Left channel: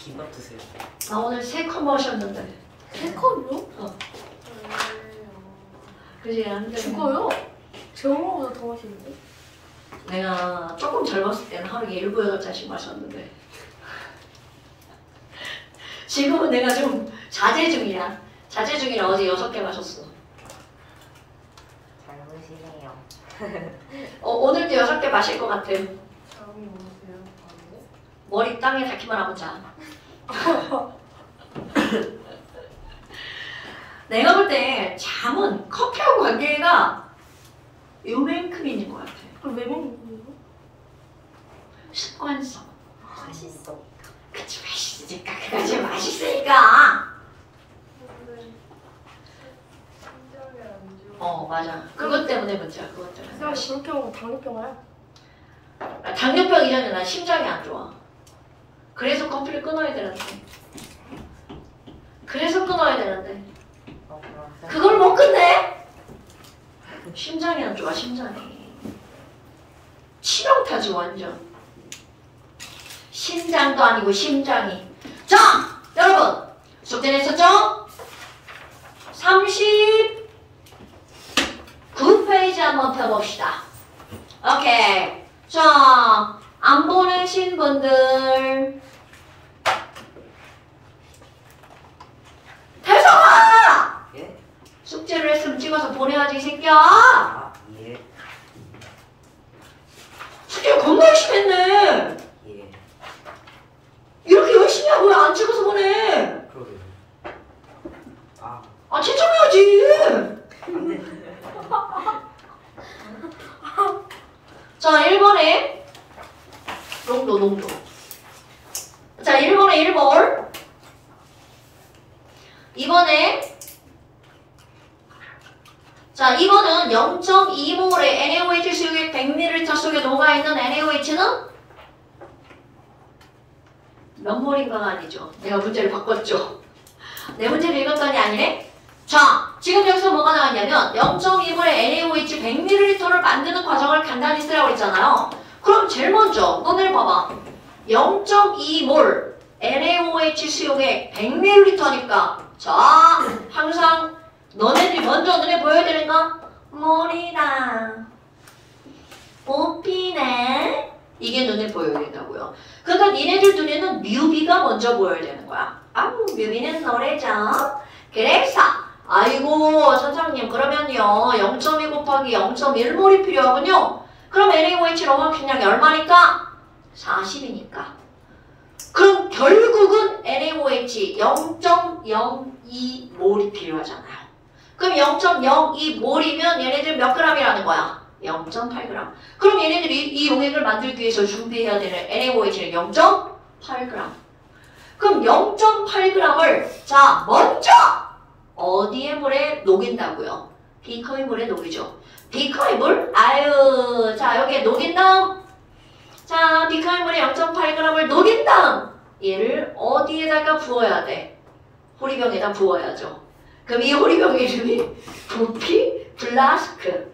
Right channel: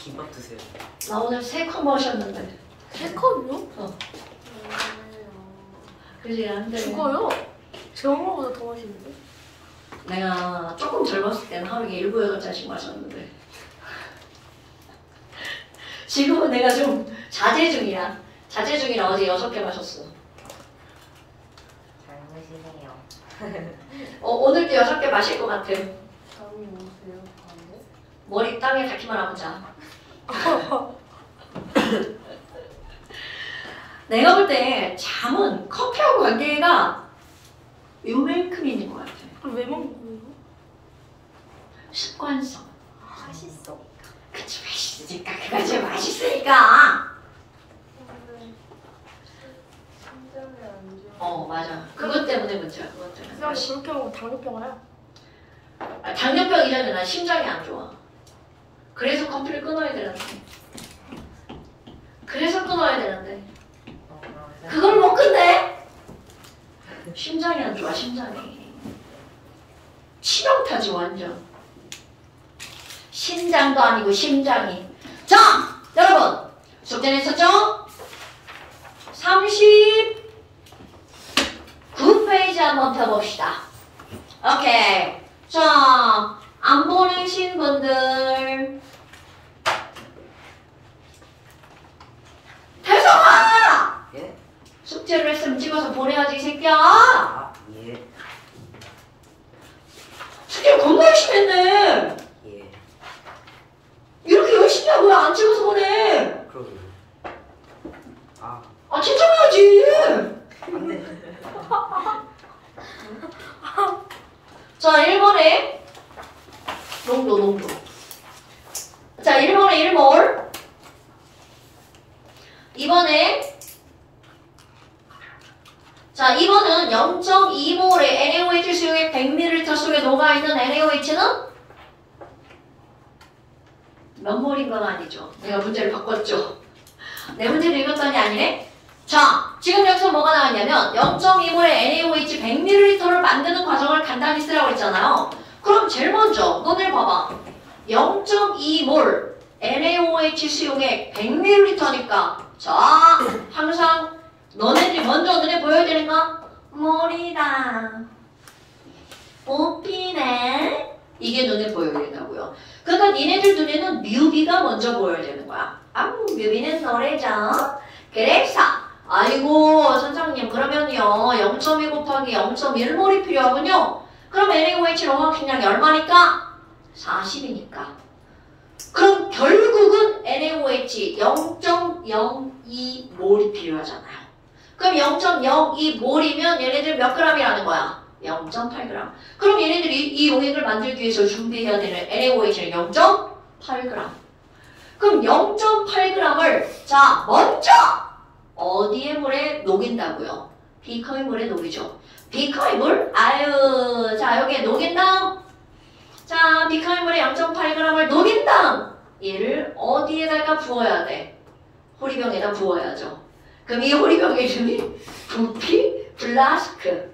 김밥 드세요. 나 오늘 3컵 마셨는데. 3컵이요? 어. 그지 안 돼. 죽어요. 제 엄마보다 더 맛있는데? 내가 조금 젊었을 때는 하루에 7, 8잔씩 마셨는데 지금은 내가 좀 자제 중이야. 자제 중이라 어제 6개 마셨어. 젊으시네요. 오늘도 6개 마실 것 같아. 잠이 오세요? 잠이? 머리 땅에 닿기만 하고 자. 내가 볼 때 잠은 커피하고 관계가 요만큼 있는 것 같아. 그럼 왜 먹는 거예요? 습관성. 맛있어. 그치 맛있으니까. 그가 제일 맛있으니까. 맞아. 그것 때문에 문제야. 그것 때문에. 근데 그렇게 먹으면 당뇨병 와요. 당뇨병 이전에 난 심장이 안 좋아. 그래서 커피를 끊어야 되는데. 그래서 끊어야 되는데. 그걸 못 끝내? 심장이 안 좋아, 심장이. 치명타지, 완전. 심장도 아니고, 심장이. 자, 여러분. 숙제 냈었죠? 39페이지 한번 펴봅시다. 오케이. 자, 안 보내신 분들. 태성아! 예? 숙제를 했으면 찍어서 보내야지, 이 새끼야. 아, 예. 숙제 겁나 열심히 했네. 예. 이렇게 열심히 하고 왜 안 찍어서 보내? 그러게요. 아, 칭찬해야지. 안 돼. 자, 1번에 농도. 자, 1번에 1몰. 2번에 자, 2번은 0.2몰의 NaOH 수용액 100ml 속에 녹아있는 NaOH는 몇 몰인 건 아니죠. 내가 문제를 바꿨죠. 내 문제를 읽었더니 아니네. 자, 지금 여기서 뭐가 나왔냐면 0.2몰의 NaOH 100ml를 만드는 과정을 간단히 쓰라고 했잖아요. 그럼 제일 먼저 너네 봐봐. 0.2몰 NaOH 수용액 100ml니까 자, 항상 너네들이 먼저 눈에 보여야 되는가? 몰이다. 뽑히네. 이게 눈에 보여야 된다고요. 그러니까 니네들 눈에는 뮤비가 먼저 보여야 되는 거야. 아우, 뮤비는 노래죠. 그래서 아이고 선생님 그러면요 0.2 곱하기 0.1몰이 필요하군요. 그럼 NaOH 농합식량이 얼마니까? 40이니까. 그럼 결국은 NaOH 0.02몰이 필요하잖아요. 그럼 0.02몰이면 얘네들 몇 g이라는 거야? 0.8g. 그럼 얘네들이 이 용액을 만들기 위해서 준비해야 되는 NaOH는 0.8g. 그럼 0.8g을 자 먼저 어디에 물에 녹인다고요? 비커의 물에 녹이죠. 비커의 물? 아유 자 여기에 녹인 다음 자 비커의 물에 0.8g을 녹인 다음 얘를 어디에다가 부어야 돼? 호리병에다 부어야죠. 그럼 이 호리병의 이름이 부피 플라스크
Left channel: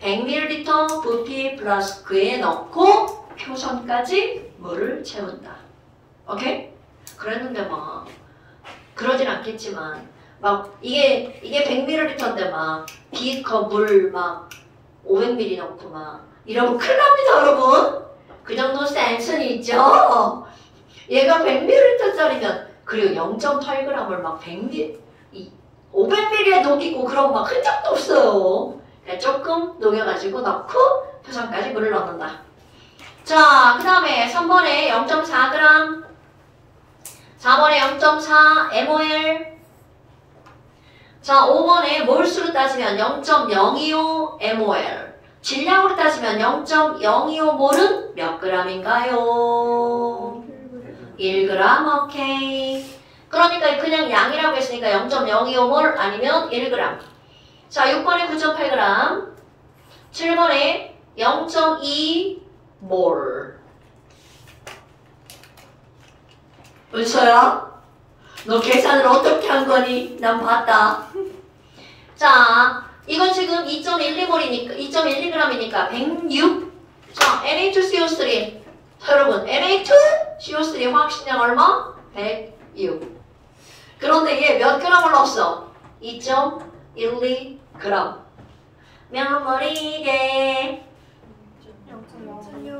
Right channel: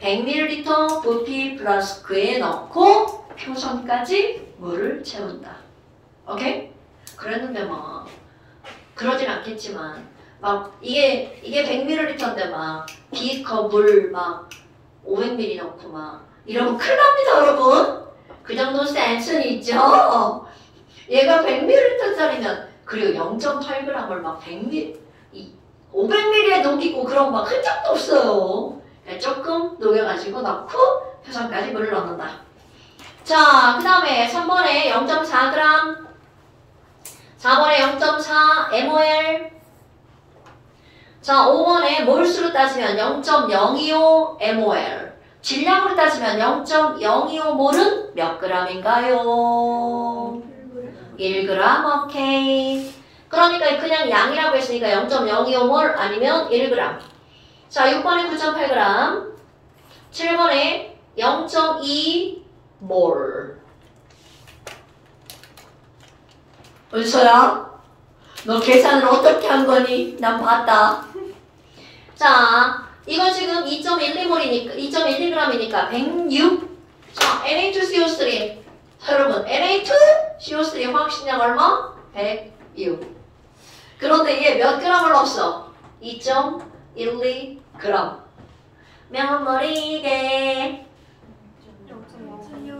100ml 부피 플라스크에 넣고 표선까지 물을 채운다. 오케이? 그랬는데 막 그러진 않겠지만 막 이게 100ml인데 막 비커 물 막 500ml 넣고 막 이러면 큰일 납니다 여러분. 그 정도 센스는 있죠. 얘가 100ml짜리면 그리고 0.8g을 막 500ml에 녹이고 그런 막 흔적도 없어요. 그냥 조금 녹여가지고 넣고 표선까지 물을 넣는다. 자, 그 다음에 3번에 0.4g 4번에 0.4 mol 자, 5번에 몰수로 따지면 0.025 mol 질량으로 따지면 0.025몰은 몇 g인가요? 1g, 오케이. 그러니까 그냥 양이라고 했으니까 0.025몰 아니면 1g. 자, 6번에 9.8g, 7번에 0.2몰. 은서야, 너 계산을 어떻게 한 거니? 난 봤다. 자, 이건 지금 2.12몰이니까, 2.12g이니까 106. 자, Na2CO3. 여러분, Na2CO3의 화학식량 얼마? 106. 그런데 얘 몇 g을 넣었어? 2.12g. 몇 몰이게?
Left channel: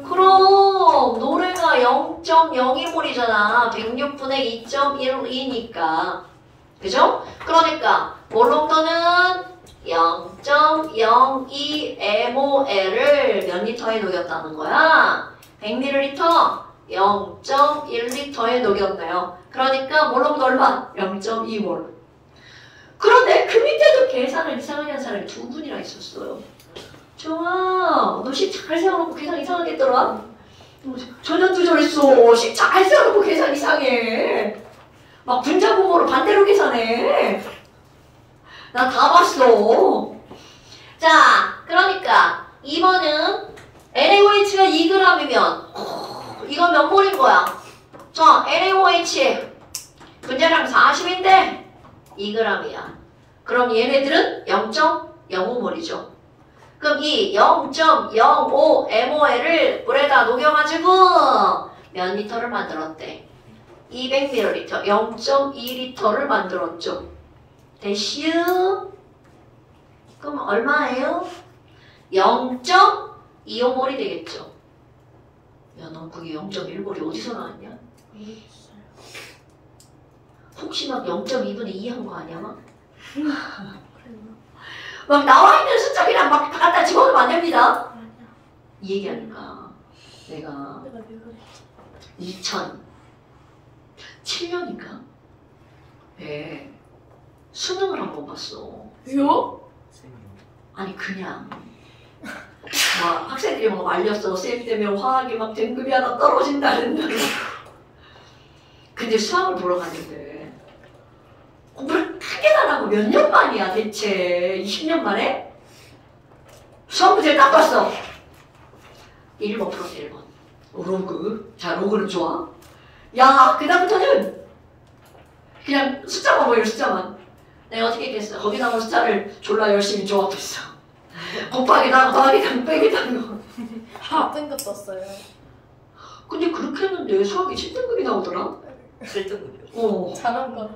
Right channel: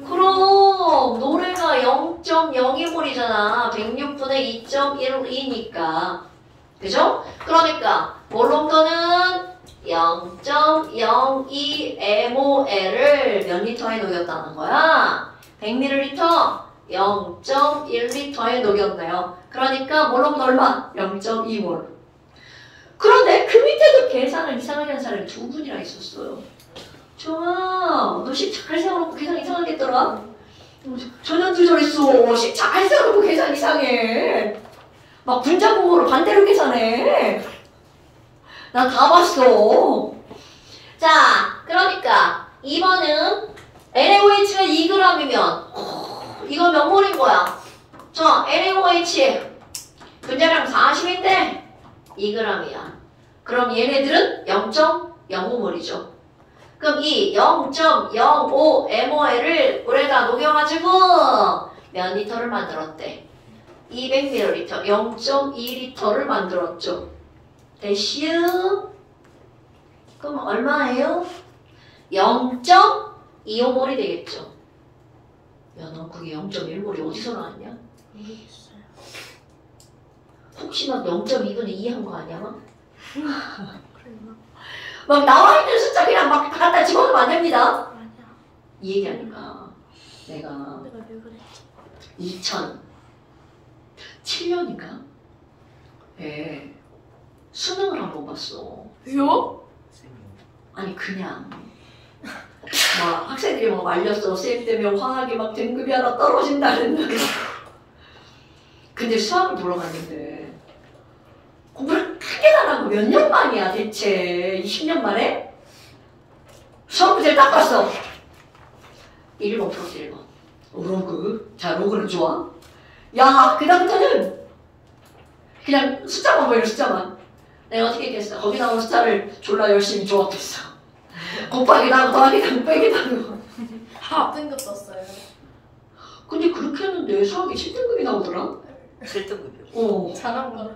그럼 노래가 0.02몰이잖아. 106분의 2.12니까. 그죠? 그러니까 몰롱도는 0.02mol을 몇 리터에 녹였다는 거야? 100ml 0.1리터에 녹였네요. 그러니까 몰롱도 얼마? 0.2몰. 그런데 그 밑에도 계산을 이상하게 한 사람이 두 분이나 있었어요. 정아, 너 식 잘 세워놓고 계산 이상하게 했더라? 전현도 저랬어. 식 잘 세워놓고 계산 이상해. 막 분자구호로 반대로 계산해. 나 다 봤어. 자, 그러니까 2번은 NaOH가 2g이면 이건 몇 몰인 거야? 자, NaOH 분자량 40인데 2g이야. 그럼 얘네들은 0.05몰이죠. 그럼 이 0.05mol을 물에다 녹여가지고 몇 리터를 만들었대? 200ml, 0.2리터를 만들었죠. 대시우. 그럼 얼마예요? 0.25몰이 되겠죠. 야, 너 그게 0.1몰이 어디서 나왔냐? 모르겠어요. 혹시 막 0.2분의 2 한 거 아니야? 막? 그랬나? 막 나와 있는 숫자 그냥 막 갖다 집어넣으면 안 됩니다. 아니야. 이 얘기하니까 내가 내가 왜 그래? 2007년인가? 예. 수능을 한 번 봤어. 왜요? 아니 그냥 막 학생들이 막 말렸어. 쌤 때문에 화학이 막 등급이 하나 떨어진다는. 근데 수학을 보러 갔는데 공부를 크게 안 하고 몇 년 만이야 대체? 20년 만에? 수학 문제를 딱 봤어. 1번 플러스 1번. 로그. 자, 로그는 좋아. 야, 그 다음부터는 그냥 숫자만 보이는 숫자만. 내가 어떻게 했겠어? 거기 나오는 숫자를 졸라 열심히 조합했어. 곱하기도 하고 더하기도 하고 빼기도 하고. 합등급 떴어요. 근데 그렇게 했는데 수학이 7등급이 나오더라? 7등급이요. 어. 잘한 거.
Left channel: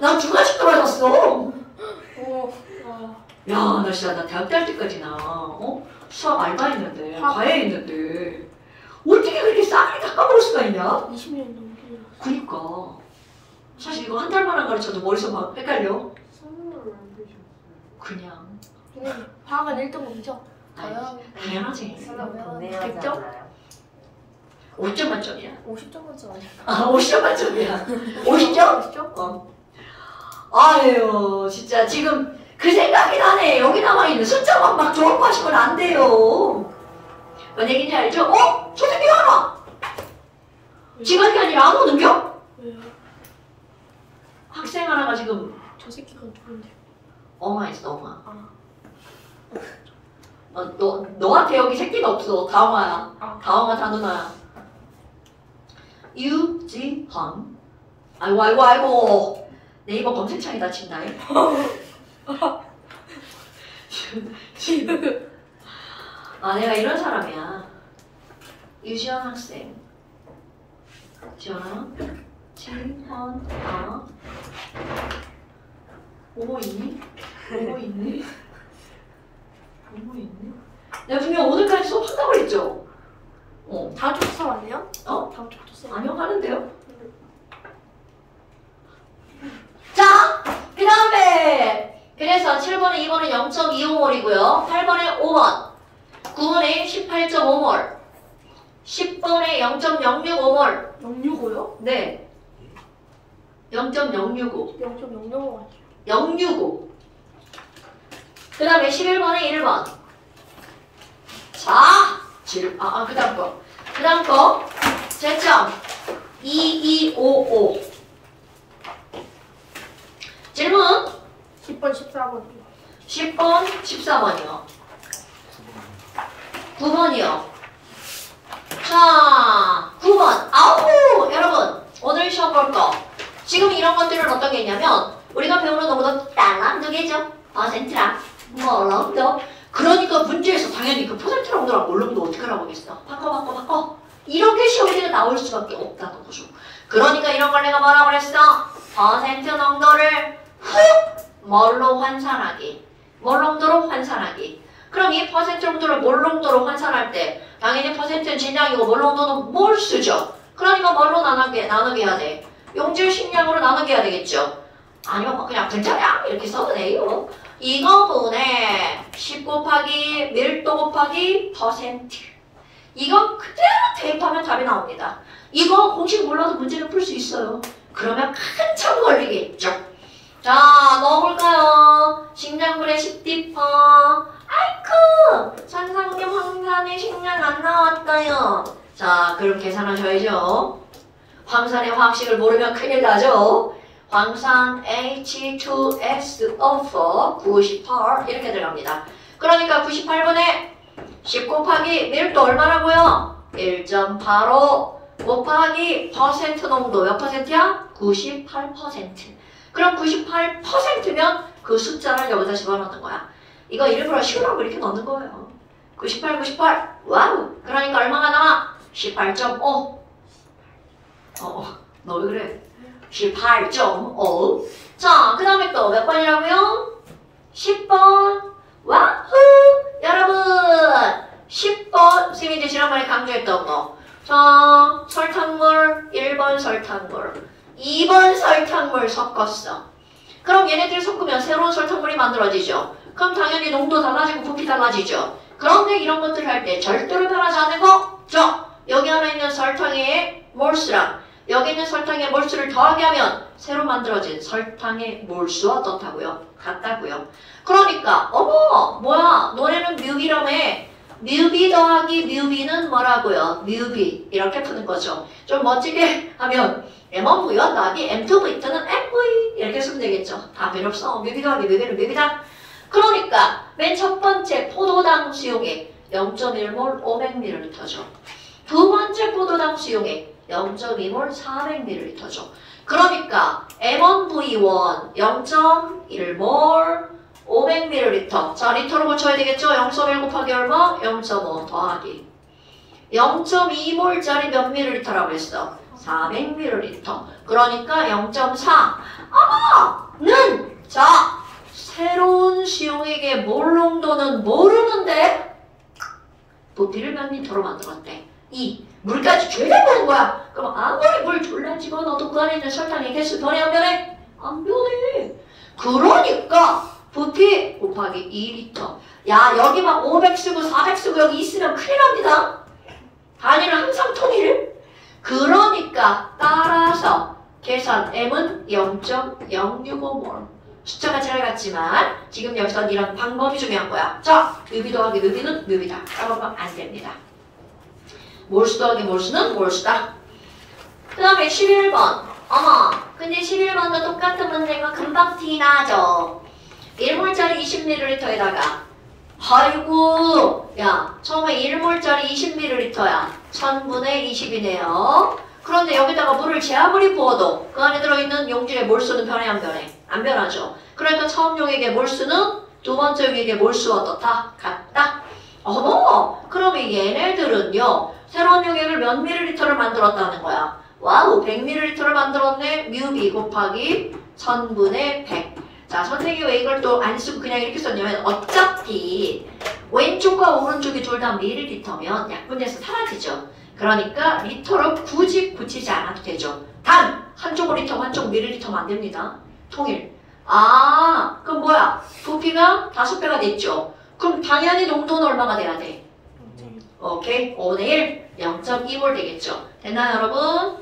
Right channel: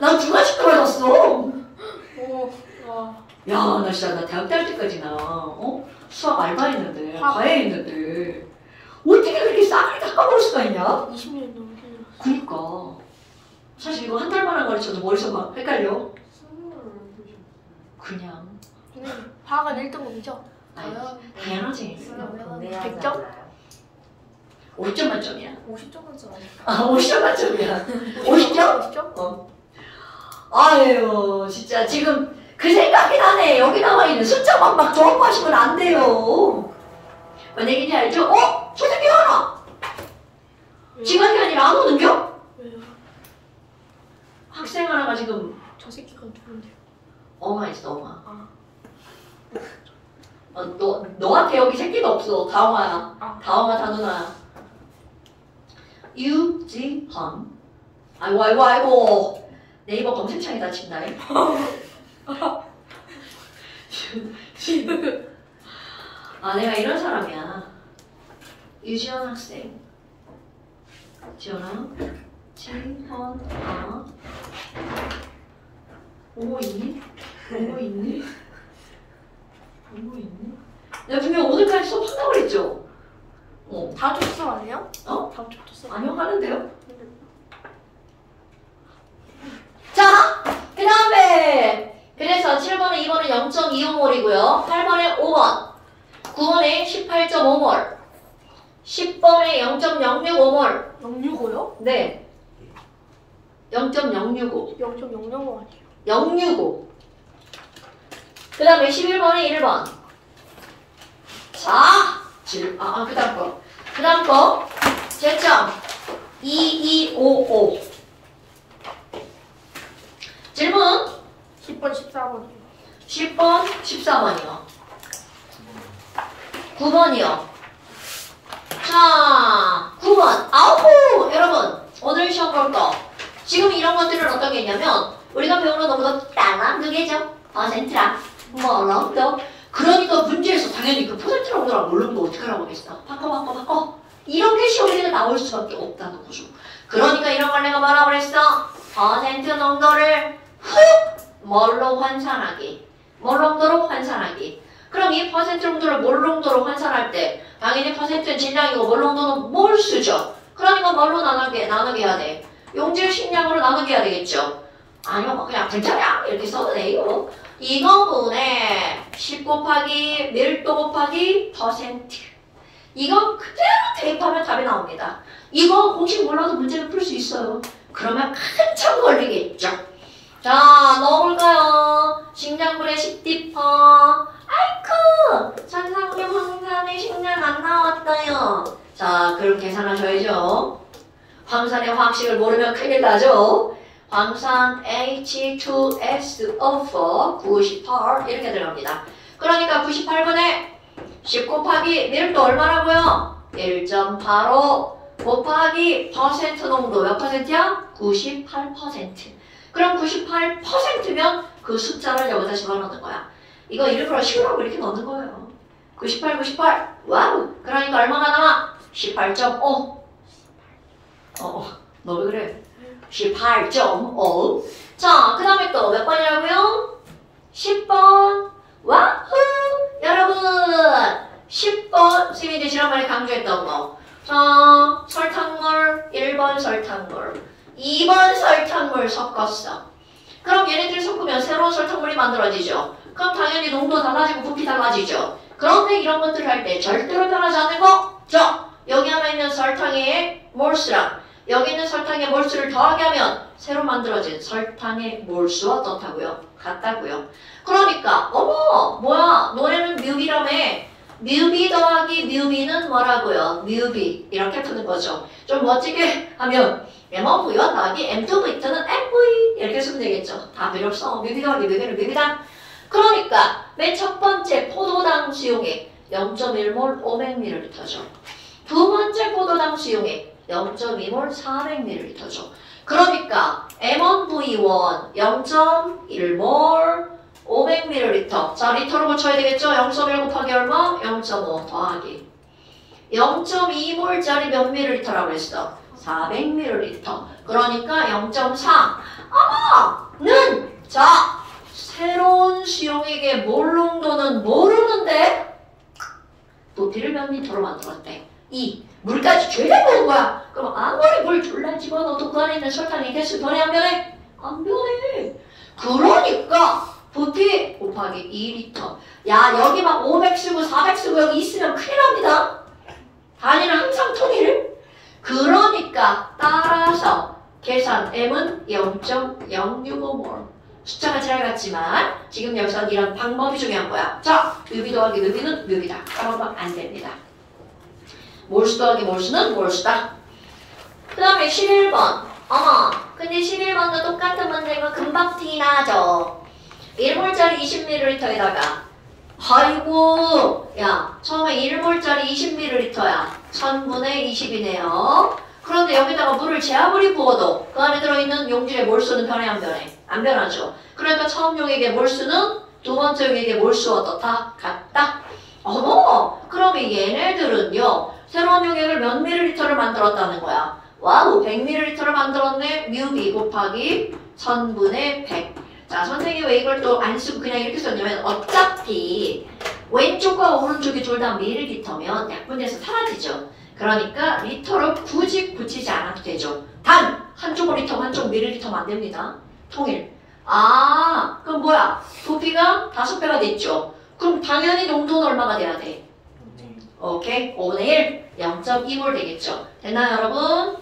난 중간식 떨어졌어. 오. 와. 야, 나 진짜 나 대학 다닐 때까지나 수학 알바했는데 학- 과외했는데 어떻게 그렇게 싸그리 다 까먹을 수가 있냐? 20년 넘게 졌어. 그니까 사실 이거 한 달만 가르쳐도 머릿속 막 헷갈려. 그냥 선생님, 화학은 1등급이죠? 아니, 당연하지. 분해하지 100점? 않나요? 5점 만점이야. 50점 만점. 아, 50점 만점이야. 50점? 50점? 아유, 진짜 지금 그 생각이 나네. 여기 나와 있는 숫자만 막 조합하시면 안 돼요. 뭔 얘기인지 알죠? 저 새끼 하나! 지각이 아니라 안 오는겨? 왜요? 학생 하나가 지금 저 새끼가 누군데요? 엉아있어, 엉아. 아. 너한테 여기 새끼가 없어. 다엉아야. 아. 다엉아 다누나야. 유지헌. 아이고. 네이버 검색창에 다친다. 아, 내가 이런 사람이야. 유지헌 학생. 지원아. 지헌아. 오모 있니? 내가 분명 오늘까지 수업한다고 그랬죠? 다음 주부터 수업 안 해요? 어? 다음 주부터 수업 안 하는데요? 자, 그 다음에 그래서 7번에 2번은 0.25몰이고요. 8번에 5번, 9번에 18.5몰, 10번에 0.065몰. 065요? 네, 0.065. 0.005 아니에요? 065. 그 다음에 11번에 1번. 자, 그 다음 거. 그 다음 거. 제점. 2255. 질문. 10번, 14번이요. 10번, 14번이요. 9번이요. 자, 9번. 아우, 여러분. 오늘 시험 볼 거. 지금 이런 것들은 어떤 게 있냐면, 우리가 배우는 농도 딸랑 그게죠. 센트랑. 런도. 그러니까 문제에서 당연히 그 퍼센트 농도랑 몰롱도 어떻게 하라고 했어? 바꿔. 이렇게 시험에 나올 수밖에 없다는 거죠. 그러니까 이런 걸 내가 뭐라고 그랬어? 퍼센트 농도를 뭘로 환산하기. 몰 농도로 환산하기. 그럼 이 퍼센트 농도를 몰 농도로 환산할 때 당연히 퍼센트는 질량이고 몰 농도는 몰수죠. 그러니까 뭘로 나누게 해야 돼? 용질 식량으로 나누게 해야 되겠죠. 아니요, 그냥 분자량 이렇게 써도 돼요. 이거분에 10 곱하기 밀도 곱하기 퍼센트. 이거 그대로 대입하면 답이 나옵니다. 이거 공식 몰라도 문제를 풀 수 있어요. 그러면 한참 걸리겠죠. 자, 넣어볼까요? 식량분의 10디퍼. 아이쿠! 산성류 황산의 식량 안 나왔어요. 자, 그럼 계산하셔야죠. 황산의 화학식을 모르면 큰일 나죠. 황산 H2SO4 98 이렇게 들어갑니다. 그러니까 98분에 10 곱하기 밀도 얼마라고요? 1.85 곱하기 퍼센트 농도 몇 퍼센트야? 98%. 그럼 98%면 그 숫자를 여기다 집어넣는 거야. 이거 일부러 10이라고 이렇게 넣는 거예요. 98, 98. 와우. 그러니까 얼마가 나와? 18.5. 너 왜 그래? 18.5. 자, 그 다음에 또 몇 번이라고요? 10번. 와후! 여러분! 10번. 선생님이 이제 지난번에 강조했던 거. 자, 설탕물, 1번 설탕물, 2번 설탕물 섞었어. 그럼 얘네들 섞으면 새로운 설탕물이 만들어지죠. 그럼 당연히 농도 달라지고 부피 달라지죠. 그런데 이런 것들 할 때 절대로 변하지 않는 거? 여기 하나 있는 설탕의 몰수랑 여기 있는 설탕의 몰수를 더하게 하면 새로 만들어진 설탕의 몰수와 어떻다고요? 같다고요. 그러니까 어머 뭐야 너네는 뮤비라며. 뮤비 더하기 뮤비는 뭐라고요? 뮤비 이렇게 푸는 거죠. 좀 멋지게 하면 M1V와 더하기 M2V2는 MV 이렇게 쓰면 되겠죠. 다 필요 없어. 뮤비 더하기 뮤비는 뮤비다. 그러니까 맨 첫 번째 포도당 수용액 0.1몰 500ml죠. 두 번째 포도당 수용액 0.2몰 400ml죠. 그러니까 M1V1 0.1몰 500ml. 자, 리터로 고쳐야 되겠죠? 0.1 곱하기 얼마? 0.5 더하기 0.2몰짜리 몇 ml라고 했어? 400ml. 그러니까 0.4. 아마는 자, 새로운 수용액의 몰 농도는 모르는데 부피를 몇 리터로 만들었대? 2. 물까지 죄다 되는 거야. 그럼 아무리 물 졸라 집어넣어도 그 안에 있는 설탕의 개수 변해 안 변해? 안 변해. 그러니까 부피 곱하기 2리터. 야 여기 막 500 쓰고 400 쓰고 여기 있으면 큰일 납니다. 단위는 항상 통일. 그러니까 따라서 계산 M은 0.065몰. 숫자가 잘 같지만 지금 여기서 이런 방법이 중요한 거야. 자, 뮤비 더하기 뮤비는 뮤비다. 그러면 안 됩니다. 몰수 더하기 몰수는 몰수다. 그 다음에 11번. 어머, 근데 11번도 똑같은 문제인 거 금방 티나죠. 1몰짜리 20ml에다가 아이고 야 처음에 1몰짜리 20ml야 1000분의 20이네요. 그런데 여기다가 물을 제 아무리 부어도 그 안에 들어있는 용질의 몰수는 변해 안 변해? 안 변하죠. 그러니까 처음 용액의 몰수는 두 번째 용액의 몰수와 어떻다? 같다. 어머 그러면 얘네들은요 새로운 용액을 몇 ml를 만들었다는 거야. 와우 100ml를 만들었네. 뮤비 곱하기 1000분의 100. 자, 선생님이 왜 이걸 또 안 쓰고 그냥 이렇게 썼냐면 어차피 왼쪽과 오른쪽이 둘 다 밀리리터면 약분돼서 사라지죠. 그러니까 리터로 굳이 붙이지 않아도 되죠. 단! 한쪽은 리터, 한쪽은 밀리리터면 안 됩니다. 통일. 아, 그럼 뭐야? 부피가 5배가 됐죠. 그럼 당연히 농도는 얼마가 돼야 돼? 오케이, 5분의 1, 0.2몰 되겠죠. 됐나요, 여러분?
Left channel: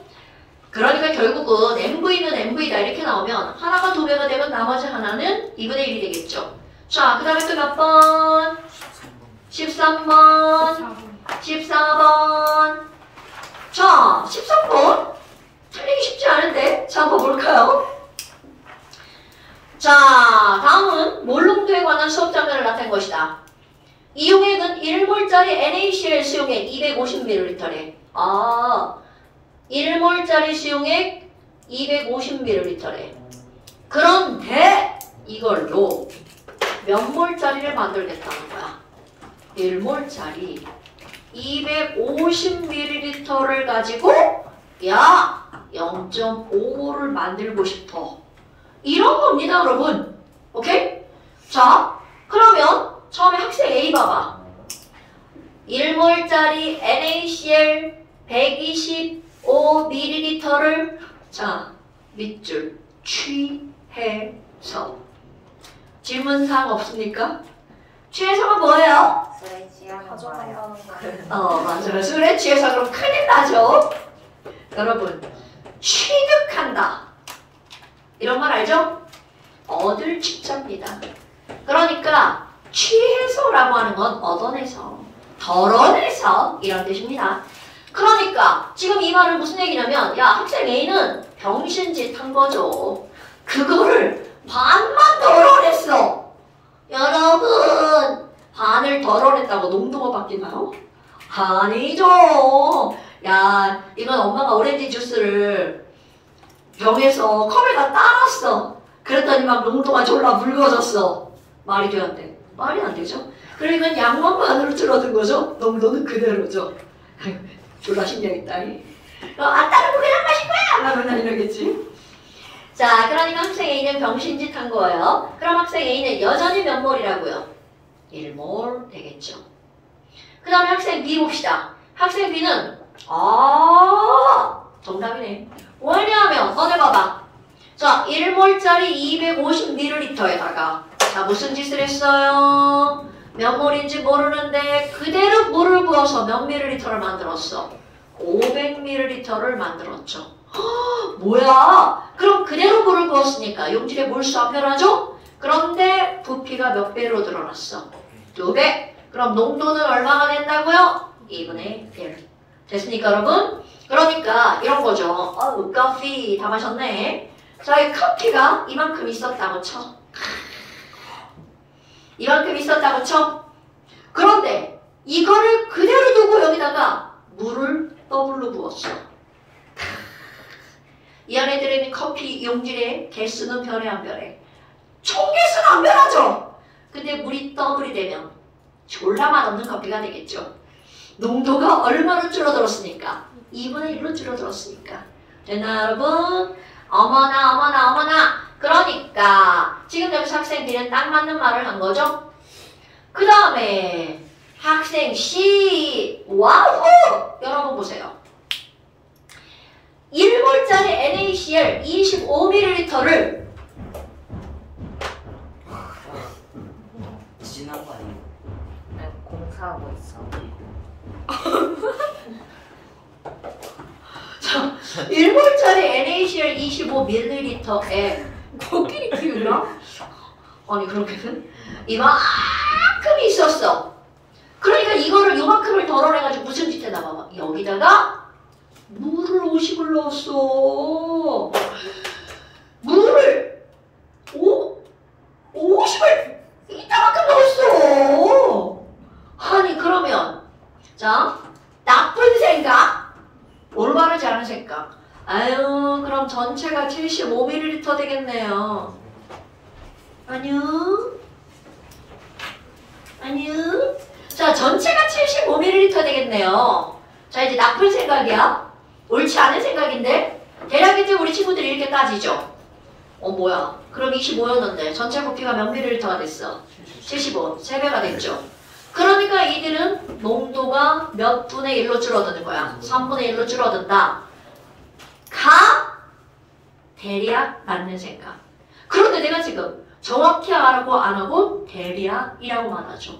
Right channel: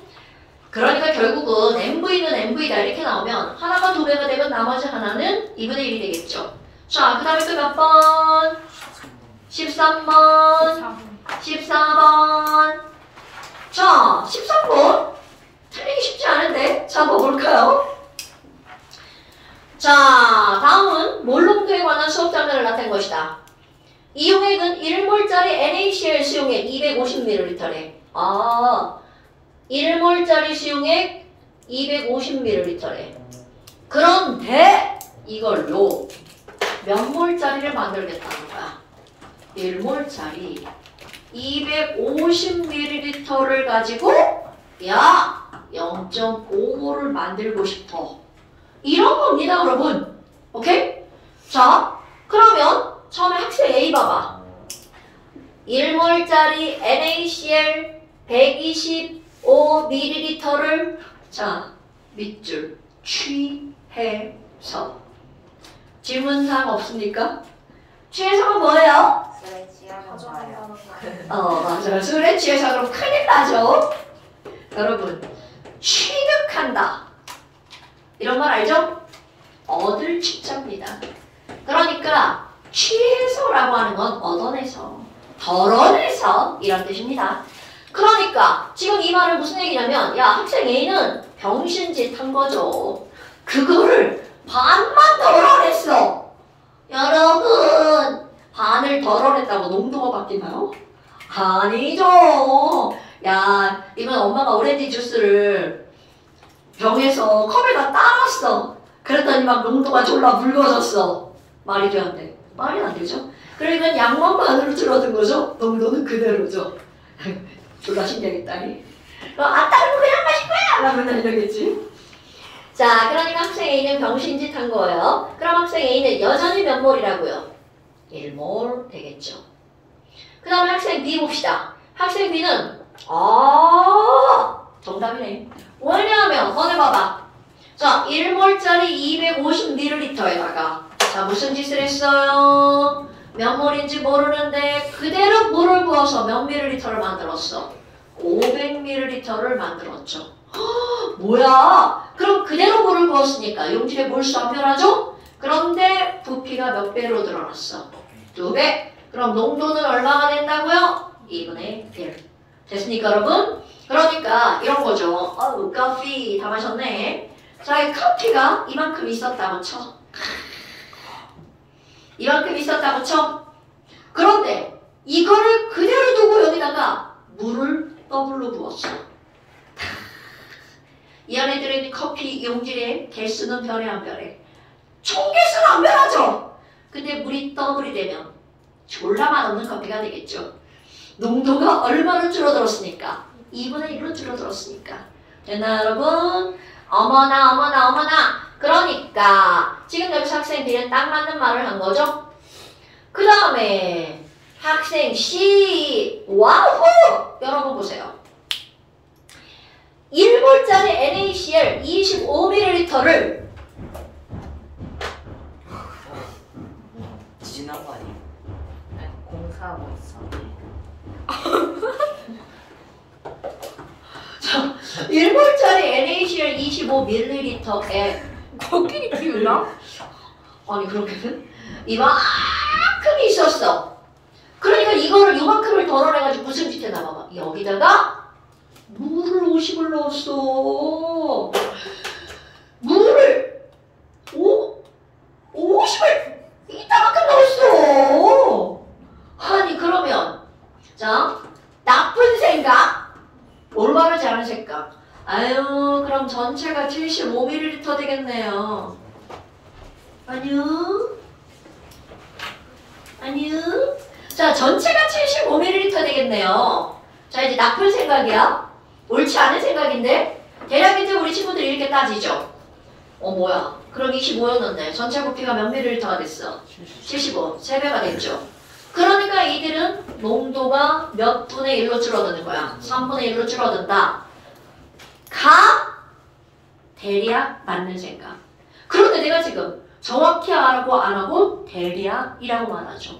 그러니까 결국은 MV는 MV다 이렇게 나오면 하나가 2배가 되면 나머지 하나는 2분의 1이 되겠죠. 자, 그 다음에 또 몇 번? 13번. 14번. 자, 13번. 틀리기 쉽지 않은데. 자, 더 볼까요? 자, 다음은 몰농도에 관한 수업 장면을 나타낸 것이다. 이 용액은 1몰짜리 NaCl 수용액 250ml래. 아, 1몰짜리 수용액 250ml래. 그런데 이걸로 몇 몰짜리를 만들겠다는 거야? 1몰짜리 250ml를 가지고 야 0.5몰을 만들고 싶어. 이런 겁니다, 여러분. 오케이? 자, 그러면 처음에 학생 A 봐봐. 1몰짜리 NaCl 125ml를 자, 밑줄 취해서 질문사항 없습니까? 취해서가 뭐예요? 술에 취하면 봐요. 맞아요. 술에 취해서 그럼 큰일 나죠? 여러분, 취득한다. 이런 말 알죠? 얻을 취자입니다. 그러니까 취해서라고 하는 건 얻어내서, 덜어내서 이런 뜻입니다. 그러니까 지금 이 말은 무슨 얘기냐면 야 학생 A는 병신짓 한 거죠. 그거를 반만 덜어냈어. 여러분 반을 덜어냈다고 농도가 바뀌나요? 아니죠. 야 이건 엄마가 오렌지 주스를 병에서 컵에다 따랐어. 그랬더니 막 농도가 졸라 묽어졌어. 말이 돼 안 돼? 말이 안 되죠. 그러니까 양만만으로 줄어든 거죠. 농도는 그대로죠. 졸라 신기하겠다. 다른 거 그냥 마실 거야! 라면 이러겠지. 자, 그러니까 학생 A는 병신짓 한 거예요. 그럼 학생 A는 여전히 몇 몰이라고요? 1몰 되겠죠. 그 다음에 학생 B 봅시다. 학생 B는 정답이네. 왜냐하면 꺼내봐봐. 자, 1몰짜리 250ml에다가 자, 무슨 짓을 했어요? 몇 몰인지 모르는데 그대로 물을 부어서 몇 ml를 만들었어? 500ml를 만들었죠. 뭐야? 그럼 그대로 물을 부었으니까 용질의 몰수 안 변하죠? 그런데 부피가 몇 배로 늘어났어? 2배. 그럼 농도는 얼마가 된다고요? 2분의 1. 됐습니까 여러분? 그러니까 이런 거죠. 커피 다 마셨네. 자, 이 커피가 이만큼 있었다고 쳐. 이만큼 있었다고 쳐. 그런데 이거를 그대로 두고 여기다가 물을 더블로 부었어. 이 안에 들어있는 커피 용질의 개수는 변해 안 변해? 총 개수는 안 변하죠. 근데 물이 더블이 되면 졸라 맛없는 커피가 되겠죠. 농도가 얼마나 줄어들었습니까? 2분의 1로 줄어들었으니까. 됐나 여러분? 어머나. 그러니까 지금 여기서 학생 B는 딱 맞는 말을 한 거죠. 그 다음에 학생 C 와우! 여러분 보세요. 1몰짜리 NaCl 25ml를 지난 거 아니야? 아니, 공사하고 있어. 자, 1몰짜리 NaCl 25ml에 코끼리 키우나? 아니 그렇게는 이만큼 있었어. 그러니까 이거를 이만큼을 덜어내가지고 무슨 짓 했나 봐봐. 여기다가 물을 50을 넣었어. 물을 50을 이따만큼 넣었어. 아니 그러면 자 나쁜 생각 올바르지 않은 생각. 아유 그럼 전체가 75ml 되겠네요. 아니요. 자 전체가 75ml 되겠네요. 자 이제 나쁜 생각이야. 옳지 않은 생각인데 대략 이제 우리 친구들이 이렇게 따지죠. 뭐야 그럼 25였는데 전체 부피가 몇 ml가 됐어? 75. 3배가 됐죠. 그러니까 이들은 농도가 몇 분의 1로 줄어드는 거야? 3분의 1로 줄어든다. 대략 맞는 생각. 그런데 내가 지금 정확히 하라고 안 하고 대략이라고 말하죠.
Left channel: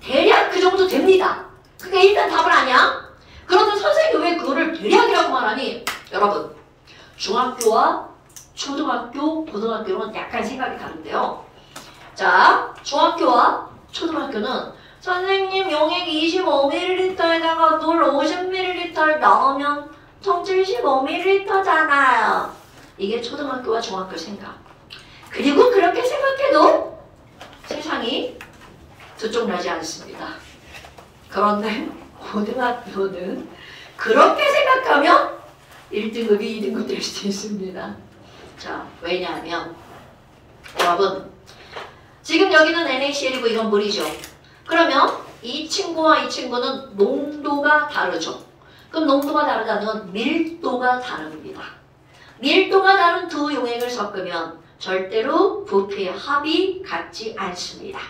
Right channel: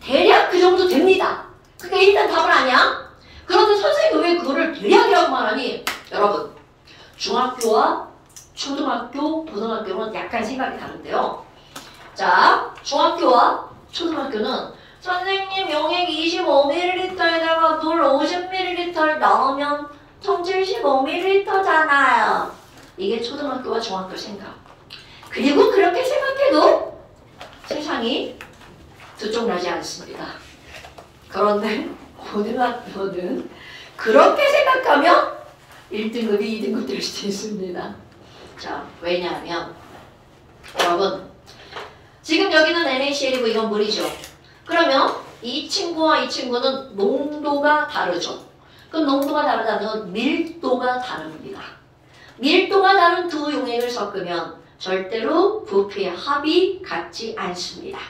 대략 그 정도 됩니다. 그게 일단 답은 아니야? 그런데 선생님이 왜 그거를 대략이라고 말하니? 여러분 중학교와 초등학교, 고등학교는 약간 생각이 다른데요. 자, 중학교와 초등학교는 선생님 용액 25ml에다가 물 50ml 넣으면 총 75ml잖아요. 이게 초등학교와 중학교 생각. 그리고 그렇게 생각해도 세상이 들쭉나지 않습니다. 그런데 고등학교는 그렇게 생각하면 1등급이 2등급 될 수 있습니다. 자, 왜냐하면 여러분 지금 여기는 NaCl이고 이건 물이죠. 그러면 이 친구와 이 친구는 농도가 다르죠. 그럼 농도가 다르다는 건 밀도가 다릅니다. 밀도가 다른 두 용액을 섞으면 절대로 부피의 합이 같지 않습니다.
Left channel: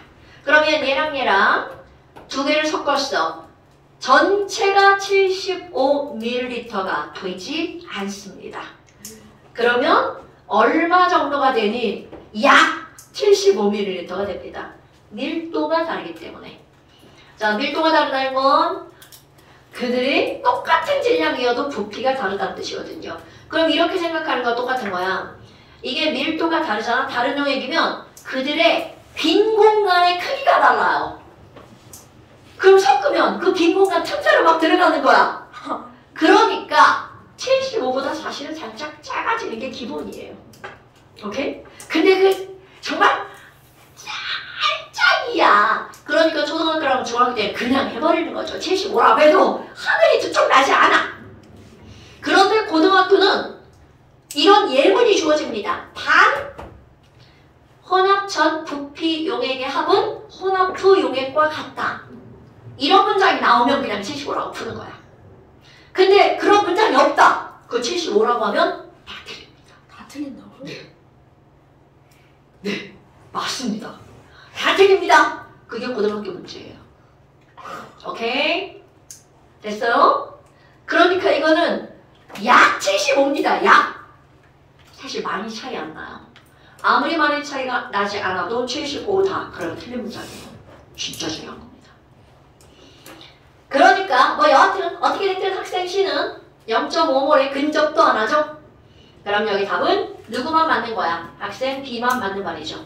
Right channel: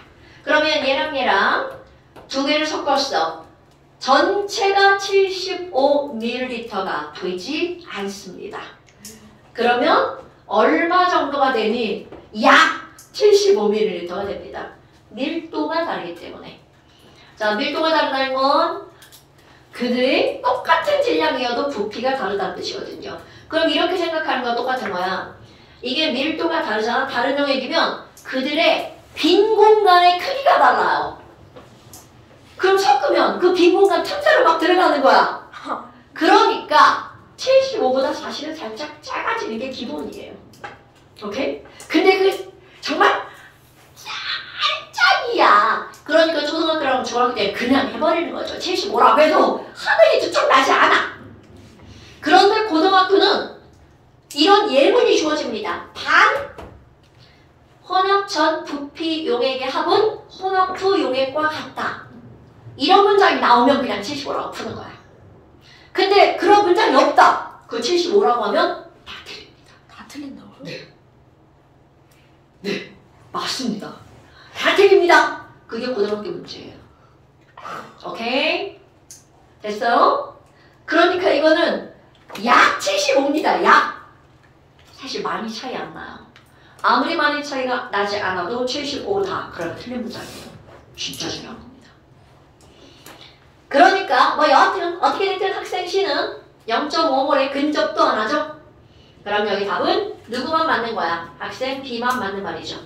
그러면 얘랑 두 개를 섞었어. 전체가 75ml가 되지 않습니다. 그러면 얼마 정도가 되니? 약 75ml가 됩니다. 밀도가 다르기 때문에. 자, 밀도가 다르다는 건 그들이 똑같은 질량이어도 부피가 다르다는 뜻이거든요. 그럼 이렇게 생각하는 건 똑같은 거야. 이게 밀도가 다르잖아. 다른 용액이면 그들의 빈 공간의 크기가 달라요. 그럼 섞으면 그 빈 공간 틈새로 막 들어가는 거야. 그러니까 75보다 사실은 살짝 작아지는 게 기본이에요. 오케이? 근데 그 정말 살짝이야. 그러니까 초등학교랑 중학교 때 그냥 해버리는 거죠. 75라고 해도 하늘이 두쪽 나지 않아. 그런데 고등학교는 이런 예문이 주어집니다. 단 혼합 전 부피 용액의 합은 혼합 후 용액과 같다. 이런 문장이 나오면 그냥 75라고 푸는 거야. 근데 그런 문장이 없다. 그 75라고 하면 다 틀립니다. 다 틀린다고요? 네, 맞습니다. 다 틀립니다. 그게 고등학교 문제예요. 오케이? 됐어요? 그러니까 이거는 약 75입니다. 약. 사실 많이 차이 안 나요. 아무리 많이 차이가 나지 않아도 75다. 그러면 틀린 문장이에요. 진짜 중요한 겁니다. 그러니까 뭐 여하튼 어떻게 됐든 학생 C는 0.5몰에 근접도 안 하죠? 그럼 여기 답은 누구만 맞는 거야? 학생 B만 맞는 말이죠.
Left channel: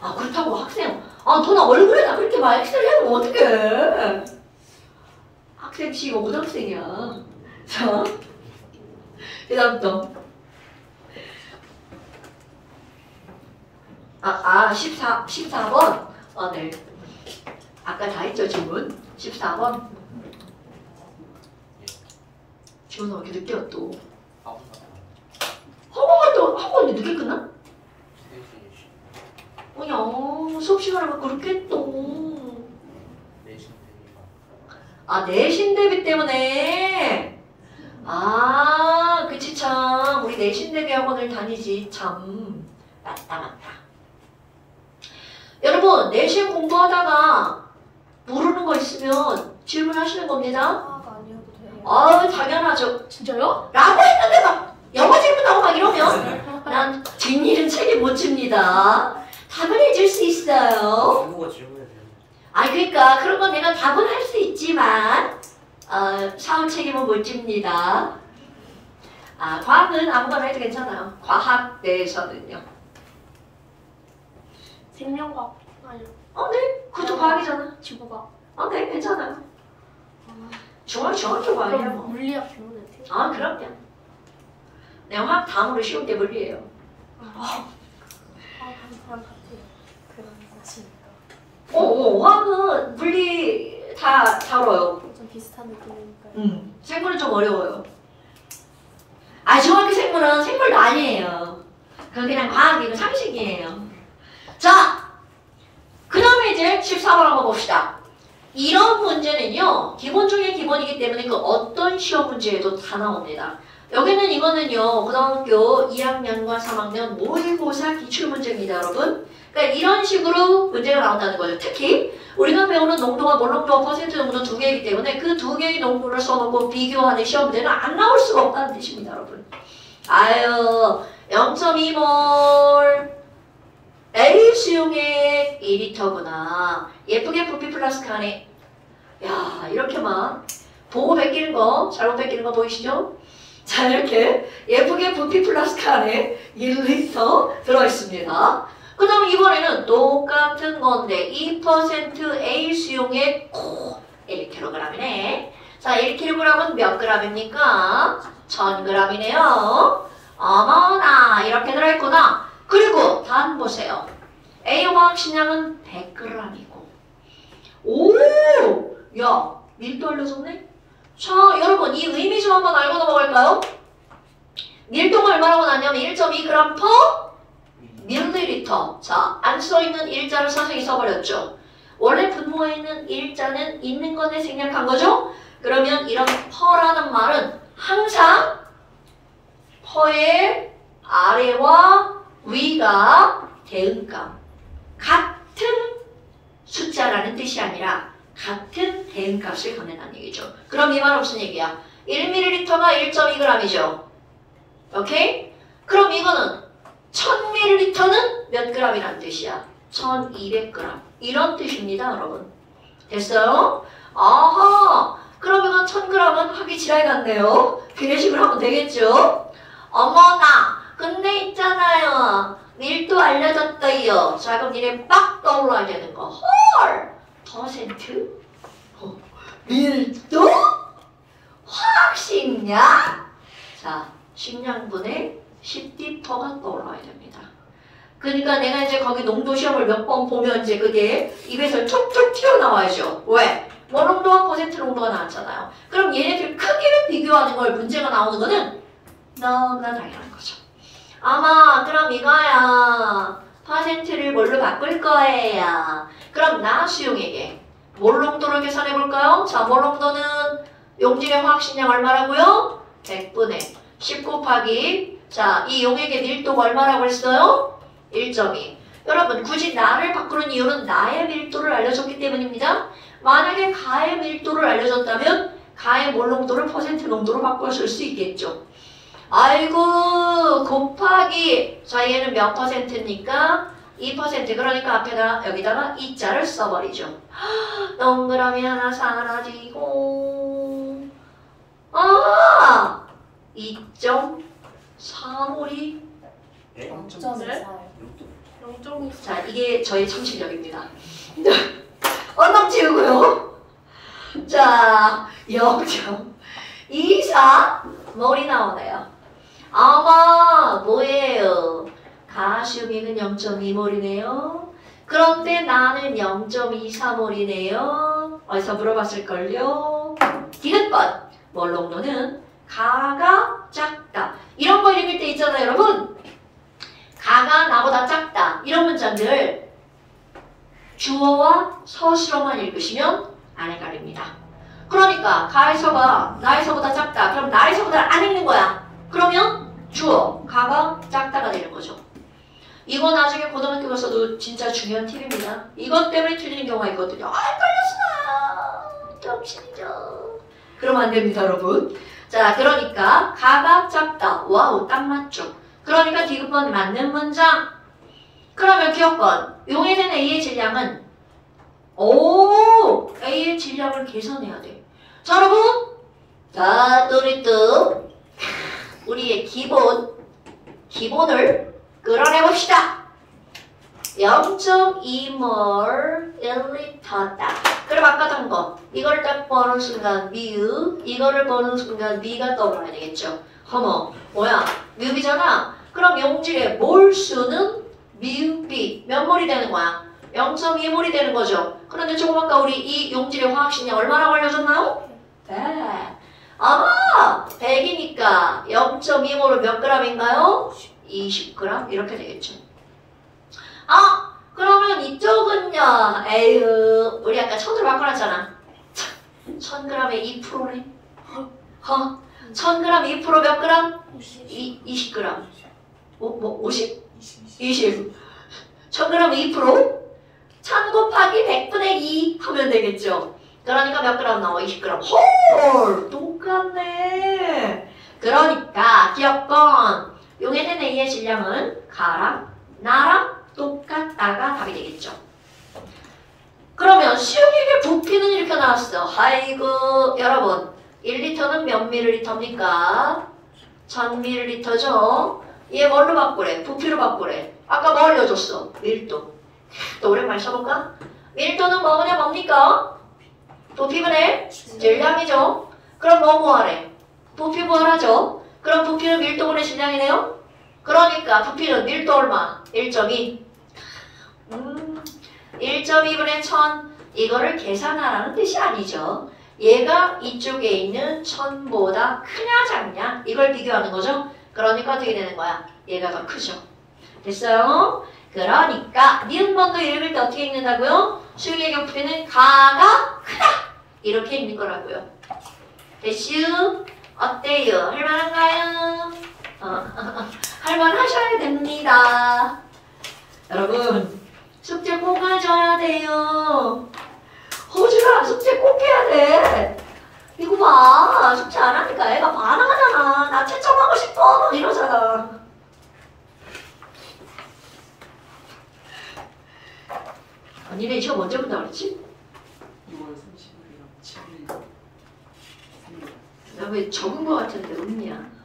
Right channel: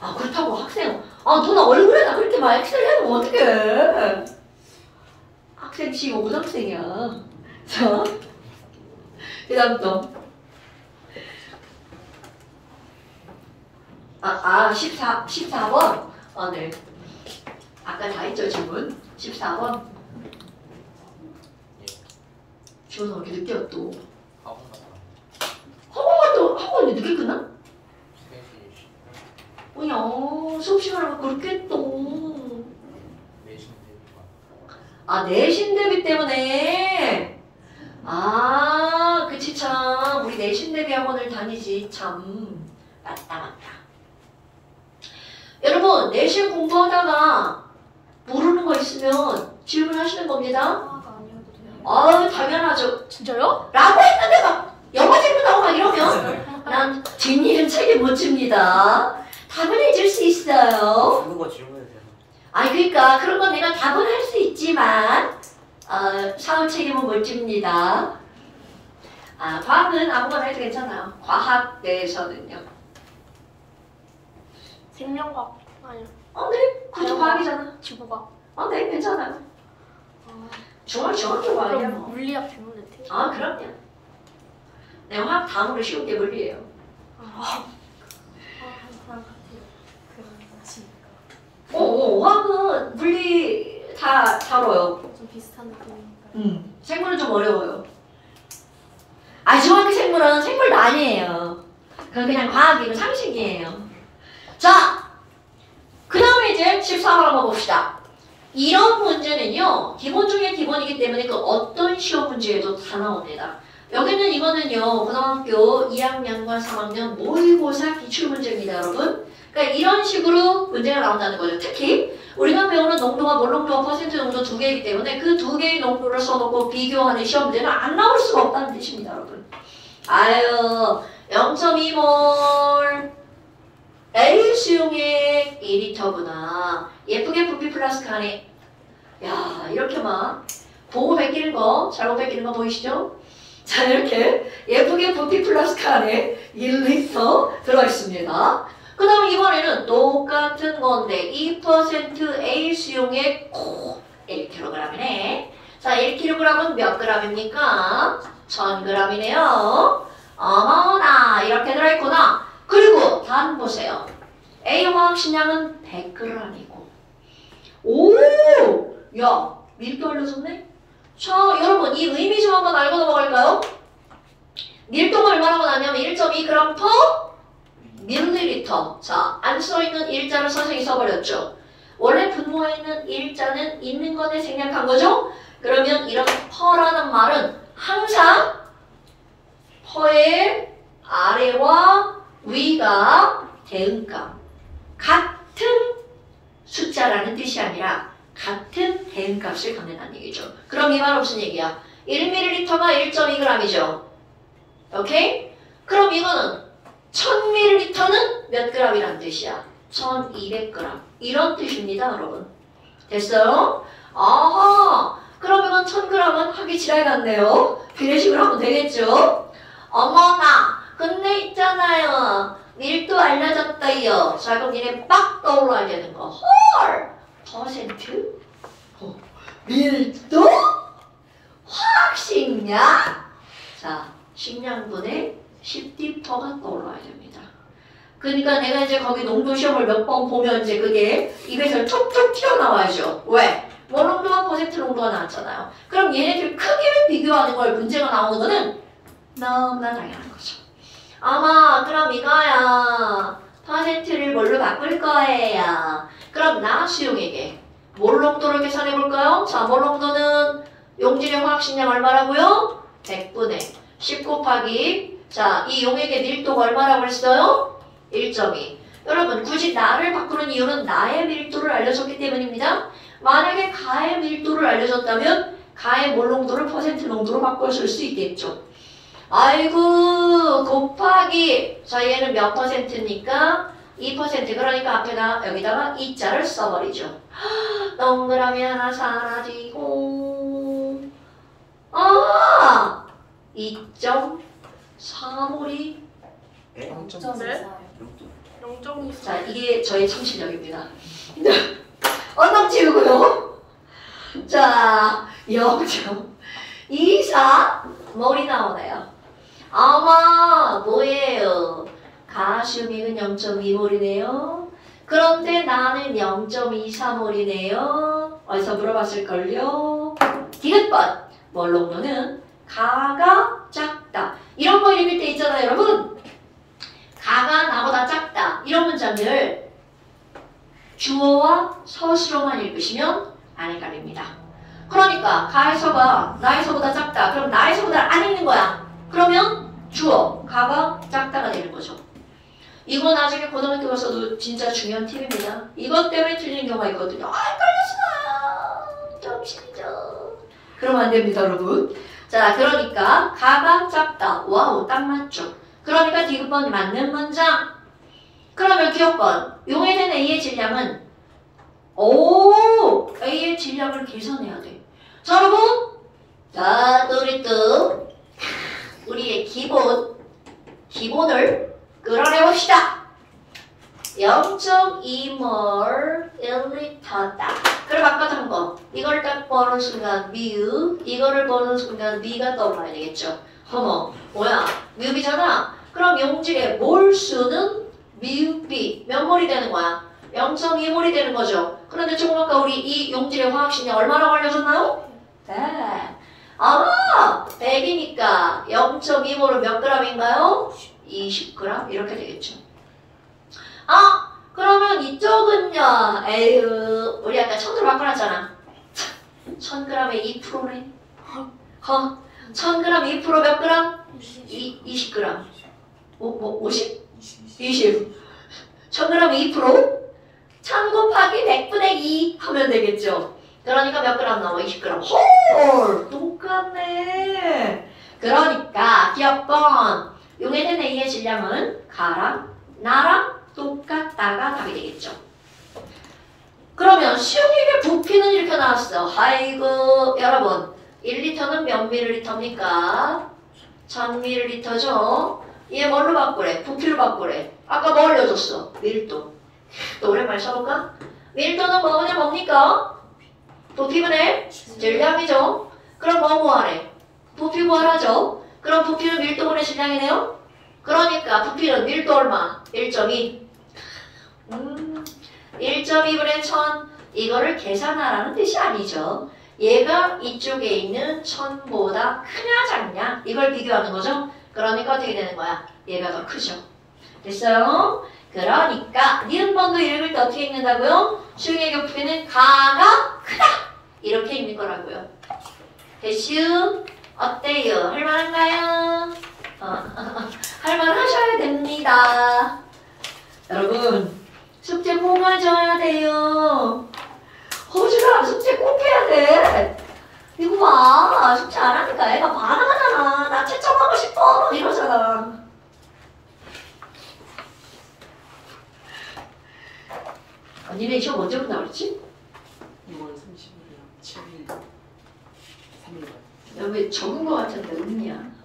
아 그렇다고 학생 누나 얼굴에다 그렇게 막 엑셀 해놓으면 어떡해. 학생 C 이거 고등학생이야. 자 그 다음 또 14번 네 아까 다 했죠 질문 14번 지원아 왜 이렇게 늦게 왔또 학원 갔다 학원이 늦게 끝나? 3시 뭐냐 수업 시간을 그렇게 했또 내신 대비만 내신 대비 때문에 그치 참 우리 내신 대비 학원을 다니지 참 맞다 여러분 내신 공부하다가 모르는 거 있으면 질문하시는 겁니다. 당연하죠. 진짜요? 라고 했는데 막 영어 질문하고 막 이러면 난 뒷일은 책임 못 집니다. 답은 해줄 수 있어요. 누가 질문해도 되나? 그러니까 그런 건 내가 답은 할 수 있지만 사후 책임은 못 집니다. 과학은 아무거나 해도 괜찮아요. 과학 내에서는요. 생명과학 아니요. 네. 그것도 과학이잖아. 지구과학. 네. 괜찮아요. 중학교 그럼 과학이에요. 물리학 질문을 돼. 그럼요. 내가 다음으로 쉬운 게 물리예요. 화학은 물리 다 다뤄요. 좀 비슷한 느낌이니까요. 생물은 좀 어려워요. 중학교 생물은 생물도 아니에요. 그건 그냥 과학이고 상식이에요. 자, 그 다음에 이제 14번 한번 봅시다. 이런 문제는요, 기본 중에 기본이기 때문에 그 어떤 시험 문제에도 다 나옵니다. 여기는 이거는요, 고등학교 2학년과 3학년 모의고사 기출문제입니다, 여러분. 그러니까 이런 식으로 문제가 나온다는 거예요. 특히 우리가 배우는 농도와 몰농도와 퍼센트 농도 두 개이기 때문에 그 두 개의 농도를 써놓고 비교하는 시험 문제는 안 나올 수가 없다는 뜻입니다, 여러분. 0.2몰 A 수용액 2리터구나. 예쁘게 부피 플라스크 안에 이렇게 막 보고 베끼는 거 잘못 베끼는 거 보이시죠? 자 이렇게 예쁘게 부피 플라스크 안에 1리터 들어있습니다. 그 다음 이번에는 똑같은 건데 2% A 수용액 1kg이네. 자 1kg은 몇 g입니까? 1000g이네요. 어머나 이렇게 들어있구나. 그리고 단 보세요. A 화학식량은 100g이고 야 밀도 알려줬네? 자 여러분 이 의미 좀 한번 알고 넘어갈까요? 밀도가 얼마라고 나냐면 1.2g per 밀리리터. 자 안 써있는 일자를 선생님이 써버렸죠. 원래 분모에는 일자는 있는 건데 생략한 거죠? 그러면 이런 퍼라는 말은 항상 퍼의 아래와 위가 대응값 같은 숫자라는 뜻이 아니라 같은 대응값을 갖는다는 얘기죠. 그럼 이 말은 무슨 얘기야? 1ml가 1.2g이죠. 오케이? 그럼 이거는 1000ml는 몇 g이라는 뜻이야? 1200g. 이런 뜻입니다, 여러분. 됐어요? 아하! 그럼 이건 1000g은 하기 지랄 같네요. 비례식으로 하면 되겠죠? 어머나! 근데 있잖아요. 밀도 알려졌어요. 자, 그럼 니네 빡 떠올라야 되는 거. 헐! 퍼센트? 밀도? 화학식량? 자, 식량분의 10D퍼가 떠올라야 됩니다. 그러니까 내가 이제 거기 농도 시험을 몇 번 보면 이제 그게 입에서 툭툭 튀어나와야죠. 왜? 뭐 농도와 퍼센트 농도가 나왔잖아요. 그럼 얘네들 크기를 비교하는 걸 문제가 나오는 거는 너무나 당연한 거죠. 아마 그럼 이거야. 퍼센트를 뭘로 바꿀 거예요. 그럼 나수용에게 몰 농도를 계산해 볼까요? 자, 몰 농도는 용질의 화학식량 얼마라고요? 100분의 10 곱하기 자, 이 용액의 밀도가 얼마라고 했어요? 1.2. 여러분, 굳이 나를 바꾸는 이유는 나의 밀도를 알려줬기 때문입니다. 만약에 가의 밀도를 알려줬다면 가의 몰 농도를 퍼센트 농도로 바꿔줄 수 있겠죠. 아이고, 곱하기 자, 얘는 몇 퍼센트입니까? 2%. 그러니까 앞에다 여기다가 2자를 써버리죠. 동그라미 하나 사라지고 2.4몰이 네? 0.4요. 0.24. 자, 이게 저의 참 실력입니다. 얼마 지우고요. 자, 0.24몰이 나오네요. 아마 뭐예요? 가시용액은 0.2몰이네요. 그런데 나는 0.24몰이네요. 어디서 물어봤을걸요? 디귿번. 몰 농도는 가가 작다. 이런 거 읽을 때 있잖아요, 여러분. 가가 나보다 작다. 이런 문장들 주어와 서술어만 읽으시면 안 헷갈립니다. 그러니까 가에서가 나에서보다 작다. 그럼 나에서보다 안 읽는 거야. 그러면 주어, 가가 작다가 되는 거죠. 이거 나중에 고등학교 가서도 진짜 중요한 팁입니다. 이것 때문에 틀리는 경우가 있거든요. 헷갈렸어요. 점심이죠. 그러면 안 됩니다, 여러분. 자, 그러니까 가가 작다. 와우, 딱 맞죠. 그러니까 디귿번 맞는 문장. 그러면 기억번. 용해된 A의 질량은 A의 질량을 계산해야 돼. 자, 여러분. 자, 우리 또 우리의 기본을 끌어내봅시다. 0.2몰 1리터다. 그럼 아까 한 거. 이걸 딱 보는 순간 뮤, 이거를 보는 순간 미가 떠올라야 되겠죠. 어머, 뭐야? 뮤비잖아. 그럼 용질의 몰수는 뮤비. 몇 몰이 되는 거야? 0.2몰이 되는 거죠. 그런데 조금 아까 우리 이 용질의 화학식량 얼마나 걸려졌나요? 100. 아마 100이니까 0.2몰은 몇 g인가요? 20g? 이렇게 되겠죠. 아! 그러면 이쪽은요. 에휴, 우리 아까 1000으로 바꿔놨잖아. 1000g에 2%래. 1000g 2% 몇 g? 20g. 50? 20. 1000g 2%? 1000 곱하기 100분의 2 하면 되겠죠. 그러니까 몇 g 나와? 20g. 헐! 똑같네. 그러니까 기억번. 용해된 A의 질량은 가랑 나랑 똑같다가 답이 되겠죠. 그러면 수용액의 부피는 이렇게 나왔어. 아이고 여러분 1리터는 몇 밀리리터입니까? 1000ml죠. 얘 뭘로 바꾸래? 부피로 바꾸래. 아까 뭐 알려줬어? 밀도. 또 오랜만에 써볼까? 밀도는 뭡니까? 부피분의 질량이죠. 그럼 뭐 구하래? 부피 구하라죠. 그럼 부피는 밀도분의 질량이네요. 그러니까 부피는 밀도 얼마? 1.2. 1.2분의 1000 이거를 계산하라는 뜻이 아니죠. 얘가 이쪽에 있는 1000보다 크냐 작냐 이걸 비교하는 거죠. 그러니까 어떻게 되는 거야? 얘가 더 크죠. 됐어요? 그러니까 니은번도 읽을 때 어떻게 읽는다고요? 수용의 교표는 가가 크다 이렇게 읽는 거라고요. 대슈 어때요? 할만한가요? 할만하셔야 됩니다. 여러분 숙제 꼭 가져야 돼요. 호주랑 숙제 꼭 해야 돼. 이거 봐 숙제 안 하니까 애가 반항하잖아. 나 채점하고 싶어 막 이러잖아. 니네 시험 언제 본다 그랬지? 6월 30일이랑 7일 3일. 나 왜 적은 거 같은데 웃냐?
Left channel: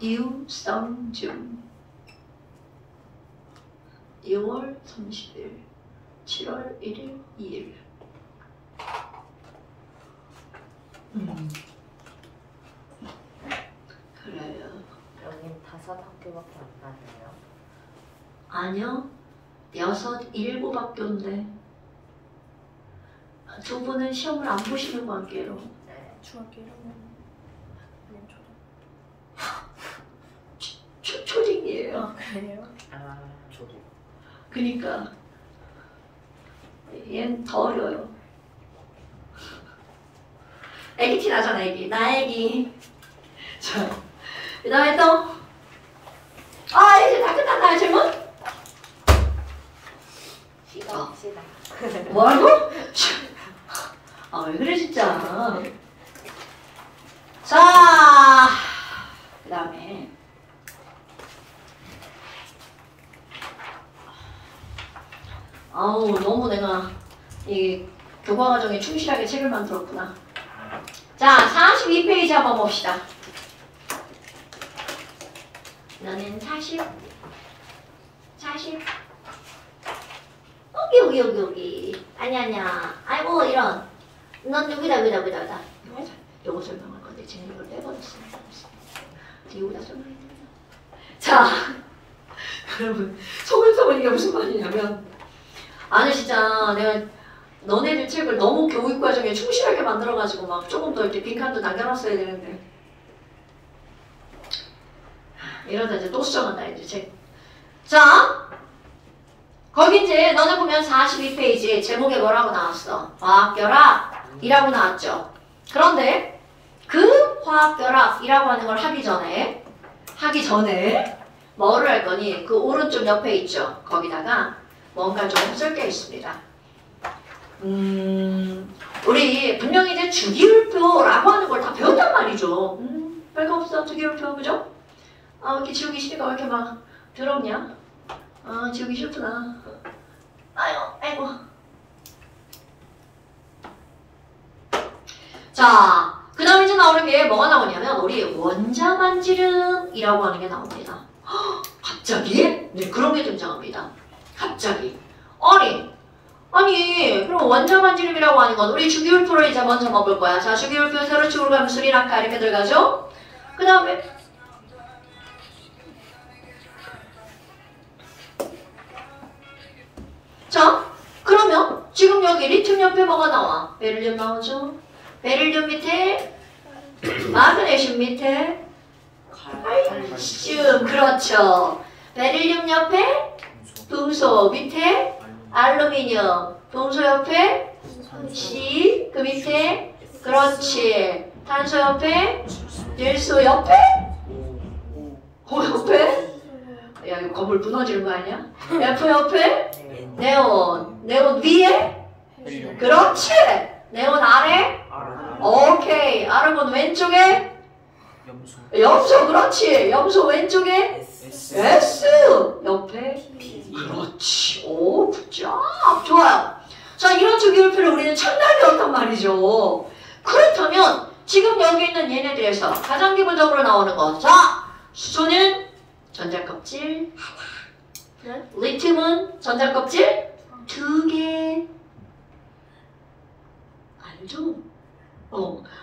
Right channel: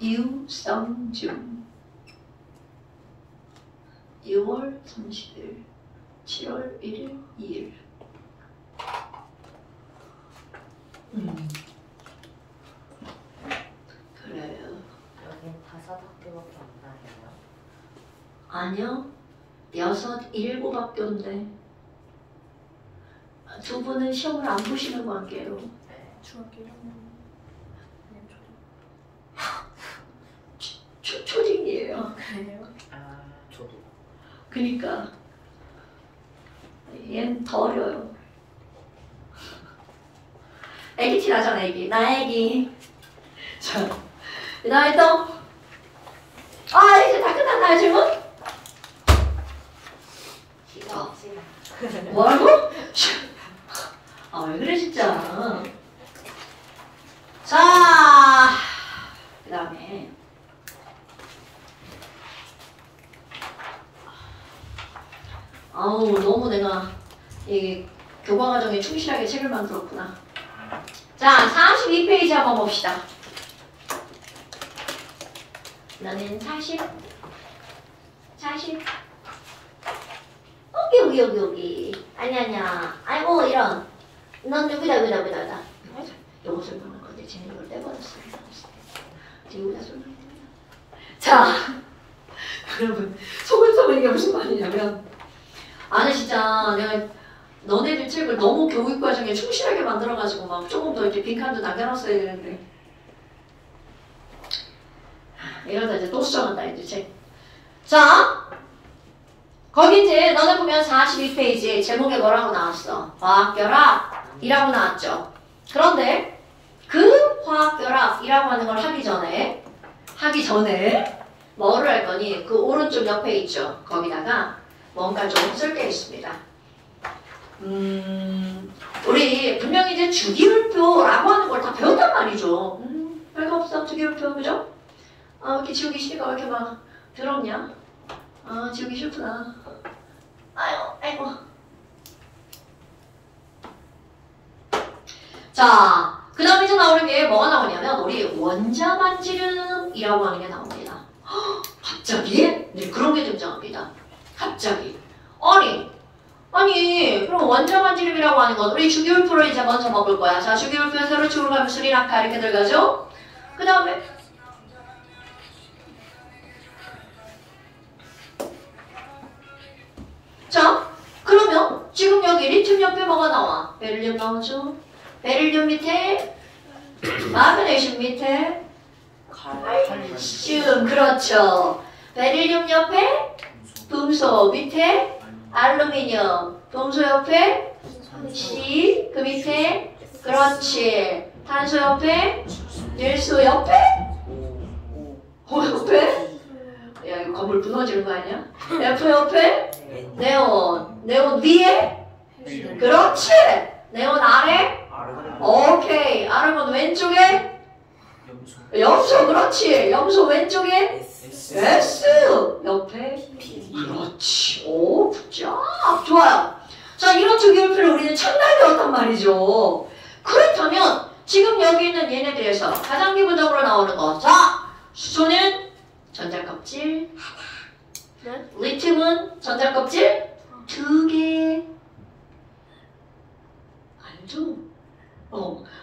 유성준 6월 30일 7월 1일 2일 그래요. 여긴 5학교밖에 안 나네요. 아니요 6, 7학교인데 두 분은 시험을 안 보시는 관계로 네. 중학교 1학년 초딩이에요. 그래요? 아 저도. 그니까 얘는 더 어려요. 애기 티 나잖아 애기. 나 애기. 자, 그 다음에 또 이제 다 끝났나요 질문? 시간 시간. 뭐라고? 왜 그래 진짜. 자, 그 다음에 너무 내가 이 교과과정에 충실하게 책을 만들었구나. 자, 42페이지 한번 봅시다. 너는 40. 여기. 아니야. 아이고, 이런. 넌 누구다. 요거 설명할 건데, 지금 이걸 내버렸어요. 여기다 설명합니다. 자, 여러분, 소문소문 이게 무슨 말이냐면, 아니, 진짜 내가 너네들 책을 너무 교육과정에 충실하게 만들어가지고 막 조금 더 이렇게 빈칸도 남겨놨어야 되는데. 이러다 이제 또 수정한다, 이제 책. 자, 거기 이제 너네 보면 42페이지 제목에 뭐라고 나왔어? 화학결합이라고 나왔죠. 그런데 그 화학결합이라고 하는 걸 하기 전에 뭐를 할 거니? 그 오른쪽 옆에 있죠. 거기다가 뭔가 좀 쓸 게 있습니다. 우리 분명히 이제 주기율표라고 하는 걸 다 배웠단 말이죠. 별거 없어. 주기율표, 그죠? 이렇게 지우기 싫으니까 왜 이렇게 막 더럽냐? 지우기 싫구나. 아이고. 자, 그 다음에 이제 나오는 게 뭐가 나오냐면, 우리 원자반지름이라고 하는 게 나옵니다. 갑자기? 네, 그런 게 등장합니다. 갑자기. 아니, 그럼 원자반지름이라고 하는 건 우리 주기율표를 이제 먼저 먹을 거야. 자, 주기율표 세로축으로 가면 수리낙하 이렇게 들어가죠? 그 다음에 자, 그러면 지금 여기 리튬 옆에 뭐가 나와? 베릴륨 나오죠? 베릴륨 밑에 마그네슘 밑에 칼슘, 그렇죠. 베릴륨 옆에 금속 밑에 알루미늄, 동소 옆에 C, 그 밑에 그렇지. 탄소 옆에 질소 옆에 O 옆에 야, 이거 건물 무너지는 거 아니야? F 옆에 네온 위에 그렇지. 네온 아래 오케이. 아르곤 왼쪽에 염소, 그렇지. 염소 왼쪽에 S 옆에 그렇지. 오, 굿잡. 좋아요. 자, 이런 주기율표를 우리는 참나게 배웠단 말이죠. 그렇다면 지금 여기 있는 얘네들에서 가장 기본적으로 나오는 거. 자, 수소는 전자껍질 하나. 리튬은 전자껍질 2개. 알죠?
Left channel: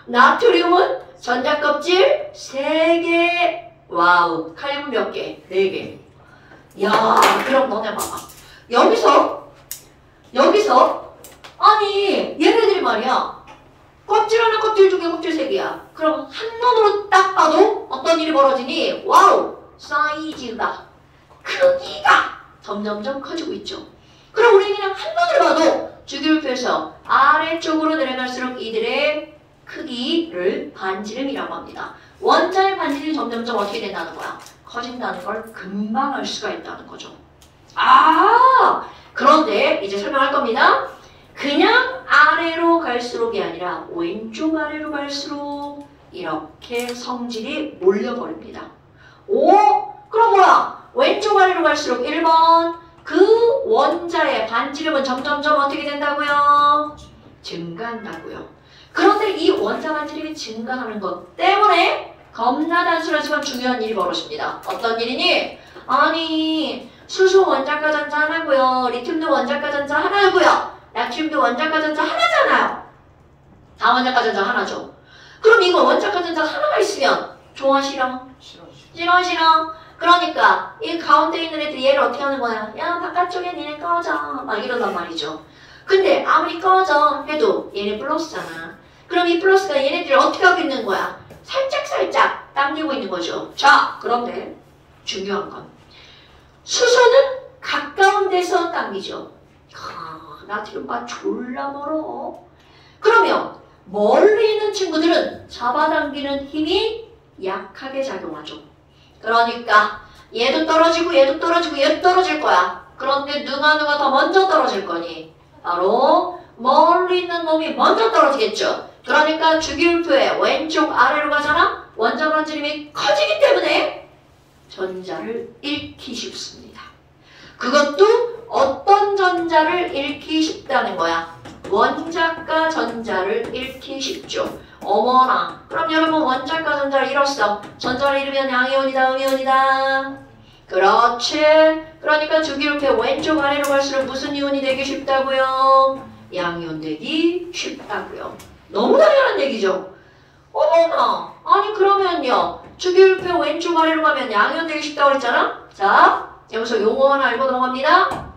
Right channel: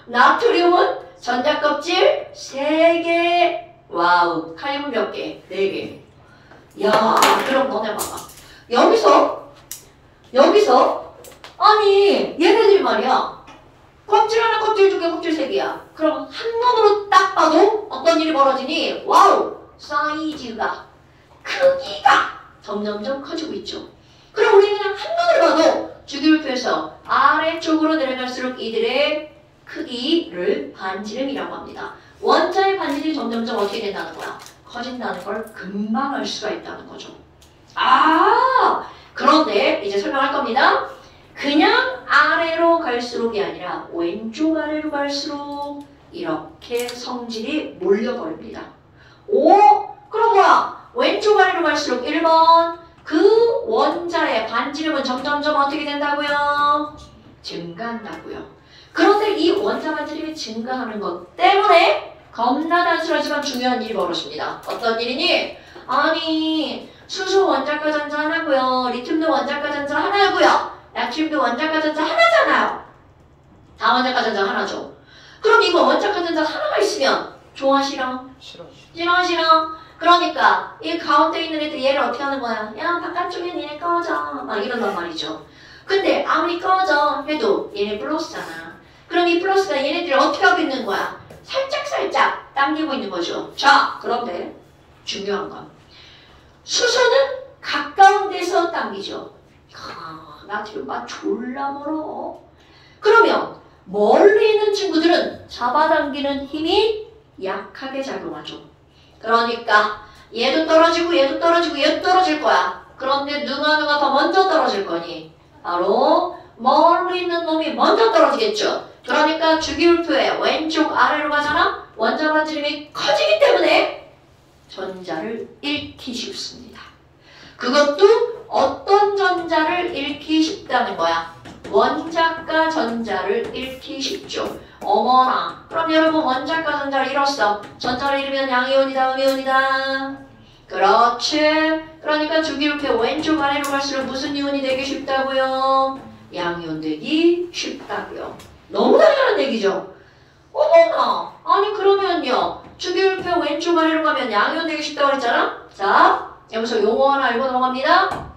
나트륨은 전자껍질 3개. 와우. 칼륨은 몇 개? 4개. 야, 그럼 너네 봐봐. 여기서 아니 얘네들이 말이야 껍질 하나, 껍질 두 개, 껍질 세 개야. 그럼 한눈으로 딱 봐도 어떤 일이 벌어지니? 와우! 사이즈가, 크기가 점점점 커지고 있죠. 그럼 우리는 그냥 한눈을 봐도 주기율표에서 아래쪽으로 내려갈수록 이들의 크기를 반지름이라고 합니다. 원자의 반지름이 점점점 어떻게 된다는 거야? 커진다는 걸 금방 알 수가 있다는 거죠. 그런데 이제 설명할 겁니다. 그냥 아래로 갈수록이 아니라 왼쪽 아래로 갈수록 이렇게 성질이 몰려버립니다. 그럼 뭐야? 왼쪽 아래로 갈수록 1번 그 원자의 반지름은 점점점 어떻게 된다고요? 증가한다고요. 그런데 이 원자 반지름이 증가하는 것 때문에 겁나 단순하지만 중요한 일이 벌어집니다. 어떤 일이니? 아니 수소 원자가 전자 하나고요. 리튬도 원자가 전자 하나고요. 나트륨도 원자가 전자 하나잖아요. 다 원자가 전자 하나죠. 그럼 이거 원자가 전자 하나가 있으면 좋아 싫어? 싫어. 그러니까 이 가운데 있는 애들 얘를 어떻게 하는 거야? 야 바깥쪽에 얘네 꺼져 막 이런단 말이죠. 근데 아무리 꺼져 해도 얘네 플러스잖아. 그럼 이 플러스가 얘네들을 어떻게 하고 있는 거야? 살짝 당기고 있는 거죠. 자 그런데 중요한 건 수소는 가까운 데서 당기죠. 나트륨바 졸라 멀어. 그러면 멀리 있는 친구들은 잡아당기는 힘이 약하게 작용하죠. 그러니까 얘도 떨어지고 얘도 떨어지고 얘도 떨어질 거야. 그런데 누가 더 먼저 떨어질 거니? 바로 멀리 있는 놈이 먼저 떨어지겠죠. 그러니까 주기율표의 왼쪽 아래로 가잖아. 원자 반지름이 커지기 때문에 전자를 잃기 쉽습니다. 그것도 어떤 전자를 잃기 쉽다는 거야? 원자과 전자를 잃기 쉽죠. 어머나. 그럼 여러분 원자과 전자를 잃었어. 전자를 잃으면 양이온이다, 음이온이다. 그렇지. 그러니까 주기율표 왼쪽 아래로 갈수록 무슨 이온이 되기 쉽다고요? 양이온 되기 쉽다고요. 너무 당연한 얘기죠. 어머나. 아니 그러면요. 주기율표 왼쪽 아래로 가면 양이온 되기 쉽다고 그랬잖아. 자 여기서 용어 하나 알고 넘어갑니다.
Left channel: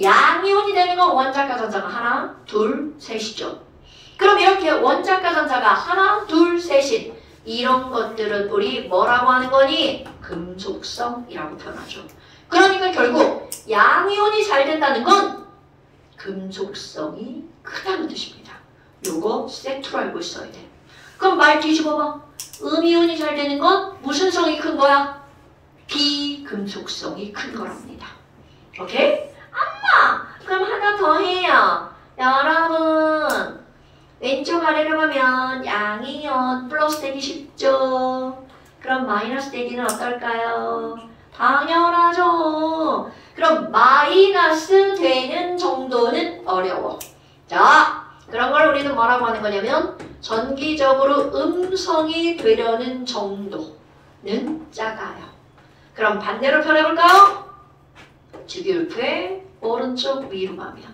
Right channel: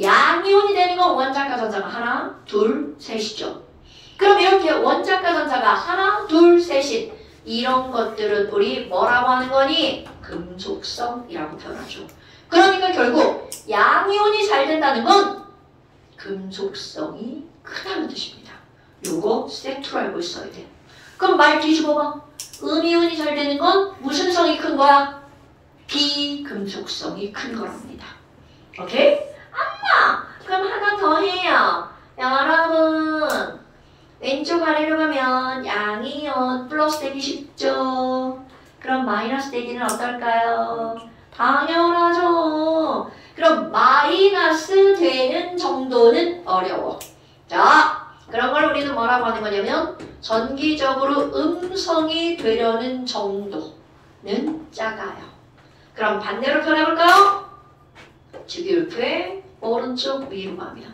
양이온이 되는 건 원자과 전자가 하나, 둘, 셋이죠. 그럼 이렇게 원자과 전자가 하나, 둘, 셋인 이런 것들은 우리 뭐라고 하는 거니? 금속성이라고 표현하죠. 그러니까 결국 양이온이 잘 된다는 건 금속성이 크다는 뜻입니다. 요거 세트로 알고 있어야 돼. 그럼 말 뒤집어봐. 음이온이 잘 되는 건 무슨 성이 큰 거야? 비금속성이 큰 거랍니다. 오케이? 그럼 하나 더 해요. 여러분 왼쪽 아래로 가면 양이온 플러스 되기 쉽죠. 그럼 마이너스 되기는 어떨까요? 당연하죠. 그럼 마이너스 되는 정도는 어려워. 자 그런 걸 우리는 뭐라고 하는 거냐면 전기적으로 음성이 되려는 정도는 작아요. 그럼 반대로 표현해볼까요? 주기율표의 오른쪽 위로 가면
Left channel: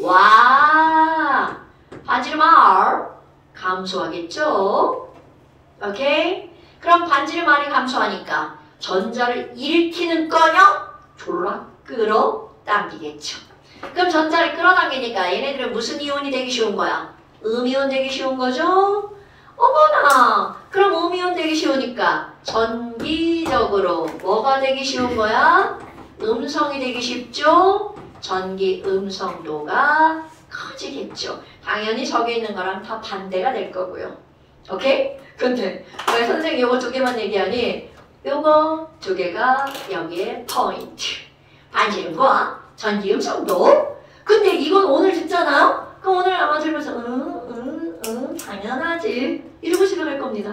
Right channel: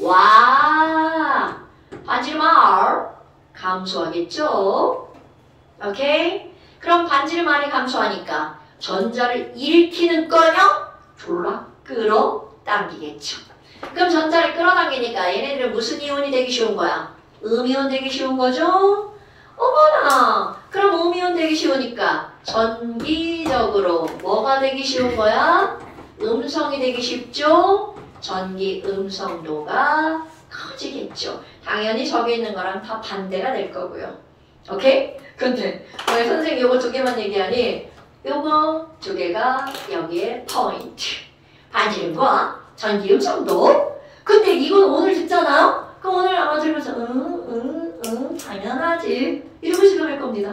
와 반지름 R 감소하겠죠? 오케이? 그럼 반지름 R이 감소하니까 전자를 일으키는꺼녕 졸라 끌어당기겠죠. 그럼 전자를 끌어당기니까 얘네들은 무슨 이온이 되기 쉬운 거야? 음이온 되기 쉬운 거죠? 어머나 그럼 음이온 되기 쉬우니까 전기적으로 뭐가 되기 쉬운 거야? 음성이 되기 쉽죠? 전기 음성도가 커지겠죠. 당연히 저기 있는 거랑 다 반대가 될 거고요. 오케이? 근데 왜 선생님 요거 두 개만 얘기하니 요거 두 개가 여기에 포인트. 반지름과 전기 음성도. 근데 이건 오늘 듣잖아요? 그럼 오늘 아마 들으면서 당연하지 이러고 집에 갈 겁니다.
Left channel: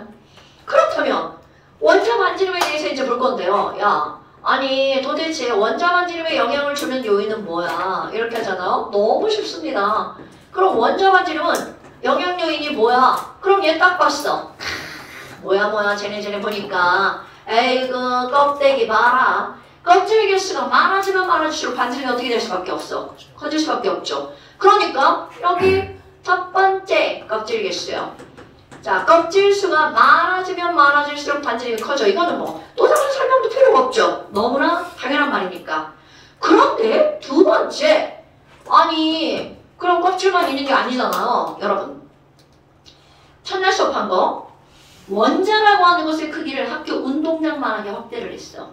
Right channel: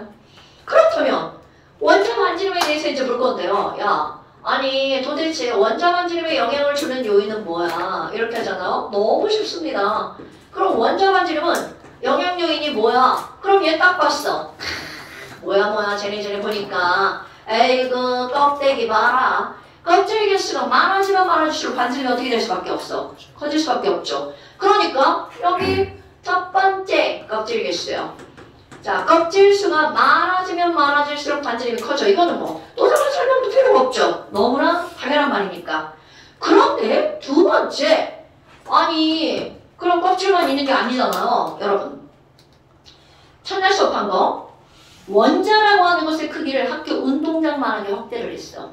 그렇다면 원자 반지름에 대해서 이제 볼 건데요. 야 아니 도대체 원자 반지름에 영향을 주는 요인은 뭐야? 이렇게 하잖아요. 너무 쉽습니다. 그럼 원자 반지름은 영향 요인이 뭐야? 그럼 얘 딱 봤어. 뭐야 쟤네 보니까 에이그 껍데기 봐라. 껍질 개수가 많아지면 많아질수록 반지름이 어떻게 될 수밖에 없어? 커질 수밖에 없죠. 그러니까 여기 첫 번째 껍질 개수요. 자, 껍질 수가 많아지면 많아질수록 반지름이 커져. 이거는 뭐 또 다른 설명도 필요가 없죠. 너무나 당연한 말이니까. 그런데 두 번째, 아니 그럼 껍질만 있는 게 아니잖아요. 여러분 기억한 거. 원자라고 하는 것의 크기를 학교 운동장만하게 확대를 했어.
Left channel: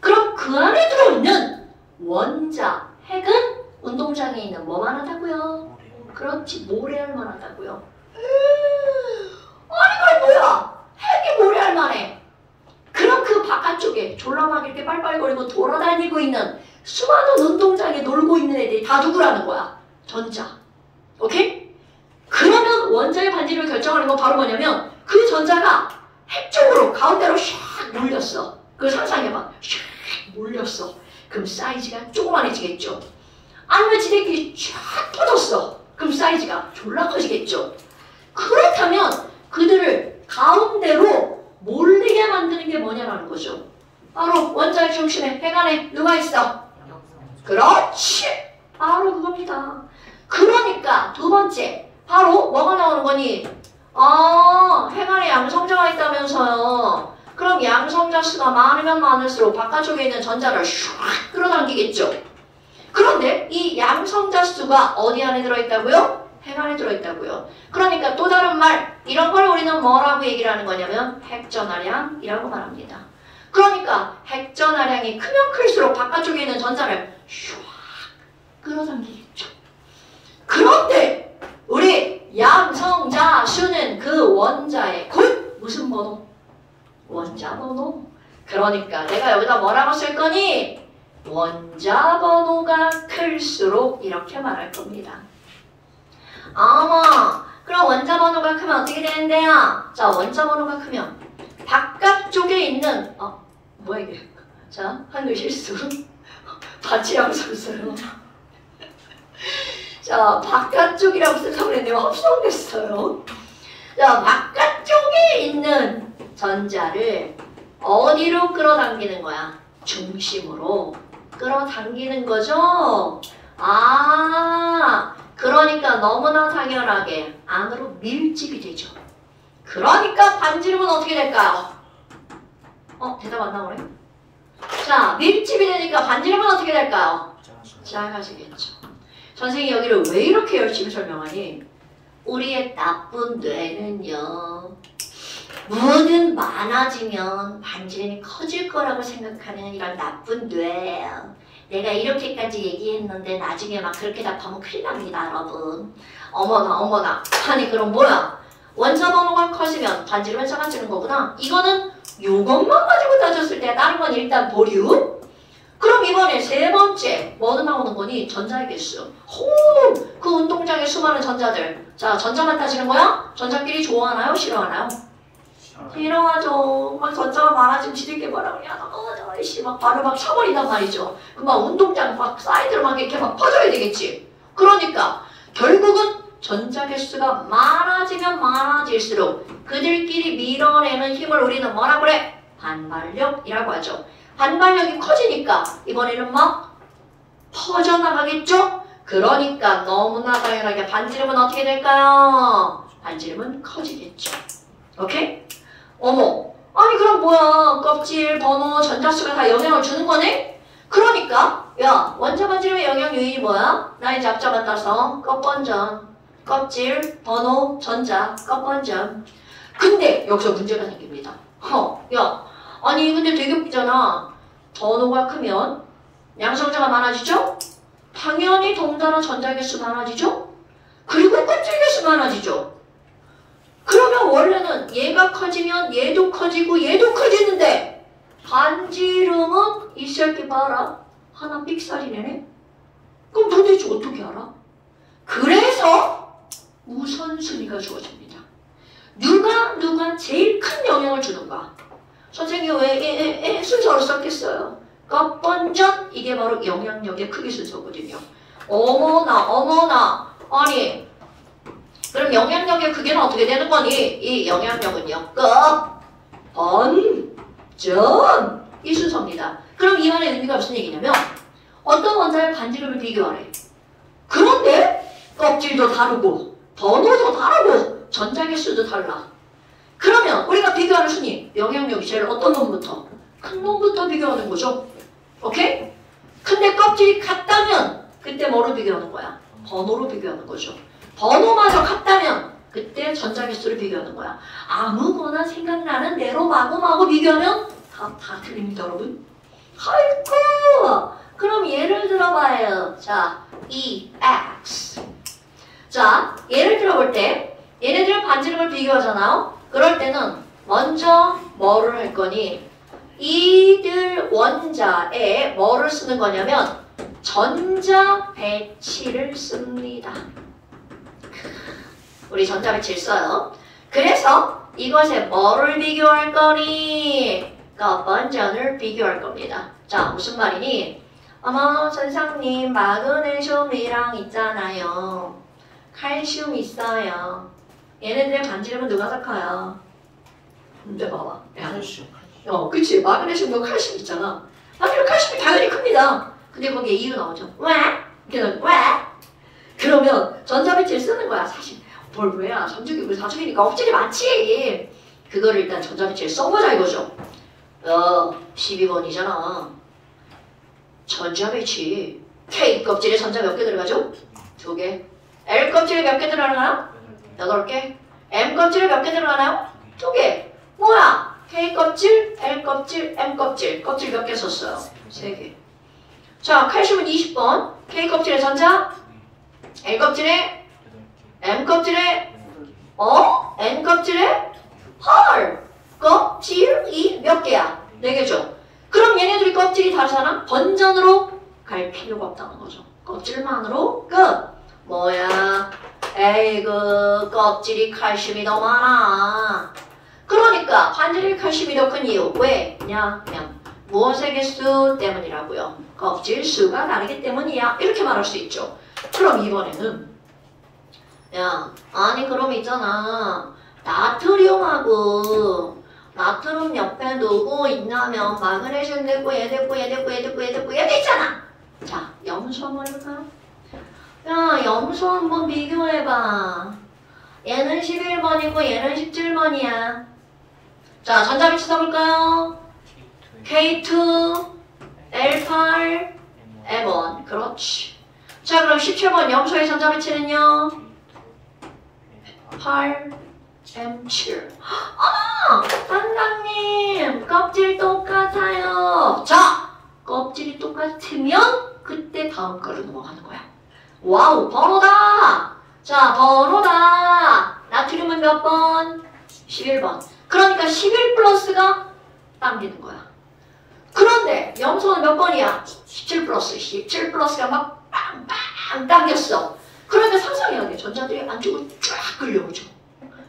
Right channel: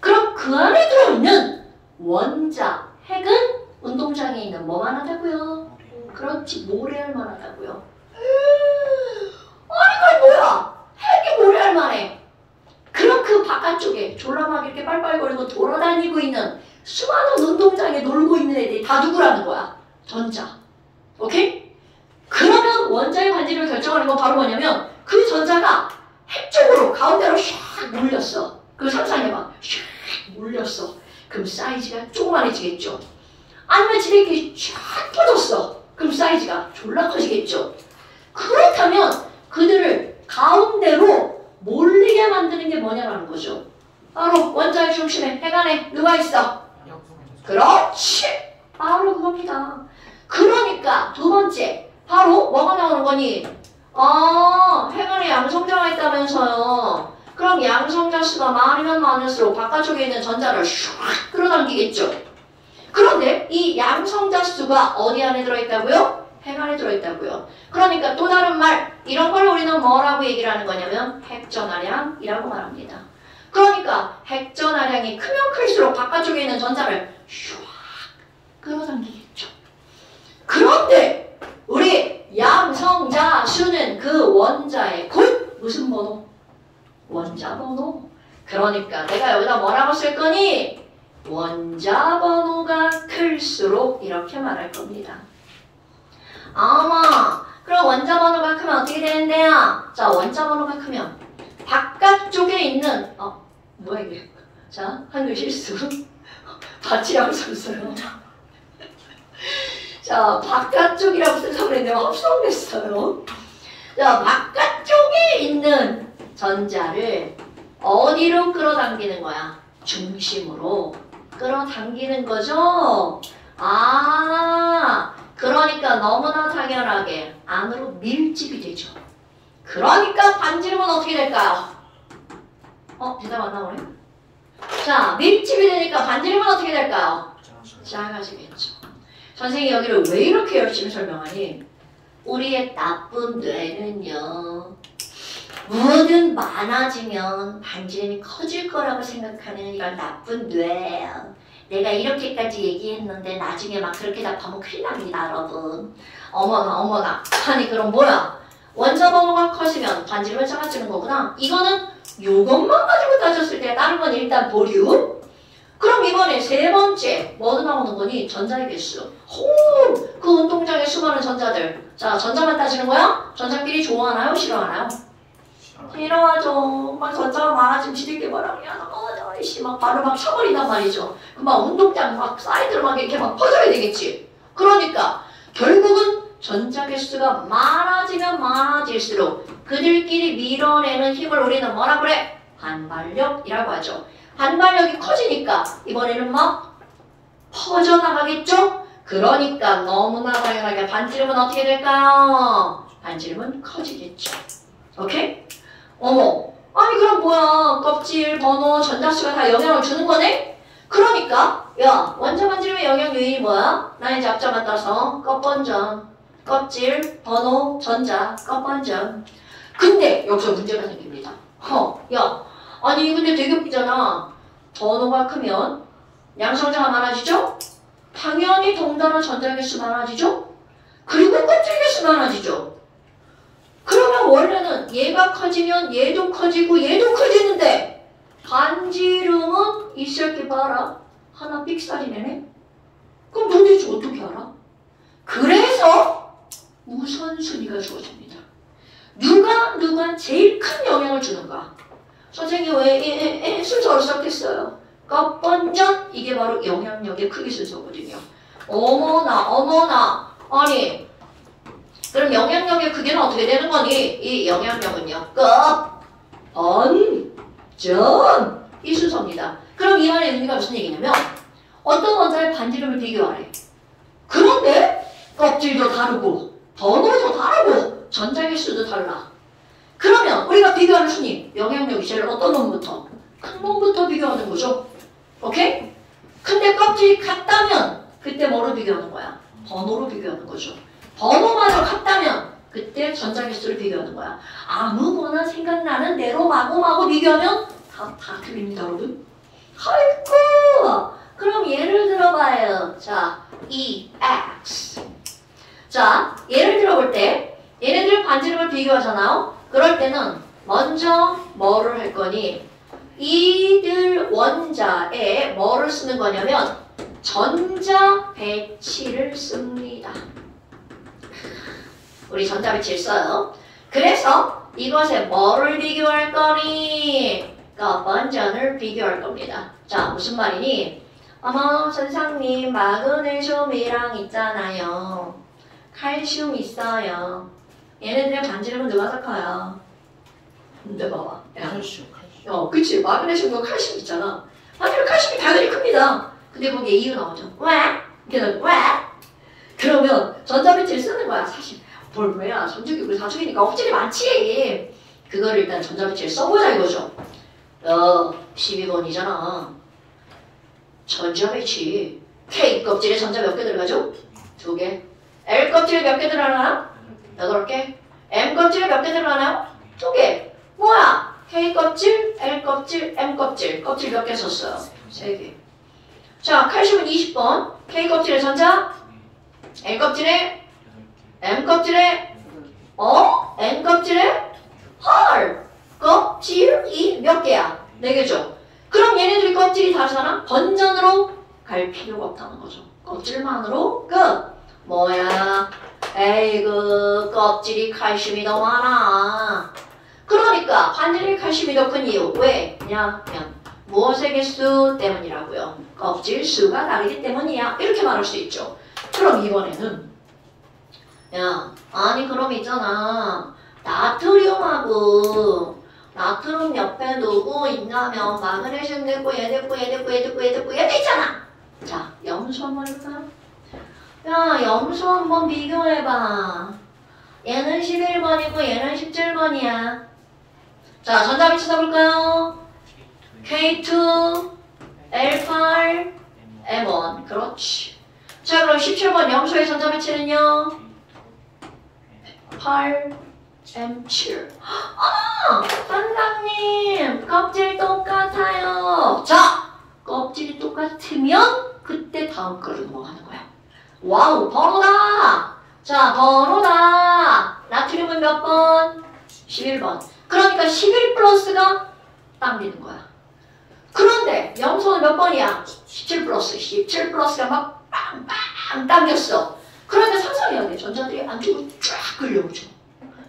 그럼 그 안에 들어있는 원자, 핵은 운동장에 있는 뭐만 하다고요? 그렇지, 모래알만 하다고요. 아니, 그럼 뭐야? 핵이 모래알만 해. 그럼 그 바깥쪽에 졸라막 이렇게 빨빨거리고 돌아다니고 있는 수많은 운동장에 놀고 있는 애들이 다 누구라는 거야? 전자. 오케이? 그러면 원자의 반지를 결정하는 건 바로 뭐냐면 그 전자가 핵 쪽으로 가운데로 샥 몰렸어. 그 상상해봐. 샥 몰렸어. 그럼 사이즈가 조그만해지겠죠. 아니면 지네끼리 쫙 퍼졌어. 그럼 사이즈가 졸라 커지겠죠. 그렇다면 그들을 가운데로 몰리게 만드는 게 뭐냐라는 거죠. 바로 원자의 중심에 핵 안에 누가 있어? 그렇지. 바로 그겁니다. 그러니까 두 번째 바로 뭐가 나오는 거니? 핵 안에 양성자가 있다면서요. 그럼 양성자 수가 많으면 많을수록 바깥쪽에 있는 전자를 슉 끌어당기겠죠. 그런데 이 양성자 수가 어디 안에 들어있다고요? 핵 안에 들어있다고요. 그러니까 또 다른 말, 이런 걸 우리는 뭐라고 얘기를 하는 거냐면 핵전하량이라고 말합니다. 그러니까 핵전하량이 크면 클수록 바깥쪽에 있는 전자를 슉 끌어당기겠죠. 그런데 우리 양성자 수는 그 원자의 곧 무슨 번호? 원자 번호. 그러니까 내가 여기다 뭐라고 쓸 거니? 원자 번호가 클수록 이렇게 말할 겁니다. 그럼 원자 번호가 크면 어떻게 되는데요? 자, 원자 번호가 크면 바깥쪽에 있는 뭐야 이게? 자, 한글 실수. 바치라고 썼어요. 자, 바깥쪽이라고 생각했는데 합성됐어요. 자, 바깥쪽에 있는 전자를 어디로 끌어당기는 거야? 중심으로 끌어당기는 거죠? 그러니까 너무나 당연하게 안으로 밀집이 되죠. 그러니까 반지름은 어떻게 될까요? 대답 안 나오네? 자, 밀집이 되니까 반지름은 어떻게 될까요? 작아지겠죠. 선생님이 여기를 왜 이렇게 열심히 설명하니? 우리의 나쁜 뇌는요, 뭐든 많아지면 반지름이 커질 거라고 생각하는 이런 나쁜 뇌예요. 내가 이렇게까지 얘기했는데 나중에 막 그렇게 답하면 큰일 납니다, 여러분. 어머나. 아니 그럼 뭐야? 원자 번호가 커지면 반지름은 작아지는 거구나. 이거는 요것만 가지고 따졌을 때 다른 건 일단 보류. 그럼 이번에 세 번째 뭐도 나오는 거니? 전자의 개수. 그 운동장에 수많은 전자들. 자, 전자만 따지는 거야? 전자끼리 좋아하나요? 싫어하나요? 싫어하죠. 막 전자가 많아지면 지들끼리 뭐라 그래? 막 바로 막 쳐버린단 말이죠. 그막 운동장 막 사이드로 막 이렇게 막 퍼져야 되겠지. 그러니까 결국은 전자 개수가 많아지면 많아질수록 그들끼리 밀어내는 힘을 우리는 뭐라 그래? 반발력이라고 하죠. 반발력이 커지니까 이번에는 막 퍼져나가겠죠? 그러니까 너무나 당연하게 반지름은 어떻게 될까요? 반지름은 커지겠죠. 오케이? 아니 그럼 뭐야? 껍질, 번호, 전자수가 다 영향을 주는 거네? 그러니까 야, 원자 반지름의 영향 요인이 뭐야? 나의 잡자만 따서 껍번전, 껍질, 번호, 전자, 껍번전. 근데 여기서 문제가 생깁니다. 아니 근데 되게 웃기잖아. 번호가 크면 양성자가 많아지죠? 당연히 덩달아 전자 개수 많아지죠? 그리고 껍질 개수 많아지죠? 그러면 원래는 얘가 커지면 얘도 커지고 얘도 커지는데 반지름은 이 새끼 봐라. 하나 삑살이네. 그럼 도대체 어떻게 알아? 그래서 우선순위가 주어집니다. 누가 제일 큰 영향을 주는가? 선생님 왜 순서를 썼겠어요? 껍번전 이게 바로 영향력의 크기 순서거든요. 어머나 아니 그럼 영향력의 크기는 어떻게 되는 거니? 이 영향력은요. 껍번전 이 순서입니다. 그럼 이 말의 의미가 무슨 얘기냐면 어떤 원자의 반지름을 비교하래. 그런데 껍질도 다르고 번호도 다르고 전자 개수도 달라. 그러면 우리가 비교하는 순위 영향력이 제일 어떤 놈부터? 큰 놈부터 비교하는 거죠. 오케이? 근데 껍질이 같다면 그때 뭐로 비교하는 거야? 번호로 비교하는 거죠. 번호마저 같다면 그때 전자배수를 비교하는 거야. 아무거나 생각나는 대로 마구마구 비교하면 다 틀립니다, 여러분. 아이고! 그럼 예를 들어봐요. 자, EX. 자, 예를 들어볼 때 얘네들 반지름을 비교하잖아요. 그럴 때는 먼저 뭐를 할 거니? 이들 원자에 뭐를 쓰는 거냐면 전자 배치를 씁니다. 우리 전자 배치를 써요. 그래서 이것에 뭐를 비교할 거니? 먼저를 비교할 겁니다. 자, 무슨 말이니? 어머, 선생님, 마그네슘이랑 있잖아요. 칼슘 있어요. 얘네들의 반지름은 누가 더 커요? 근데 봐봐. 그치. 마그네슘도 칼슘 있잖아. 그럼 칼슘이 당연히 큽니다. 근데 거기에 이유 나오죠. 왜? 걔는 왜? 그러면 전자배치를 쓰는 거야. 사실 뭘 왜야? 전자기구 사중이니까 억질이 많지. 그거를 일단 전자배치를 써보자 이거죠. 12번이잖아. 전자배치. K 껍질에 전자 몇 개 들어가죠? 2개. L 껍질에 몇 개 들어가나? 8개. M 껍질에 몇 개 들어가나? 2개. 뭐야? K 껍질, L 껍질, M 껍질. 껍질 몇 개 썼어요? 3개. 자, 칼슘은 20번. K 껍질에 전자, L 껍질에, M 껍질에, N 껍질에, 헐! 껍질이 몇 개야? 4개죠? 그럼 얘네들이 껍질이 다르잖아? 번전으로 갈 필요가 없다는 거죠. 껍질만으로 끝! 뭐야? 에이그, 껍질이 칼슘이 더 많아. 그러니까 반지름이 칼슘이 더 큰 이유. 왜냐면 무엇의 개수 때문이라고요? 껍질 수가 다르기 때문이야. 이렇게 말할 수 있죠. 그럼 이번에는 아니 그럼 있잖아. 나트륨하고 나트륨 옆에 누구 있냐면 마그네슘 됐고 얘 됐고 얘 됐고 얘 됐고 얘 됐고 얘 있잖아. 자, 염소 한번 해볼까? 야, 염소 한번 비교해봐. 얘는 11번이고 얘는 17번이야. 자, 전자배치 써볼까요? K2, L8, M1. 그렇지. 자, 그럼 17번 염소의 전자배치는요? 8, M7. 선생님, 껍질 똑같아요. 자, 껍질이 똑같으면 그때 다음 거로 넘어가는 거야. 와우, 번호다. 자, 번호다. 나트륨은 몇 번? 11번. 그러니까 11 플러스가 당기는 거야. 그런데 염소는 몇 번이야? 17 플러스. 17 플러스가 막 빵빵 당겼어. 그러니까 상상해야 돼. 전자들이 안쪽으로 쫙 끌려오죠.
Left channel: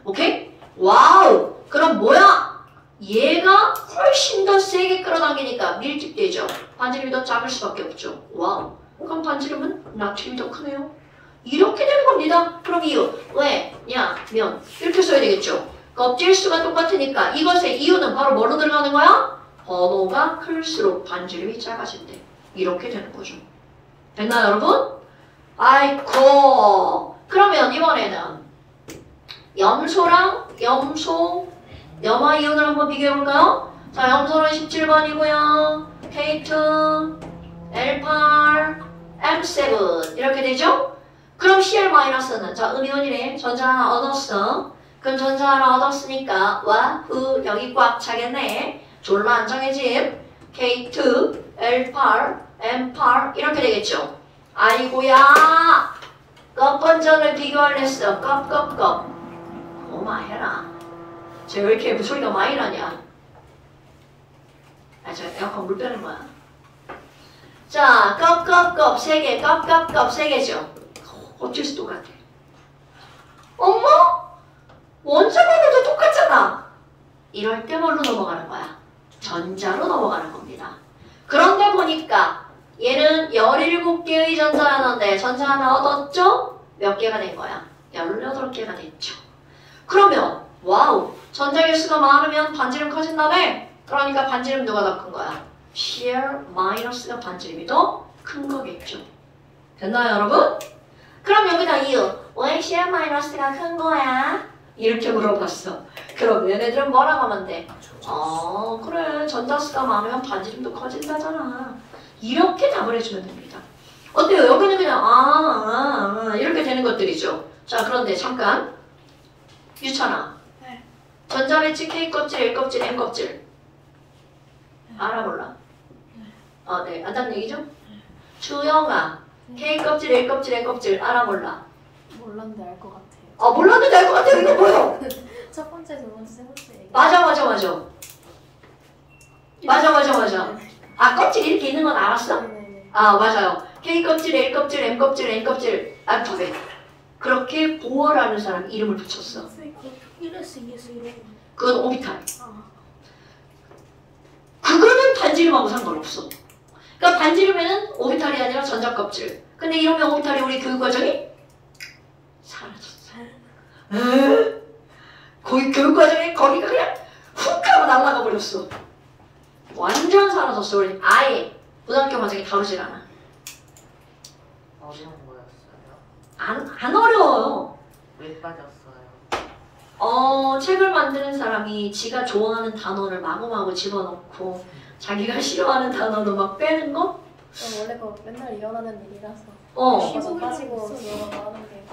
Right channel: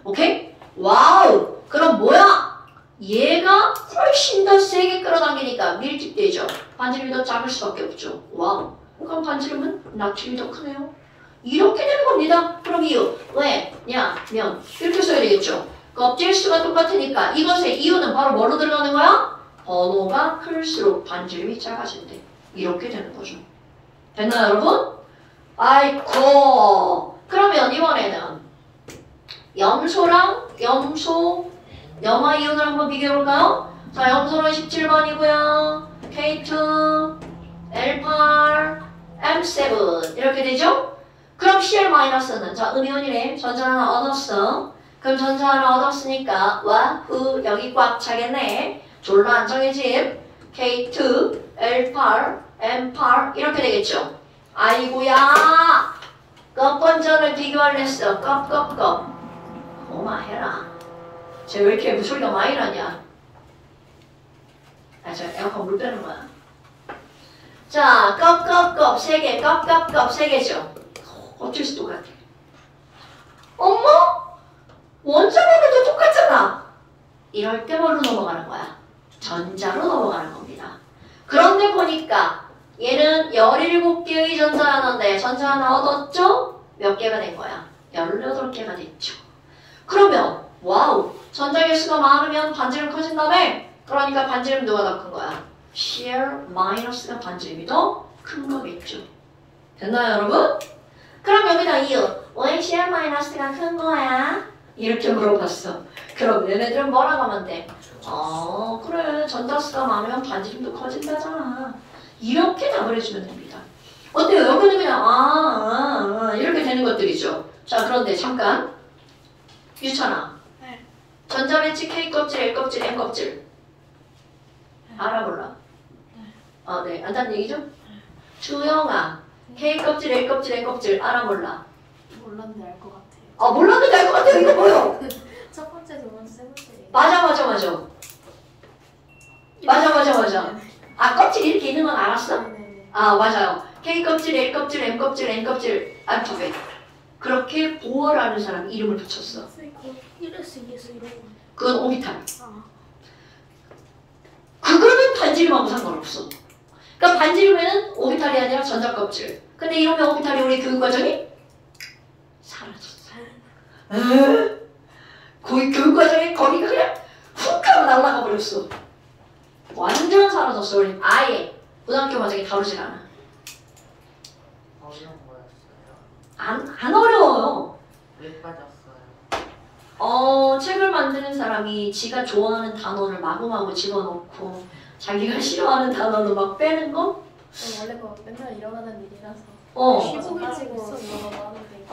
오케이? 와우. 그럼 뭐야? 얘가 훨씬 더 세게 끌어당기니까 밀집되죠. 반지름이 더 작을 수밖에 없죠. 와우. 그럼 반지름은 나트륨이 더 크네요. 이렇게 되는 겁니다. 그럼 이유. 왜냐면 이렇게 써야 되겠죠. 껍질 수가 똑같으니까 이것의 이유는 바로 뭐로 들어가는 거야? 번호가 클수록 반지름이 작아진대. 이렇게 되는 거죠. 됐나요, 여러분? 아이고. 그러면 이번에는 염소랑 염화 이온을 한번 비교해볼까요? 자, 염소는 17번이고요. K2, L8, M7 이렇게 되죠? 그럼 Cl-는 자, 음이온이네. 전자 하나 얻었어. 그럼 전자 하나 얻었으니까 와후 여기 꽉 차겠네. 졸라 안정해짐. K2, L8, M8 이렇게 되겠죠? 아이고야. 껍번장을 비교하랬어. 껍. 고마해라. 쟤 왜 이렇게 소리가 많이 나냐? 저 에어컨 물 빼는 거야. 자, 껍 세 개, 껍 세 개죠. 어째서 똑같아? 어머? 원자번호도 똑같잖아. 이럴 때 뭘로 넘어가는 거야? 전자로 넘어가는 겁니다. 그런데 보니까 얘는 17개의 전자 하나인데 전자 하나 얻었죠? 몇 개가 된 거야? 18개가 됐죠. 그러면 와우, 전자 개수가 많으면 반지름 커진다며? 그러니까 반지름 누가 더 큰 거야? Cl-가 반지름이 더 큰 거겠죠. 됐나요, 여러분? 그럼 여기다 이유. 왜 Cl-가 큰 거야? 이렇게 물어봤어. 그럼 얘네들은 뭐라고 하면 돼? 그래. 전자수가 많으면 반지름도 커진다잖아. 이렇게 답을 해주면 됩니다. 어때요? 여기는 그냥 이렇게 되는 것들이죠. 자, 그런데 잠깐 유천아. 네. 전자배치 K 껍질, L 껍질, N 껍질. 알아 몰라? 네. 안다는 얘기죠? 주영아. K 껍질, L 껍질, N 껍질. 알아 몰라? 몰랐는데 알 것 같아요. 몰랐는데 알 것 같아요. 이거 뭐야? 첫 번째, 두 번째, 세 번째. 얘기. 맞아. 껍질 이렇게 있는 건 알았어? 네네네. 맞아요. K 껍질, L 껍질, M 껍질, N 껍질. 두 배. 그렇게 보어라는 사람 이름을 붙였어. 선생님 그 1S, 2S 이런 거 아니에요? 그건 오비탈. 아, 그거는 반지름하고 상관없어. 그러니까 반지름에는 오비탈이 아니라 전자껍질. 근데 이러면 오비탈이 우리 교육과정이 사라졌어. 교육과정에 거기가 그냥 훅 하고 날아가 버렸어. 완전 사라졌어. 우리 아예 고등학교 과정에 다루질 않아. 어려운 거였어요. 안 어려워요. 왜 빠졌어요? 책을 만드는 사람이 지가 좋아하는 단어를 마구마구 집어넣고 자기가 싫어하는 단어를 막 빼는 거? 원래 그 맨날 일어나는 일이라서. 시국이 빠지고 있어. 일어나는 게.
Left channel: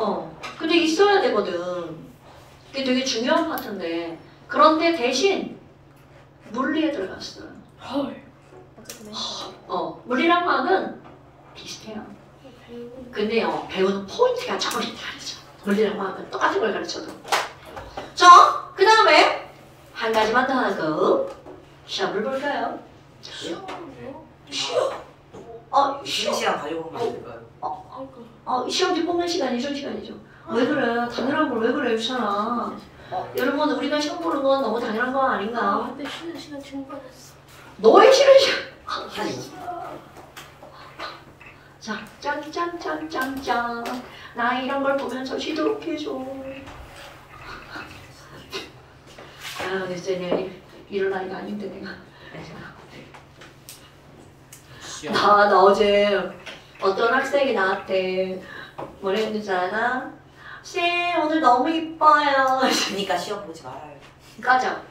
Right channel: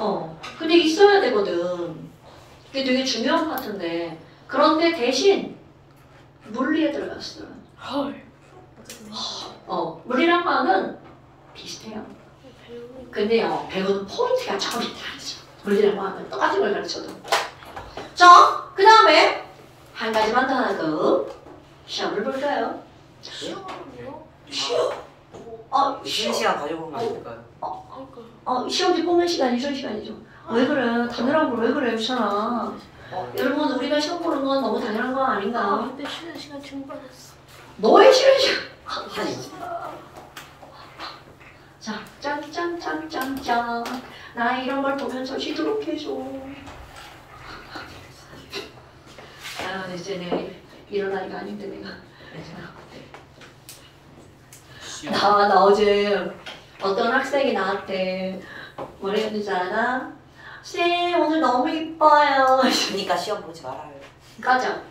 근데 있어야 되거든. 그게 되게 중요한 파트인데. 그런데 대신 물리에 들어갔어요. 헐. 어쨌든 물리랑 과학은 비슷해요. 배우고. 근데요, 배우는 포인트가 조금씩 다르죠. 물리랑 과학은 똑같은 걸 가르쳐도. 자, 그 다음에 한 가지만 더 하나 더 시험을 볼까요? 시험이요? 시험. 쉬는 시간 가지고 오면 안 될까요? 그러니까. 시험지 뽑는 시간이 쉬는 시간이죠. 왜 그래? 당연한 걸 왜 그래, 유찬아. 여러분, 우리가 시험 보는 건 너무 당연한 거 아닌가? 근데 쉬는 시간 증발했어. 너의 싫은 시간. 자, 짠짠짠짠짠. 나 이런 걸 보면서 쉬도록 해줘. 이제는 이럴 나이가 아닌데 내가. 나 어제 어떤 학생이 나한테 뭐라 했는지 알아? 쌤 오늘 너무 이뻐요. 그러니까 시험 보지 말아요. 가자.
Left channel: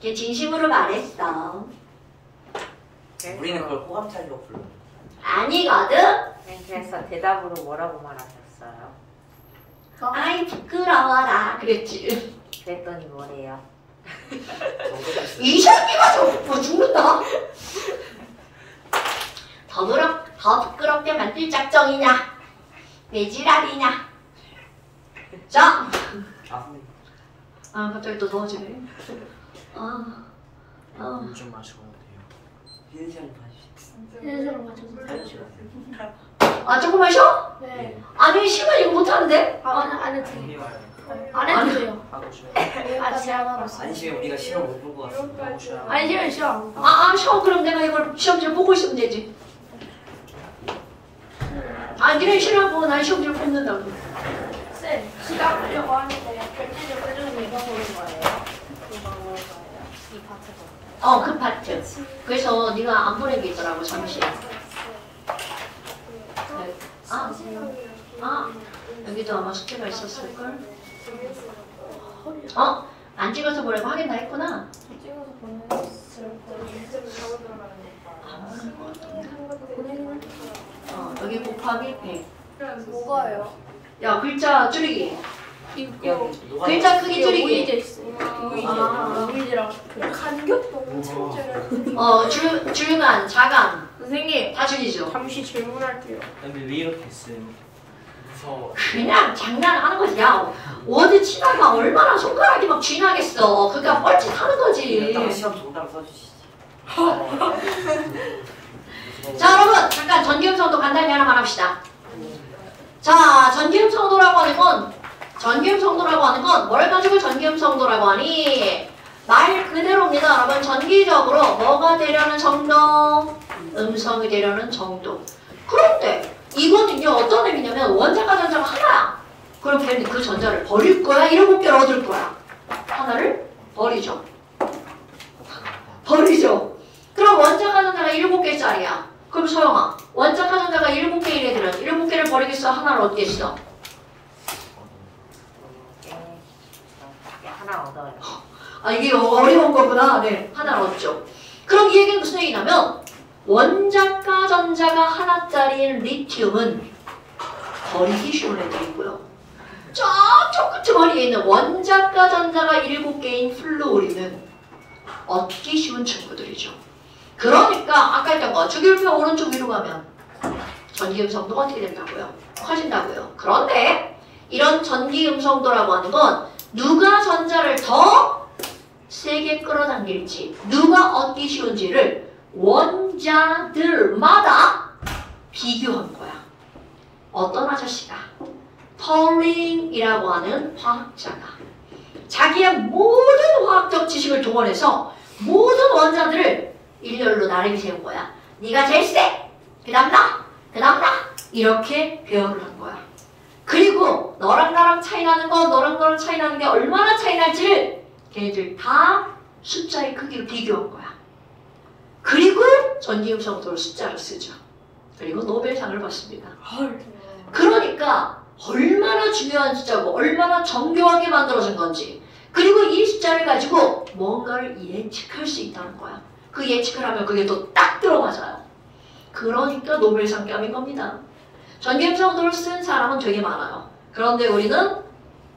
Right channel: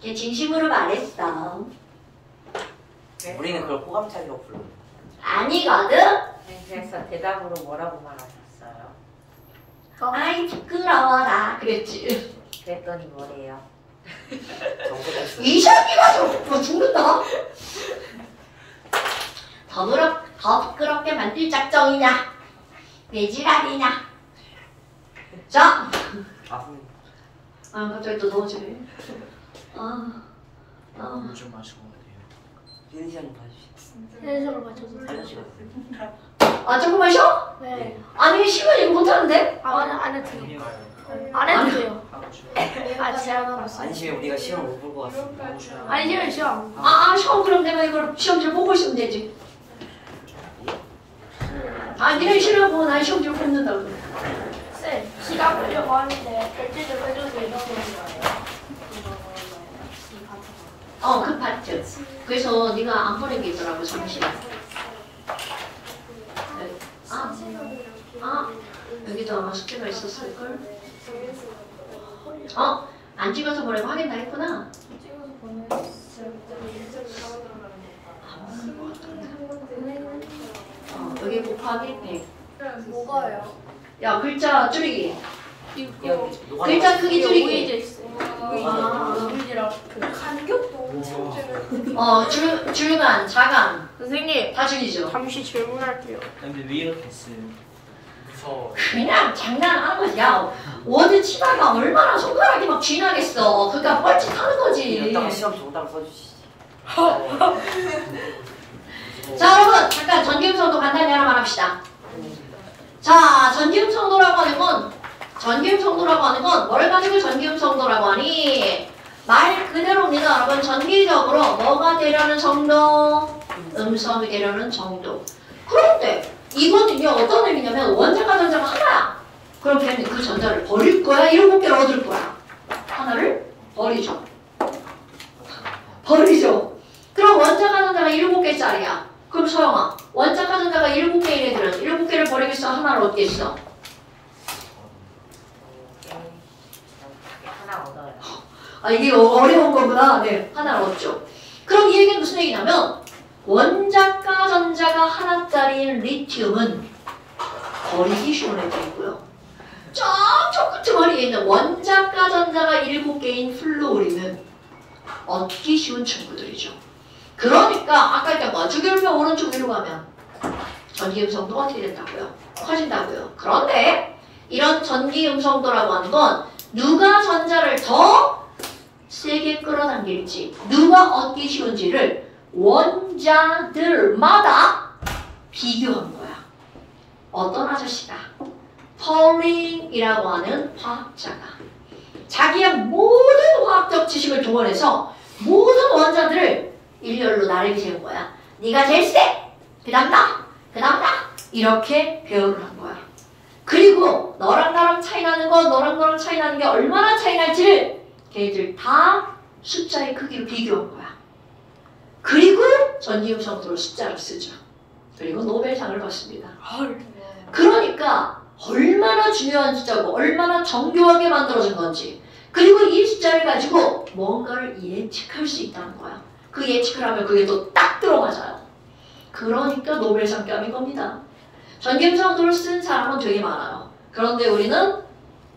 걔 진심으로 말했어. 우리는 그걸 호감찰로 불러. 아니거든? 그래서 대답으로 뭐라고 말하셨어요? 아이 부끄러워라 그랬지. 그랬더니 뭐래요? 이 새끼가 뭐 죽는다. 더 부끄럽게 만들 작정이냐? 내 지랄이냐? 자. 갑자기 또 더워지네. 물 좀 마시고 돼요. 쉬는 시간 봐주시죠. 쉬는 시간 맞춰서. 알려주세요. 조금 마셔? 네. 아니 시간 이거 못하는데? 안 해도 돈이 돼요. 와요. 안 해도 돼요. 하고 쉬어요. 아, 제가 안 쉬면 우리가 시험을 못 볼 것 같습니다. 하고 쉬어요. 아니, 시험. 시험 그럼 내가 이걸 시험지를 보고 있으면 되지. 니네 시험 보고 난 시험지를 뽑는다고. 쌤, 시간 보려고 하는데 결제 좀 해주는 게 이런 거예요. 그 파트. 그래서 네가 안 보낸 게 있더라고 잠시. 여기도 아마 숙제가 있었을걸? 안 찍어서 보내고 확인 다 했구나? 찍어서 보냈을 여기 곱하기 100. 뭐가요? 야 글자 줄이기. 이거 글자 크기 이게 줄이기. 오이제 있어요. 오이제랑 그 간격도 엄청 줄여. 줄간, 자간 선생님 다 줄이죠. 잠시 질문할게요. 근데 왜 이렇게 했어요? 무서워. 그냥 장난하는 거지. 야 워드 치다가 얼마나 손가락이 막 쥐나겠어. 그러니까 뻘짓하는 거지. 이따가 시험 정답을 써주시지. 자 여러분 잠깐 전기음성도 간단히 하나 말합시다. 자 전기음성도라고 하는 건 뭘 가지고 전기음성도라고 하니? 말 그대로입니다. 여러분 전기적으로 뭐가 되려는 정도? 음성이 되려는 정도. 그런데 이거는요 어떤 의미냐면 원자가 전자가 하나야. 그럼 걔는 그 전자를 버릴 거야? 7개를 얻을 거야? 하나를 버리죠. 그럼 원자가 전자가 7개짜리야. 그럼 소영아 원자가 전자가 7개인 애들은 7개를 버리겠어? 하나를 얻겠어? 하나 얻어요. 이게 어려운 거구나. 네, 하나를 얻죠. 그럼 이 얘기는 무슨 얘기냐면 원자가 전자가 하나짜리인 리튬은 버리기 쉬운 애들이 있고요. 저쪽 끝머리에 있는 원자과 전자가 7개인 플루오린은 얻기 쉬운 친구들이죠. 그러니까 아까 했던 거 주기율표 오른쪽 위로 가면 전기음성도 어떻게 된다고요? 커진다고요. 그런데 이런 전기음성도라고 하는 건 누가 전자를 더 세게 끌어당길지 누가 얻기 쉬운지를 원자들마다 비교한 거야. 어떤 아저씨가 펄링이라고 하는 화학자가 자기의 모든 화학적 지식을 동원해서 모든 원자들을 일렬로 나르게 세운 거야. 네가 제일 세! 그 다음 나! 그 다음 나! 이렇게 배열을 한 거야. 그리고 너랑 나랑 차이 나는 거, 너랑 나랑 차이 나는 게 얼마나 차이 날지를 걔네들 다 숫자의 크기로 비교한 거야. 그리고 전기음성도를 숫자를 쓰죠. 그리고 노벨상을 받습니다. 그러니까 얼마나 중요한 숫자고 얼마나 정교하게 만들어진 건지 그리고 이 숫자를 가지고 뭔가를 예측할 수 있다는 거야. 그 예측을 하면 그게 또 딱 들어맞아요. 그러니까 노벨상 감인 겁니다. 전기음성도를 쓴 사람은 되게 많아요. 그런데 우리는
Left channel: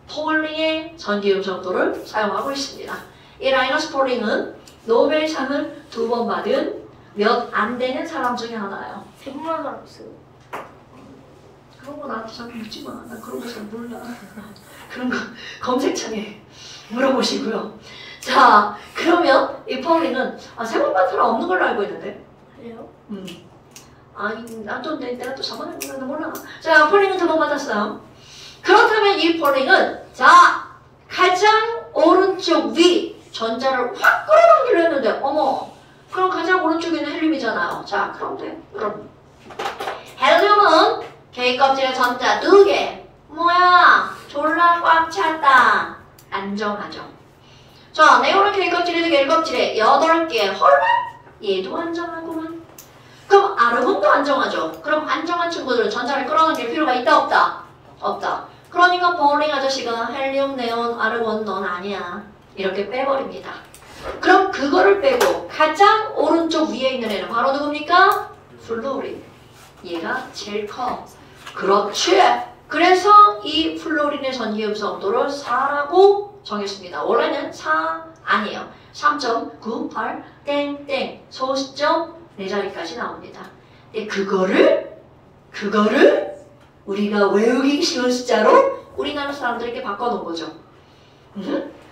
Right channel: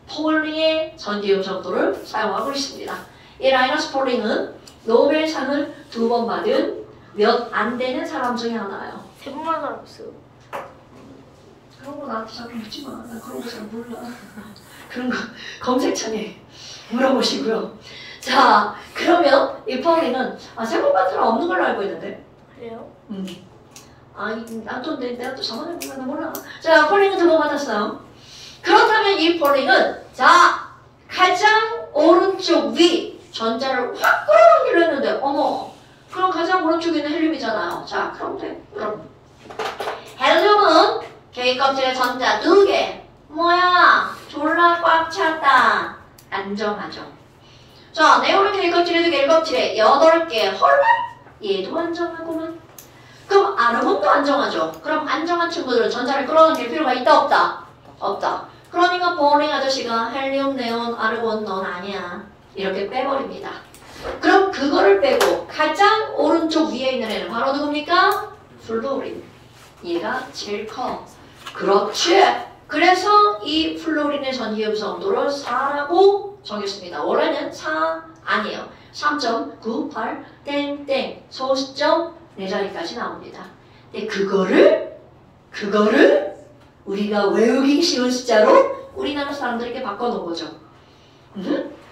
폴링의 전기음성도를 사용하고 있습니다. 이 라이너스 폴링은 노벨상을 2번 받은 몇 안 되는 사람 중에 하나예요. 100만 원 없어요. 그런 거 나한테 자꾸 묻지 마. 나 그런 거 잘 몰라. 그런 거 검색창에 물어보시고요. 자, 그러면 이 폴링은 세번 받은 사람 없는 걸로 알고 있는데. 그래요? 난 또 내가 또 4번에 몰라. 자, 폴링은 2번 받았어요. 그렇다면 이 폴링은 자 가장 오른쪽 위 전자를 확 끌어당기려 했는데 어머 그럼 가장 오른쪽에 있는 헬륨이잖아요. 자, 그런데 헬륨은 K 껍질에 전자 2개. 뭐야? 졸라 꽉 찼다. 안정하죠. 자, 네오는 K 껍질에 2개, L 껍질에 8개. 헐라? 얘도 안정하구만. 그럼 아르곤도 안정하죠. 그럼 안정한 친구들은 전자를 끌어당길 필요가 있다 없다? 없다. 그러니까 폴링 아저씨가 헬륨, 네온, 아르곤 넌 아니야. 이렇게 빼버립니다. 그럼 그거를 빼고 가장 오른쪽 위에 있는 애는 바로 누굽니까? 플루오린. 얘가 제일 커. 그렇지. 그래서 이 플루오린의 전기음성도를 4라고 정했습니다. 원래는 4 아니에요. 3.98 땡땡 소수점 4자리까지 나옵니다. 그거를 우리가 외우기 쉬운 숫자로 우리나라 사람들에게 바꿔놓은 거죠.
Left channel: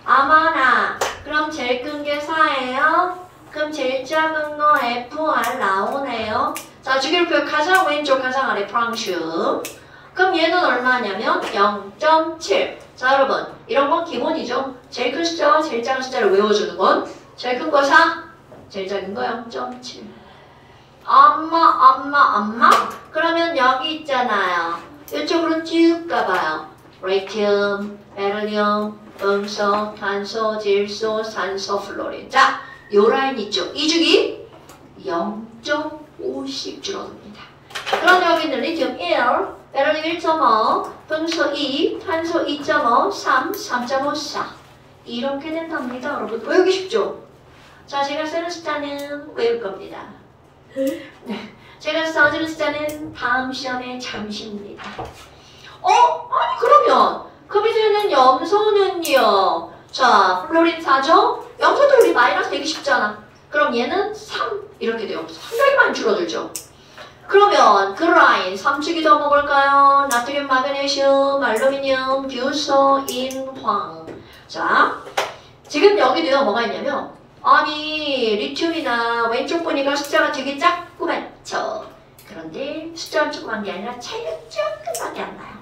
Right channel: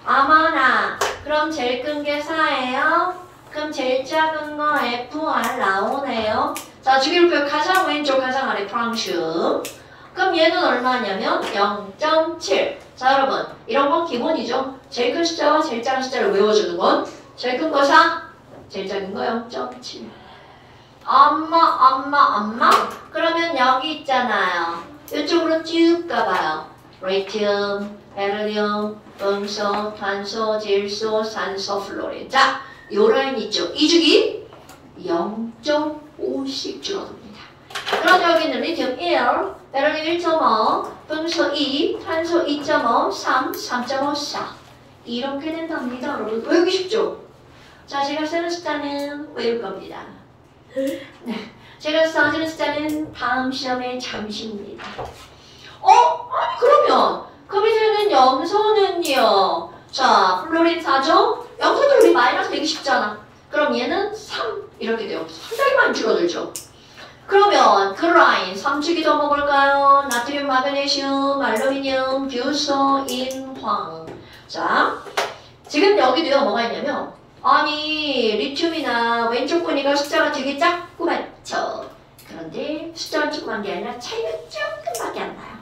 아마나 그럼 제일 큰 게 4예요. 그럼 제일 작은 거 FR 나오네요. 자, 주기율표 가장 왼쪽 가장 아래 프랑슈. 그럼 얘는 얼마냐면 0.7. 자, 여러분 이런 건 기본이죠. 제일 큰 숫자와 제일 작은 숫자를 외워주는 건 제일 큰 거 4, 제일 작은 거 0.7. 엄마. 그러면 여기 있잖아요. 이쪽으로 쭉 가봐요. 리튬, 베릴륨, 음소, 탄소, 질소, 산소, 플로린. 자, 요 라인 있죠. 이 주기 0.5씩 줄어듭니다. 그럼 여기 있는 리튬 1, 베릴륨 1.5, 음소 2, 탄소 2.5, 3, 3.5, 4. 이렇게 된답니다. 여러분 외우기 쉽죠? 자, 제가 쓰는 숫자는 외울 겁니다. 네. 제가 써주는 숫자는 다음 시험에 잠시입니다. 아니 그러면 그 밑에 있는 염소는요. 자, 플로린 4죠? 염소도 우리 마이너스 되기 쉽잖아. 그럼 얘는 3 이렇게 돼요. 상당히 많이 줄어들죠. 그러면 그 라인 3축이 더 먹을까요? 나트륨, 마그네슘, 알루미늄, 규소, 인황. 자, 지금 여기도요 뭐가 있냐면 아니 리튬이나 왼쪽 보니까 숫자가 되게 작고 많죠. 그런데 숫자가 조그만 게 아니라 차이가 조금밖에 안 나요.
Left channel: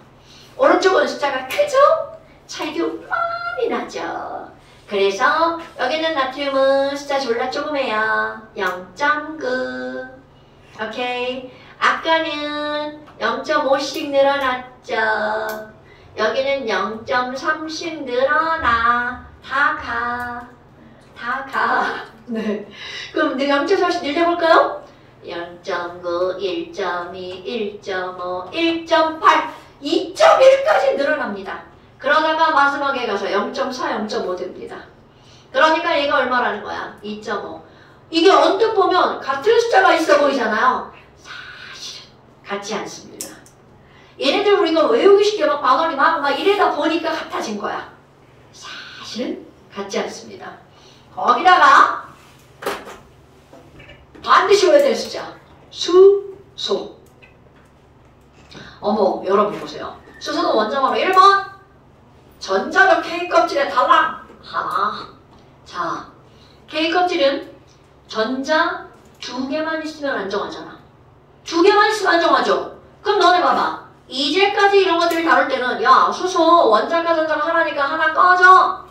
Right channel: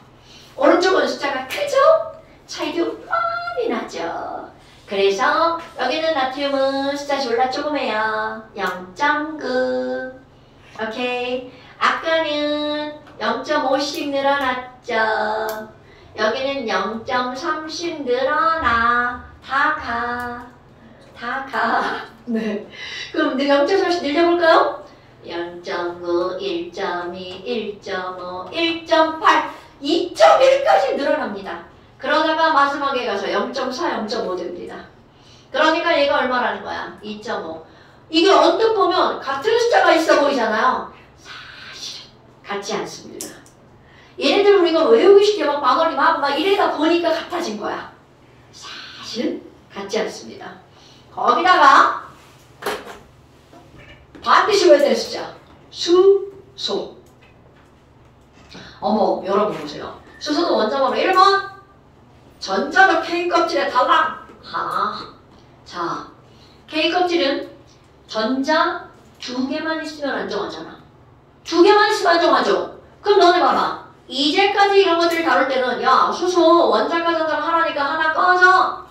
오른쪽은 숫자가 크죠? 차이도 많이 나죠. 그래서 여기는 나트륨은 숫자 졸라 조그매요. 0.9. 오케이. 아까는 0.5씩 늘어났죠. 여기는 0.3씩 늘어나. 다 가. 네. 그럼 내가 0.3씩 늘려볼까요? 0.9, 1.2, 1.5, 1.8, 2.1까지 늘어납니다. 그러다가 마지막에 가서 0.4, 0.5 됩니다. 그러니까 얘가 얼마라는 거야? 2.5. 이게 언뜻 보면 같은 숫자가 있어 보이잖아요. 사실은 같지 않습니다. 얘네들 우리가 외우기 쉽게 막 바가리 막 이래다 보니까 같아진 거야. 사실은 같지 않습니다. 거기다가 반드시 외워야 될 숫자. 수소. 어머, 여러분 보세요. 수소는 원자번호 1번. 전자가 K 껍질에 달랑. 자, K 껍질은 전자 2개만 있으면 안정하잖아. 2개만 있으면 안정하죠. 그럼 너네 봐봐. 이제까지 이런 것들을 다룰 때는 야, 수소 원자가 전자가 하나니까 하나 꺼져.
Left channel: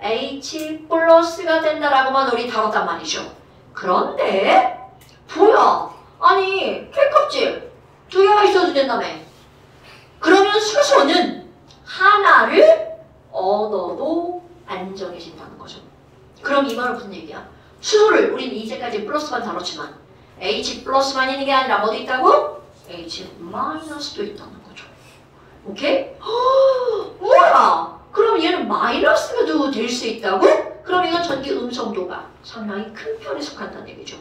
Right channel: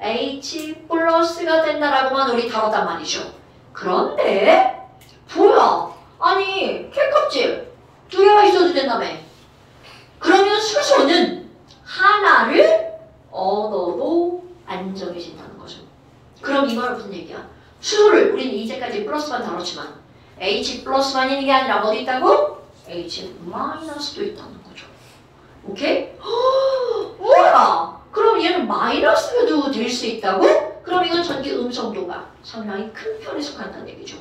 H 플러스가 된다라고만 우리 다뤘단 말이죠. 그런데 뭐야? 아니 K 껍질 2개가 있어도 된다며. 그러면 수소는 하나를 얻어도 안정해진다는 거죠. 그럼 이 말은 무슨 얘기야? 수소를 우리는 이제까지 플러스만 다뤘지만 H 플러스만 있는 게 아니라 어디 있다고? H 마이너스도 있다는 거죠. 오케이? 뭐야? 그럼 얘는 마이너스도 될 수 있다고? 그럼 이건 전기 음성도가 상당히 큰 편에 속한다는 얘기죠.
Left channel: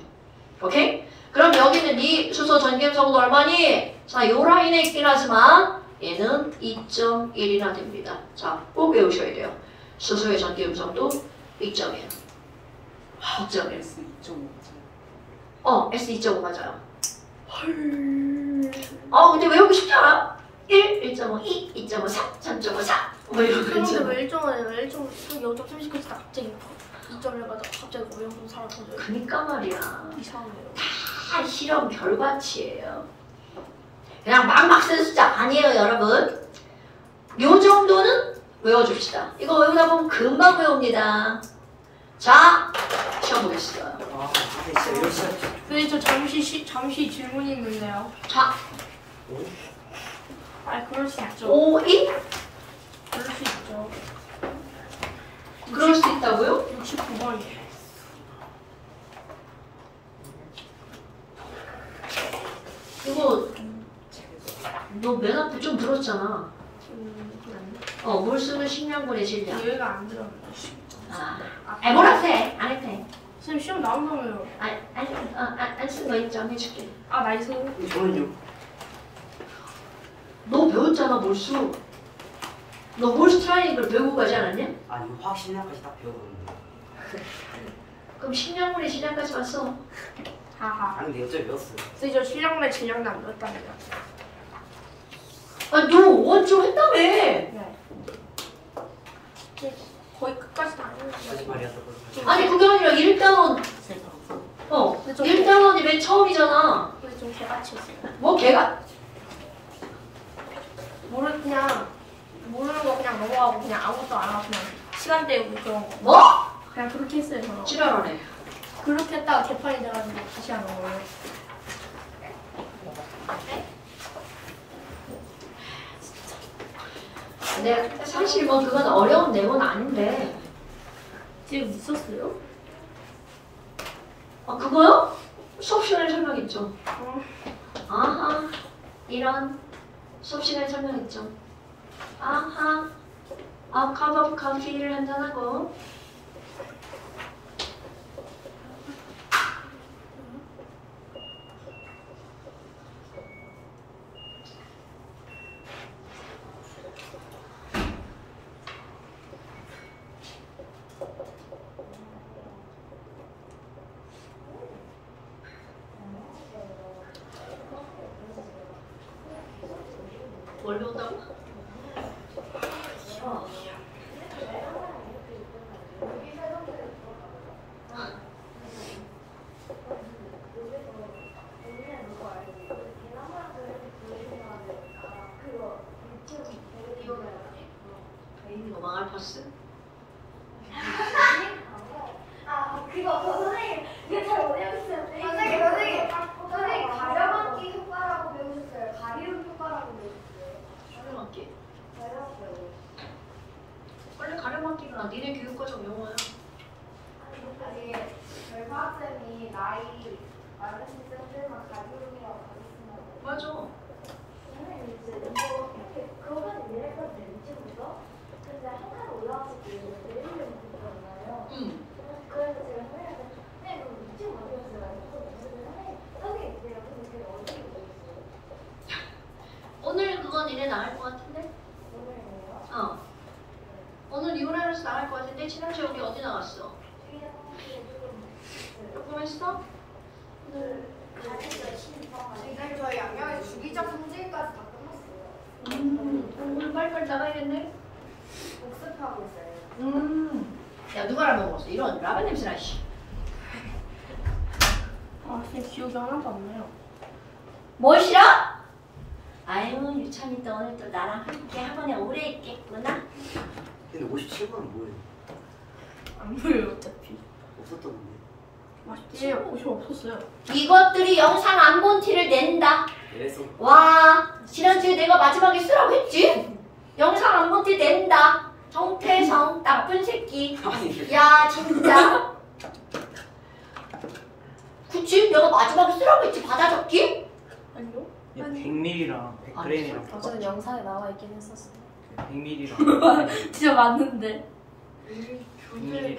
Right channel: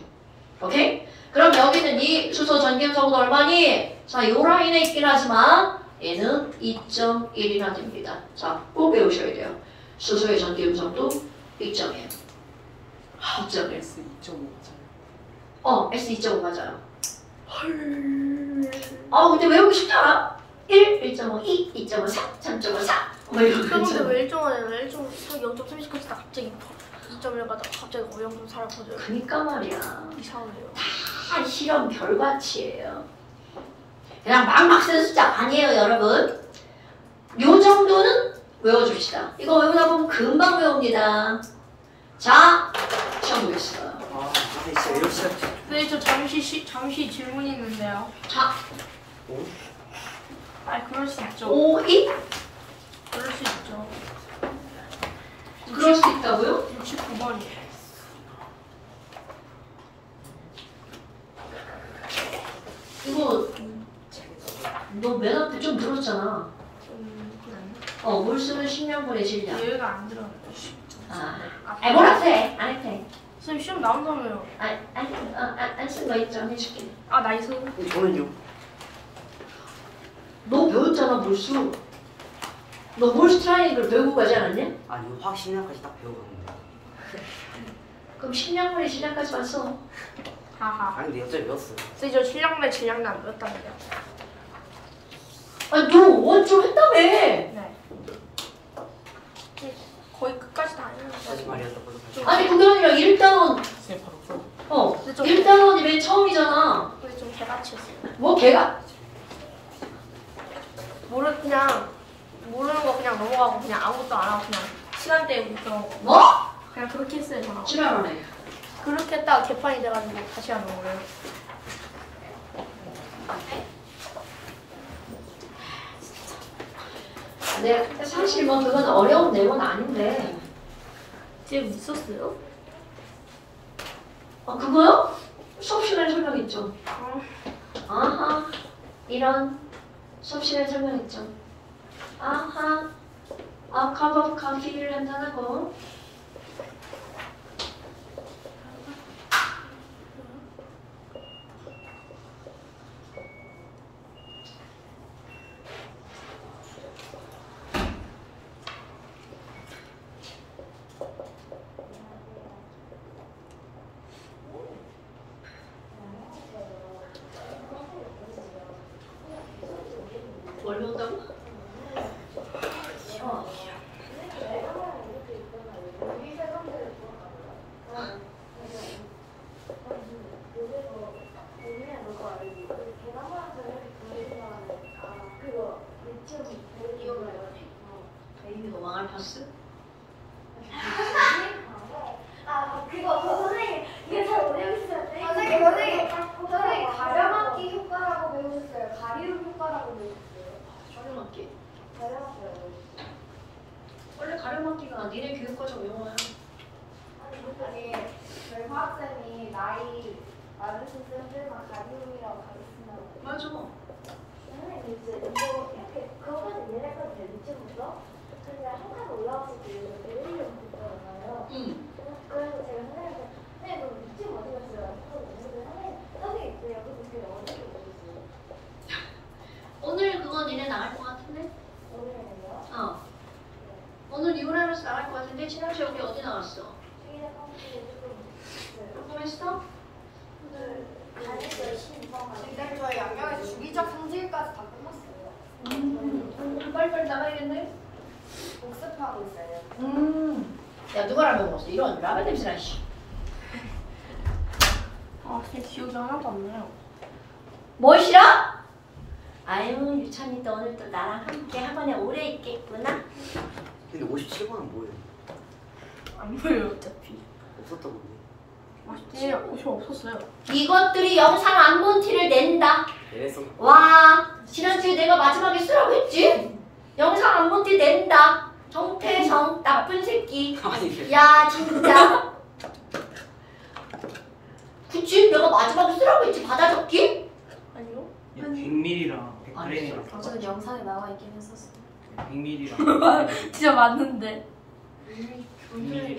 오케이? 그럼 여기는 이 수소 전기 음성도 얼마니? 자, 요 라인에 있긴 하지만 얘는 2.1이나 됩니다. 자, 꼭 외우셔야 돼요. 수소의 전기 음성도 2.1. 2.1. S 2.5. S 2.5 맞아요. 헐. 근데 외우기 쉽지 않아? 1, 1.5, 2, 2.5, 4, 3.5, 4. 뭐 이런 거 그런데 있잖아. 왜 0.30 컷이다 갑자기 2.1 가다가 갑자기 0.4를 거둬요. 그니까 말이야. 이상하네요. 다 실험 결과치예요. 그냥 막막 쓰는 숫자 아니에요, 여러분. 요 정도는 외워줍시다. 이거 외우다 보면 금방 외웁니다. 자, 시험 보겠어요. 아, 근데 진짜 열심히 선생님 저 잠시 질문이 있는데요. 자, 그럴 수 있죠. 5, 2? 그럴 수 있죠. 그럴 수 있다고요? 69번이에요. 이거 너 맨 앞에 좀 들었잖아. 그랬나? 물수는 식량분의 질량. 얘가 안 들었는데. 뭐라도 해. 안 해도 돼. 선생님 시험 나온다며요. 안 쓴 거 있죠? 해줄게. 나이스. 저는요. 너 배웠잖아, 몰수. 너 몰수 트라이앵글 배우고 가지 않았냐? 아니 화학 심리학까지 딱 배워봤는데. 그럼 식량분의 질량까지만 써. 하하. 아니 근데 예전에 배웠어요. 선생님 저 실력내 질량도 안 배웠답니다. 너 원점 했다며. 네. 거의 끝까지 다 했는데. 거짓말이었다 거짓말. 아니 그게 아니라 1단원 근데 좀 1단원이 맨 처음이잖아. 근데 좀 개같이였어요. 뭐 걔가 그냥 모르는 거 그냥 넘어가고 그냥 아무것도 안 하고 그냥 시간 때우고 그런 거. 뭐? 그냥 그렇게 했어요 저는. 지랄하네. 그렇게 했다가 개판이 돼가지고 다시 하는 거예요. 근데 사실 뭐 그건 어려운 내용은 아닌데. 지금 있었어요? 그거요? 수업 시간에 설명했죠. 어. 아하 이런 수업 시간에 설명했죠. 아하 컵 오브 커피를 한잔하고 뭘 먹다고? 베이비 노망할 파스? 선생님 이게 잘 모르겠어요. 선생님 가려막기 효과라고 배우셨어요. 가리움 효과라고 배우셨어요. 가려막기. 원래 가려막기가 니네 교육과정 용어야. 아니 저희 화학쌤이 나이 많으신 쌤들만 가리움이라고 가르치는 맞아. 선생님 이제 그거는 얘네가 렌치고서 근데 한칸 올라갔을 때 내리려고 했잖아요. 그래서 제가 선생님한테 선생님 그럼 위치 모르겠어요. 선생님 왜요? 근데 어떻게 모르겠어요. 오늘 그거 그건 니네 나갈 것 같은데? 오늘이에요. 어. 오늘 이혼해서 나갈 것 같은데 친형 시험이 어디 나갔어? 조금 했어? 근데 저희 양양에서 주기적 성질까지 다 끝났어요. 오늘 빨리빨리 나가야겠네? 복습하고 있어요. 야 누가 라면 먹었어? 이런 라면 냄새나 씨. 아, 지금 기억이 하나도 안 나요. 뭘 싫어? 아유 유찬이 또 오늘 또 나랑 함께 학원에 오래 있겠구나. 근데 57번은 뭐예요? 안 보여요, 어차피. 없었던 건데. 맛있지? 고시 없었어요. 이것들이 영상 안 본 티를 낸다. 그래서 와 지난주에 내가 마지막에 쓰라고 했지? 영상 안 본 티 낸다. 정태성 나쁜 새끼. 아니 야 진짜. 그치? 내가 마지막에 쓰라고 했지 받아 적기? 아니요? 100ml랑 100g이랑 저는 영상에 나와 있긴 했었어요. 100ml랑 진짜 맞는데.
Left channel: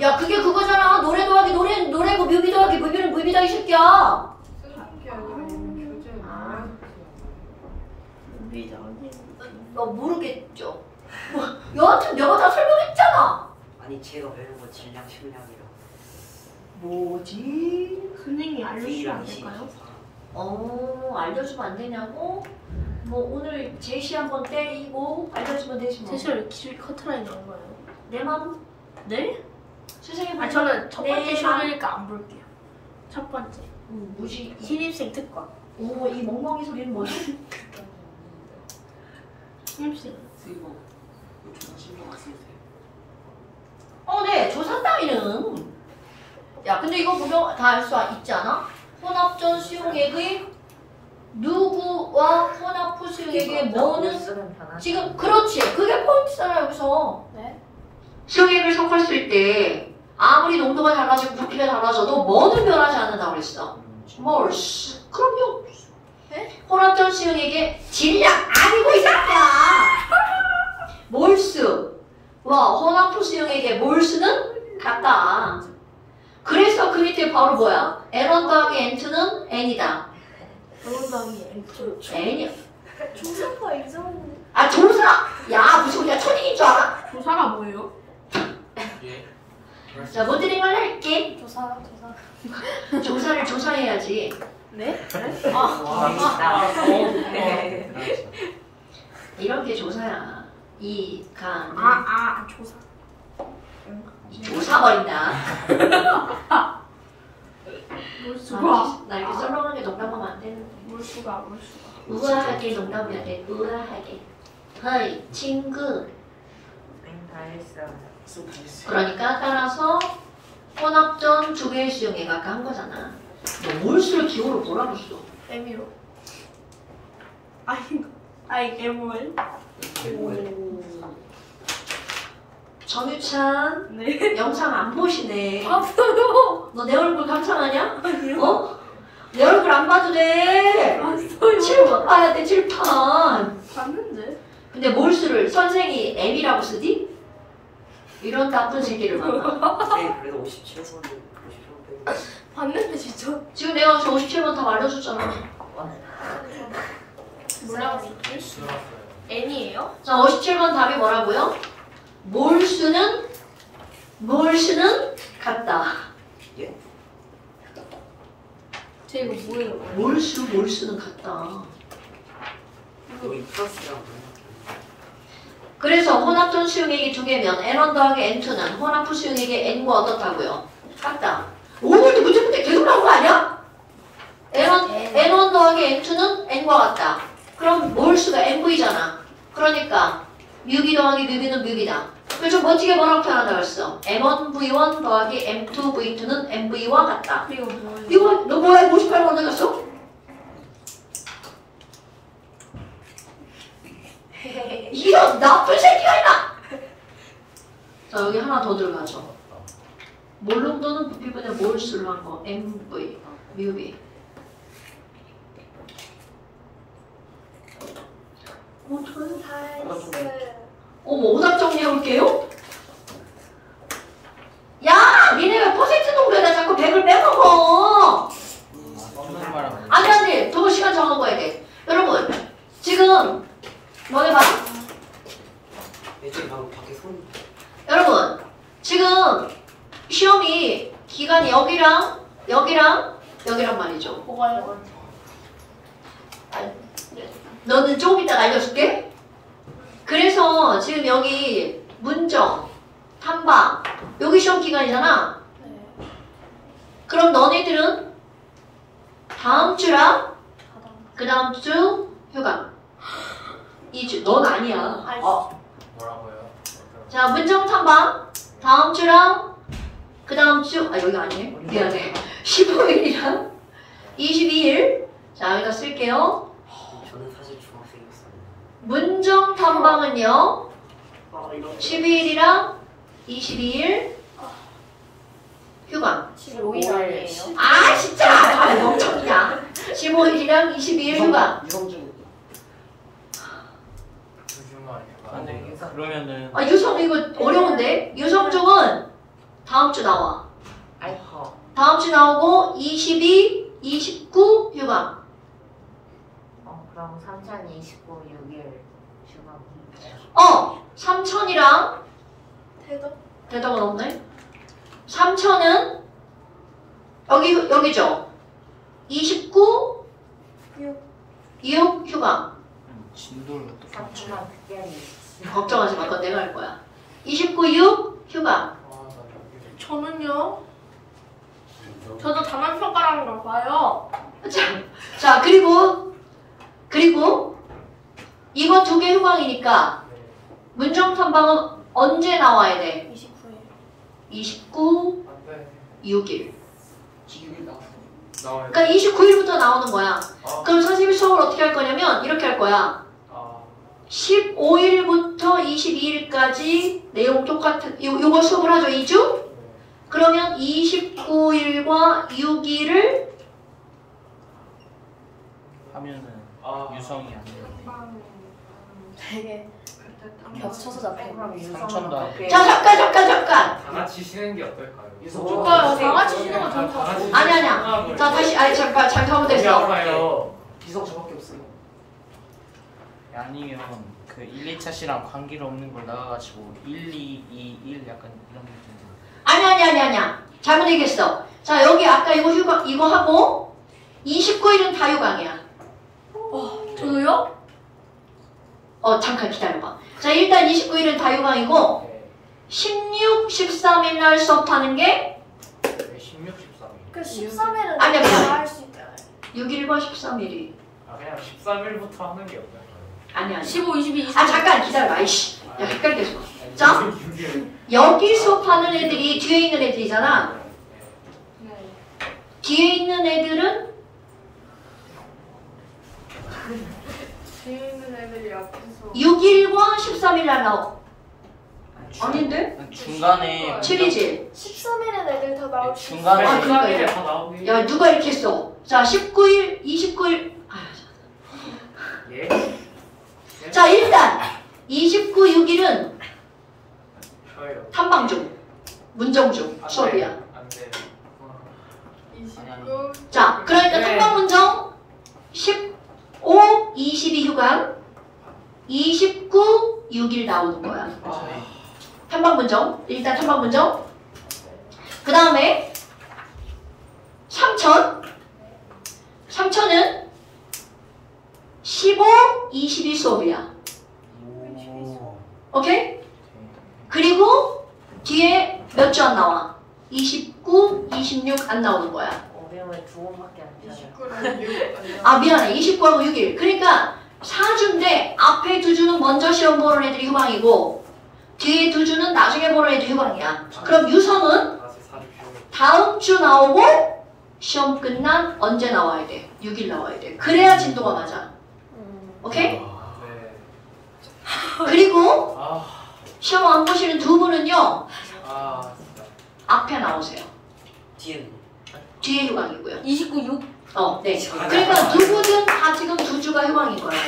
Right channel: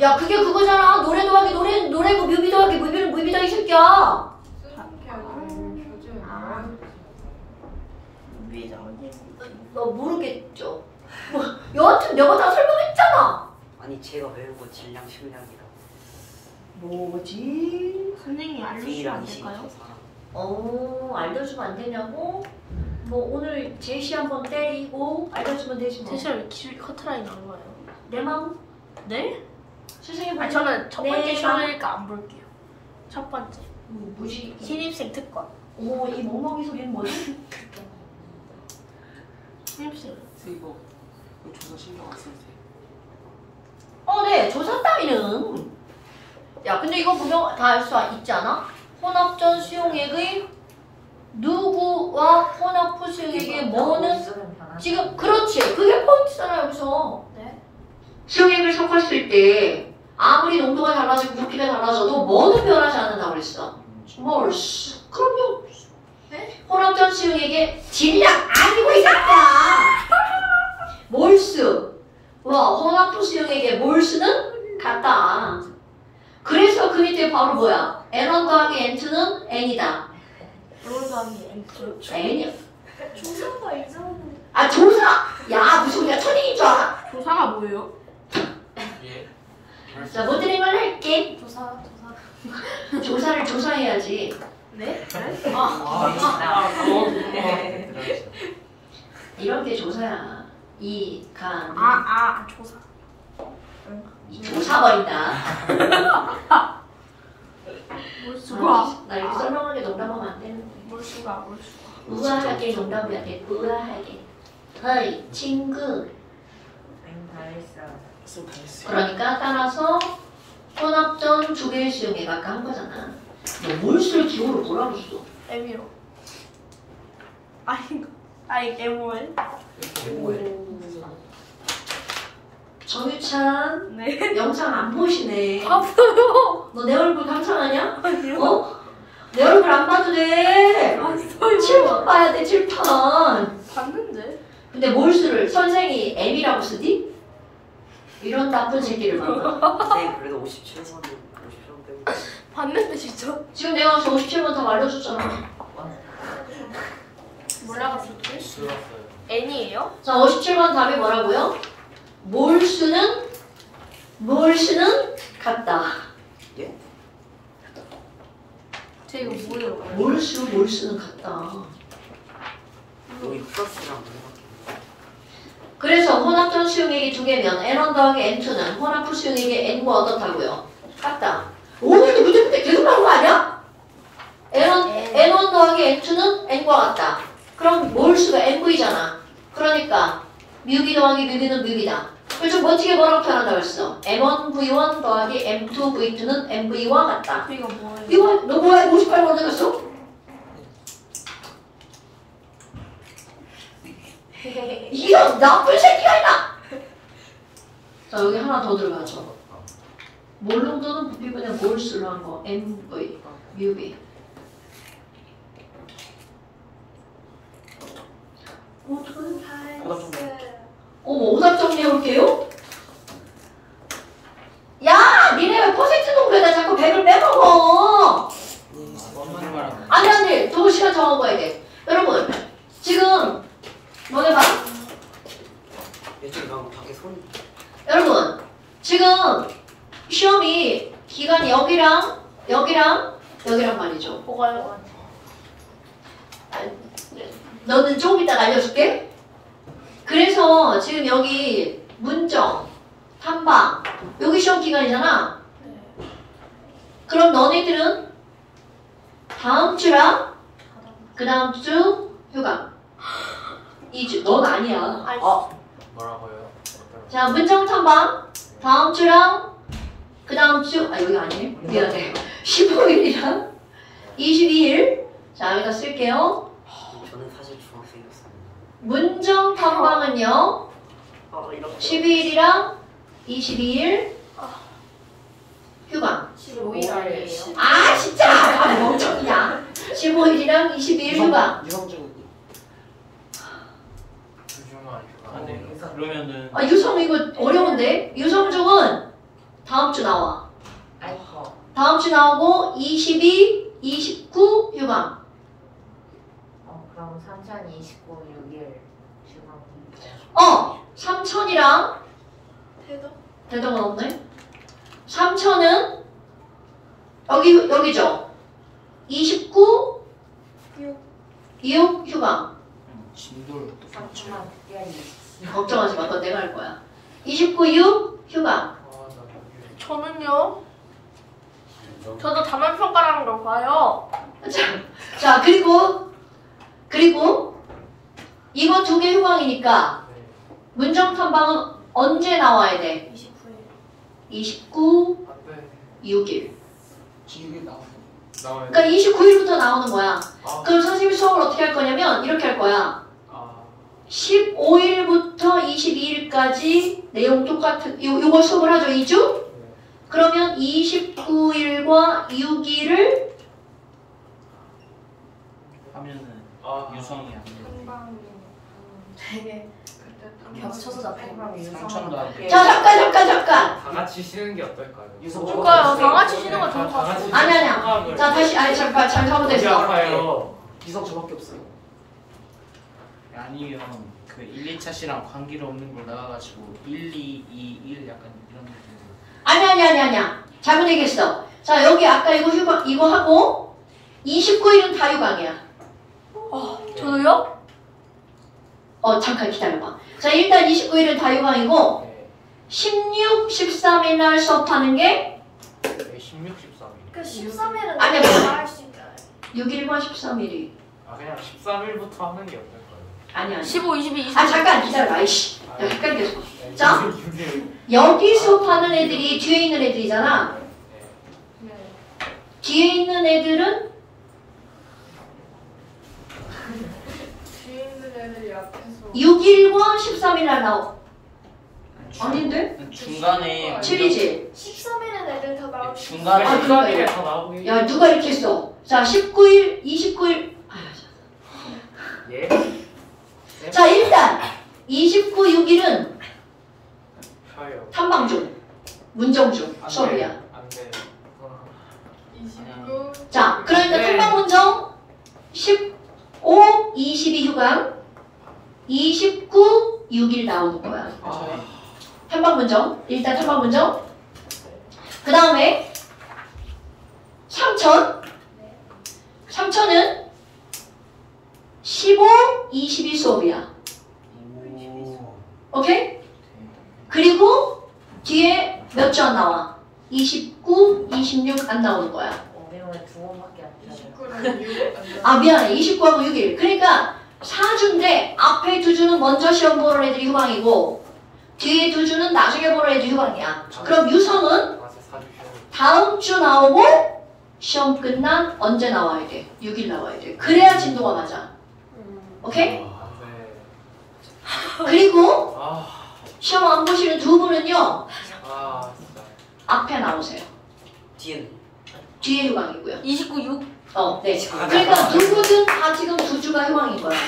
야 그게 그거잖아. 노래 더하기 노래고 뮤비 더하기 뮤비는 뮤비다 이 새끼야. 미자. 너 모르겠죠? 뭐, 여하튼 내가 다 설명했잖아. 아니 제가 배운 거 질량 심리학이라. 뭐지? 선생님이 알려주시면 안 될까요? 알려주면 안 되냐고? 뭐 오늘 제시 한번 때리고 알려주면 되지 뭐. 대신 왜 길 커트라인 안 가요? 내 맘. 네? 선생님 아, 저는 첫 번째 네. 시험이니까 안 볼게요. 첫 번째. 뭐지? 신입생 특권. 어머 이 멍멍이 소리는 뭐지? 신입생. 이거 조사 신경 안 쓰세요? 네 조사 따위는. 야 근데 이거 보면 다 알 수 있지 않아? 혼합전 수용액의 누구와 혼합후 수용액의 뭐는 쓰는 변화. 지금 그렇지 그게 포인트잖아 여기서. 네. 수용액을 섞었을 때 아무리 농도가 달라지고 부피가 달라져도 뭐는 변하지 않는다고 그랬어. 몰스. 그럼요. 혼합전 수용액의 질량 아니고 이 새끼야. 몰스. 와 혼합후 수용액의 몰스는 같다. 그래서 그 밑에 바로 뭐야? N1 더하기 N2는 N이다. 응원단이 엠프. N이야. 조사가 이상해. 아 조사. 야 무슨 우리가 초딩인 줄 알아? 조사가 뭐예요? 예. 자 문제는 걸 할게. 조사. 조사를 조사해야지. 네? 이런 게 조사야. 이 간. 조사. 조사 버린다. 몰수가. 나 이렇게 썰렁하게 농담하면 안 되는데. 몰수가. 우아하게 농담해야 돼. 우아하게. 허이 친구. 다 했어요. 그러니까 따라서 혼합전 두 개의 수용액 아까 한 거잖아. 너 몰수를 기호로 뭐라고 써? M이요. MOL? 정유찬 네. 영상 안 보시네. 봤어요. 너 내 얼굴 감상하냐? 아니요. 어? 내 얼굴 안 봐도 돼. 봤어요. 칠판 봐야 돼 칠판. 봤는데. 근데 몰수를 선생이 M이라고 쓰지? 이런 나쁜 새끼를 봐. 네 그래도 57번도 57번 빼고. 봤는데 진짜. 지금 내가 57번 다 알려줬잖아. 몰라갔었지? 들어갔어요. N이에요? 자 57번 답이 뭐라고요? 몰수는 같다. 예? 제 이거 뭐예요? 몰수는 같다. 여기 플러스랑 그래서 혼합전 수용액이 두 개면 N1 더하기 N2는 혼합 후 수용액의 N과 어떻다고요? 같다. 오늘도 문제 풀 때 계속 나온 거 아니야? N1 더하기 N2는 N과 같다. 그럼 몰수가 NV잖아. 그러니까 뮤비 더하기 뮤비는 뮤비다. 그래서 멋지게 뭐라고 표현한다고 했어? M1V1 더하기 M2V2는 MV와 같다. 이거 뭐예요? 이거 너 뭐야 58번 되겠어? 이런 나쁜 새끼가 있나? 자 여기 하나 더 들어가죠. 몰롱도는 부피분의 몰수로 한 거 MV, 뮤비. 어떡해? 다 했어요. 어머 오답 정리해볼게요. 야 니네 왜 퍼센트 농도에다 자꾸 100을 빼먹어. 무슨 말하는 아니 더 시간 정한 거야 돼. 여러분 지금 너네 봐. 예전에 나 밖에 손 여러분 지금 시험이 기간 여기랑 말이죠. 뭐가요? 너는 조금 이따가 알려줄게. 그래서 지금 여기 문정, 탐방 여기 시험 기간이잖아. 그럼 너네들은 다음 주랑 그 다음 주 휴가 2주. 넌 아니야. 뭐라고요? 자, 문정 탐방 다음 주랑 그 다음 주 여기 아니에요? 미안해. 15일이랑 22일. 자, 여기다 쓸게요. 저는 사실 중학생이었어요. 문정 탐방은요 12일이랑 22일 휴가. 15일 아니에요? 아 진짜 멍청이야. 15일이랑 22일 휴가. 유성준 유중아 휴가. 안돼. 그러면은 아 유성 이거 어려운데? 유성중은 다음 주 나와. 아이커. 다음 주 나오고 22, 29 휴가. 그럼 3029, 6일 중학. 3천이랑 대답. 대답은 없네. 3천은 여기죠. 29, 6 휴가. 진도를 3주만 특별히. 걱정하지 마. 그건 내가 할 거야. 29, 6 휴가. 아나 여기. 저는요. 저도 단원평가라는 걸 봐요. 자 그리고 이번 두 개 휴강이니까 네. 문정 탐방은 언제 나와야 돼? 29일. 29, 안돼. 6일. 기억이 나와요. 나와야 돼. 그러니까 29일부터 나오는 거야. 아. 그럼 선생님이 수업을 어떻게 할 거냐면 이렇게 할 거야. 아. 15일부터 22일까지 내용 똑같은 요거 수업을 하죠. 2주? 네. 그러면 29일과 6일을 하면은 아. 유성이 안 돼요. 되게 겹쳐서 잡힌 거. 삼천도 안 돼. 자 잠깐 다 같이 쉬는 게 어떨까요? 그러니까요. 다 같이 쉬는 거 좋을 것 다 같이 아니야. 생각을. 자 다시 잠깐 잘못했어. 아파요. 기성 저밖에 없어요. 아니면 그 1, 2차 시랑 관계가 없는 걸 나가가지고 1, 2, 2, 1 약간 이런 느낌. 아니야. 잘못 얘기했어. 자 여기 아까 이거 하고 29일은 다 휴강이야. 저도요? 잠깐 기다려봐. 자 일단 29일은 다 휴강이고 네. 16, 13일 날 수업하는 게 네, 16, 13일. 그 13일은 아니야, 내가 할수 있잖아요. 6일과 13일이 아 그냥 13일부터 하는 게 어떨까요? 아니야. 15, 22, 23. 아 잠깐 기다려봐. 이씨. 야 헷갈렸어. 아니, 자. 6일. 여기 수업하는 애들이 뒤에 있는 애들이잖아. 네. 뒤에 있는 애들은 뒤에 있는 애들이 앞에서 6일과 13일 날 나오. 아닌데? 중간에 7이지. 13일은 애들 다 나올 수 있어. 중간에 아, 13일에 다 나오게. 야 누가 이렇게 했어? 자 19일, 29일. 예? 자 일단 29, 6일은 쉬어요. 탐방 중, 문정 중 안 수업이야. 돼요. 안 돼요. 29. 자 그러니까 네. 탐방 문정 15, 22 휴강, 29, 6일 나오는 거야. 아. 탐방 문정. 일단 탐방 문정. 그 다음에 3천은 15, 22 수업이야. 오케이? 그리고 뒤에 몇 주 안 나와? 29, 26 안 나오는 거야. 오늘은 두 번밖에 안 쳐요. 29는 6일. 아 미안해. 29하고 6일. 그러니까 4주인데 앞에 2주는 먼저 시험 보는 애들이 휴강이고 뒤에 2주는 나중에 보는 애들이 휴강이야. 그럼 유성은 아직 4주 쉬어요. 다음 주 나오고 시험 끝난 언제 나와야 돼? 6일 나와야 돼. 그래야 진도가 맞아. 오케이? 네. 그리고 아. 시험 안 보시는 두 분은요. 아 진짜. 앞에 나오세요. 뒤에는 뒤에 휴강이고요. 29, 6. 네. 그러니까 누구든 다 지금 2주가 휴강인 거야.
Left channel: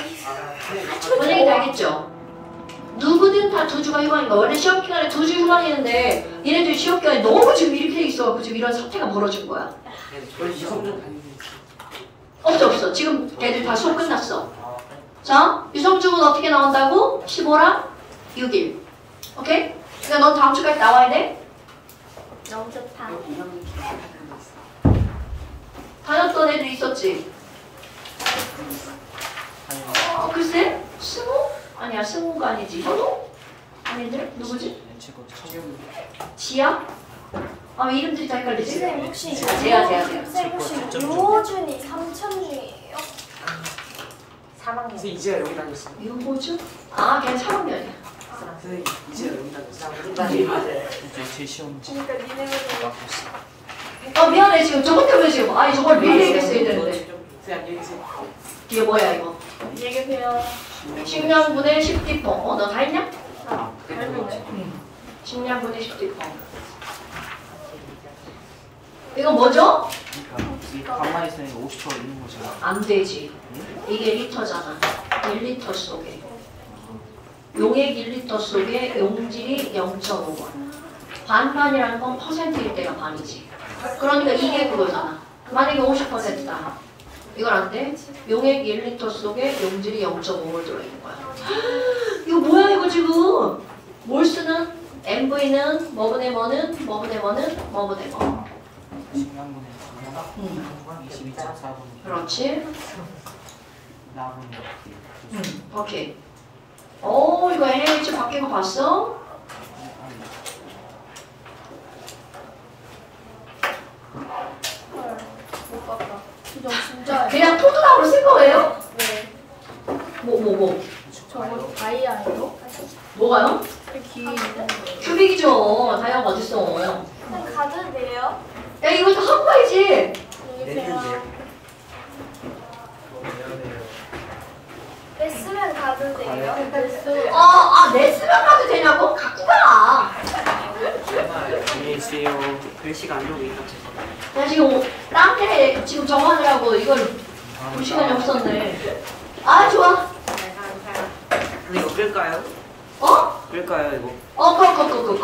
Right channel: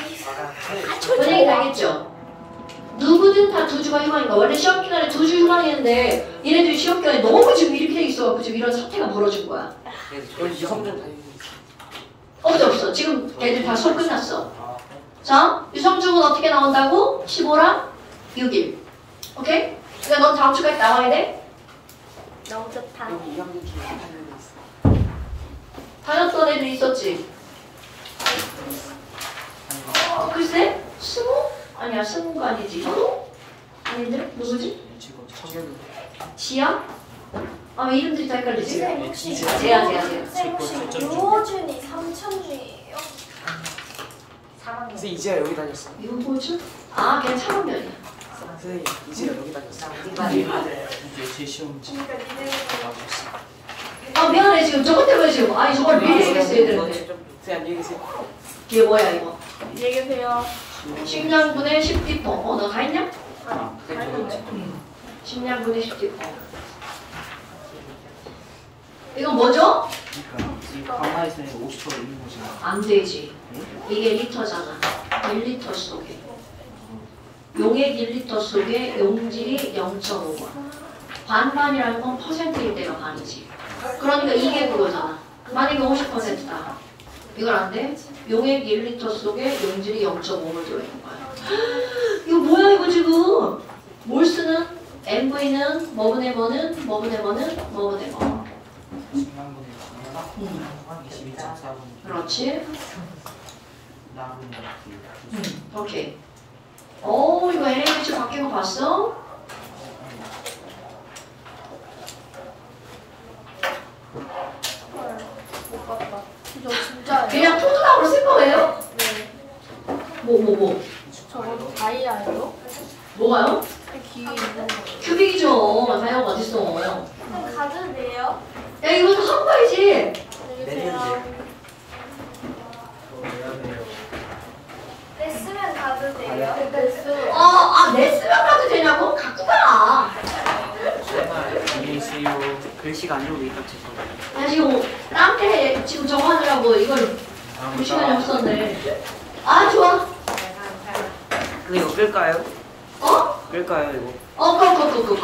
무슨 얘기인지 알겠죠? 누구든 다 2주가 휴강인 거야. 원래 시험 기간에 2주 휴강했는데 얘네들이 시험 기간에 너무 지금 이렇게 돼 있어갖고 지금 이런 사태가 벌어진 거야. 저희 유성준 다니고 없어. 지금 애들 다 수업 끝났어. 아. 자, 유성중은 어떻게 나온다고? 15랑 6일. 오케이? 그러니까 넌 다음 주까지 나와야 돼. 너무 좋다. 다녔던 애들 있었지? 글쎄? 승우? 아니야, 승우가 아니지. 현우? 아닌데? 누구지? 지금 서결 지야? 아, 왜 이름들이 다 헷갈리지? 선생님 혹시 아, 제야. 선생님 혹시 유호준이 삼촌이에요? 3학년. 선생님 이제야 여기 다녔어. 유호준? 아, 걔는 3학년이야. 선생님 이제야 여기 다녔어. 나 우리 반 애들. 제 시험 그러니까 니네는 아, 미안해. 지금 저것 때문에 지금. 아니, 저걸 미리 얘기했어야 되는데. 선생님 안녕히 계세요. 이게 뭐야, 이거? 안녕히 계세요. 10년분의 10디퍼. 너 다 했냐? 아, 잘했는데. 10년분의 10디퍼. 이거 뭐죠? 그러니까 이 가만히 있으면 50% 있는 거지. 안 되지. 이게 리터잖아. 1리터 속에. 용액 1리터 속에 용질이 0.5번. 반반이라는 건 퍼센트일 때가 반이지. 그러니까 이게 그거잖아. 만약에 50%다. 이건 안 돼? 용액 1리터 속에 용질이 0.5를 들어있는 거야. 이거 뭐야 이거 지금? 몰수는 MV는 뭐분의 뭐는 뭐분의 뭐는 뭐분의 뭐. 10만 분의 10만 22.4분. 그렇지. 나분 오케이. 오 이거 NaH 바뀐 거 봤어? 못 봤다. 이거 진짜예요? 그냥 포도당으로 쓴 거예요? 네. 뭐. 저거 다이아예요? 뭐가요? 귀에 있는 거예요. 큐빅이죠. 다이아가 어딨어. 야 선생님 가도 돼요? 이거 다 하고 가야지. 안녕히 계세요. 레슨은 가도 돼요? 내 쓰면 가도 되냐고? 갖고 가. 안녕히 계세요. 글씨가 안 좋으니까 죄송해요. 나 지금 딴데 지금 저거 하느라고 이걸 볼 시간이 없었네. 아 좋아. 근데 이거 끌까요? 어? 끌까요 이거? 그거.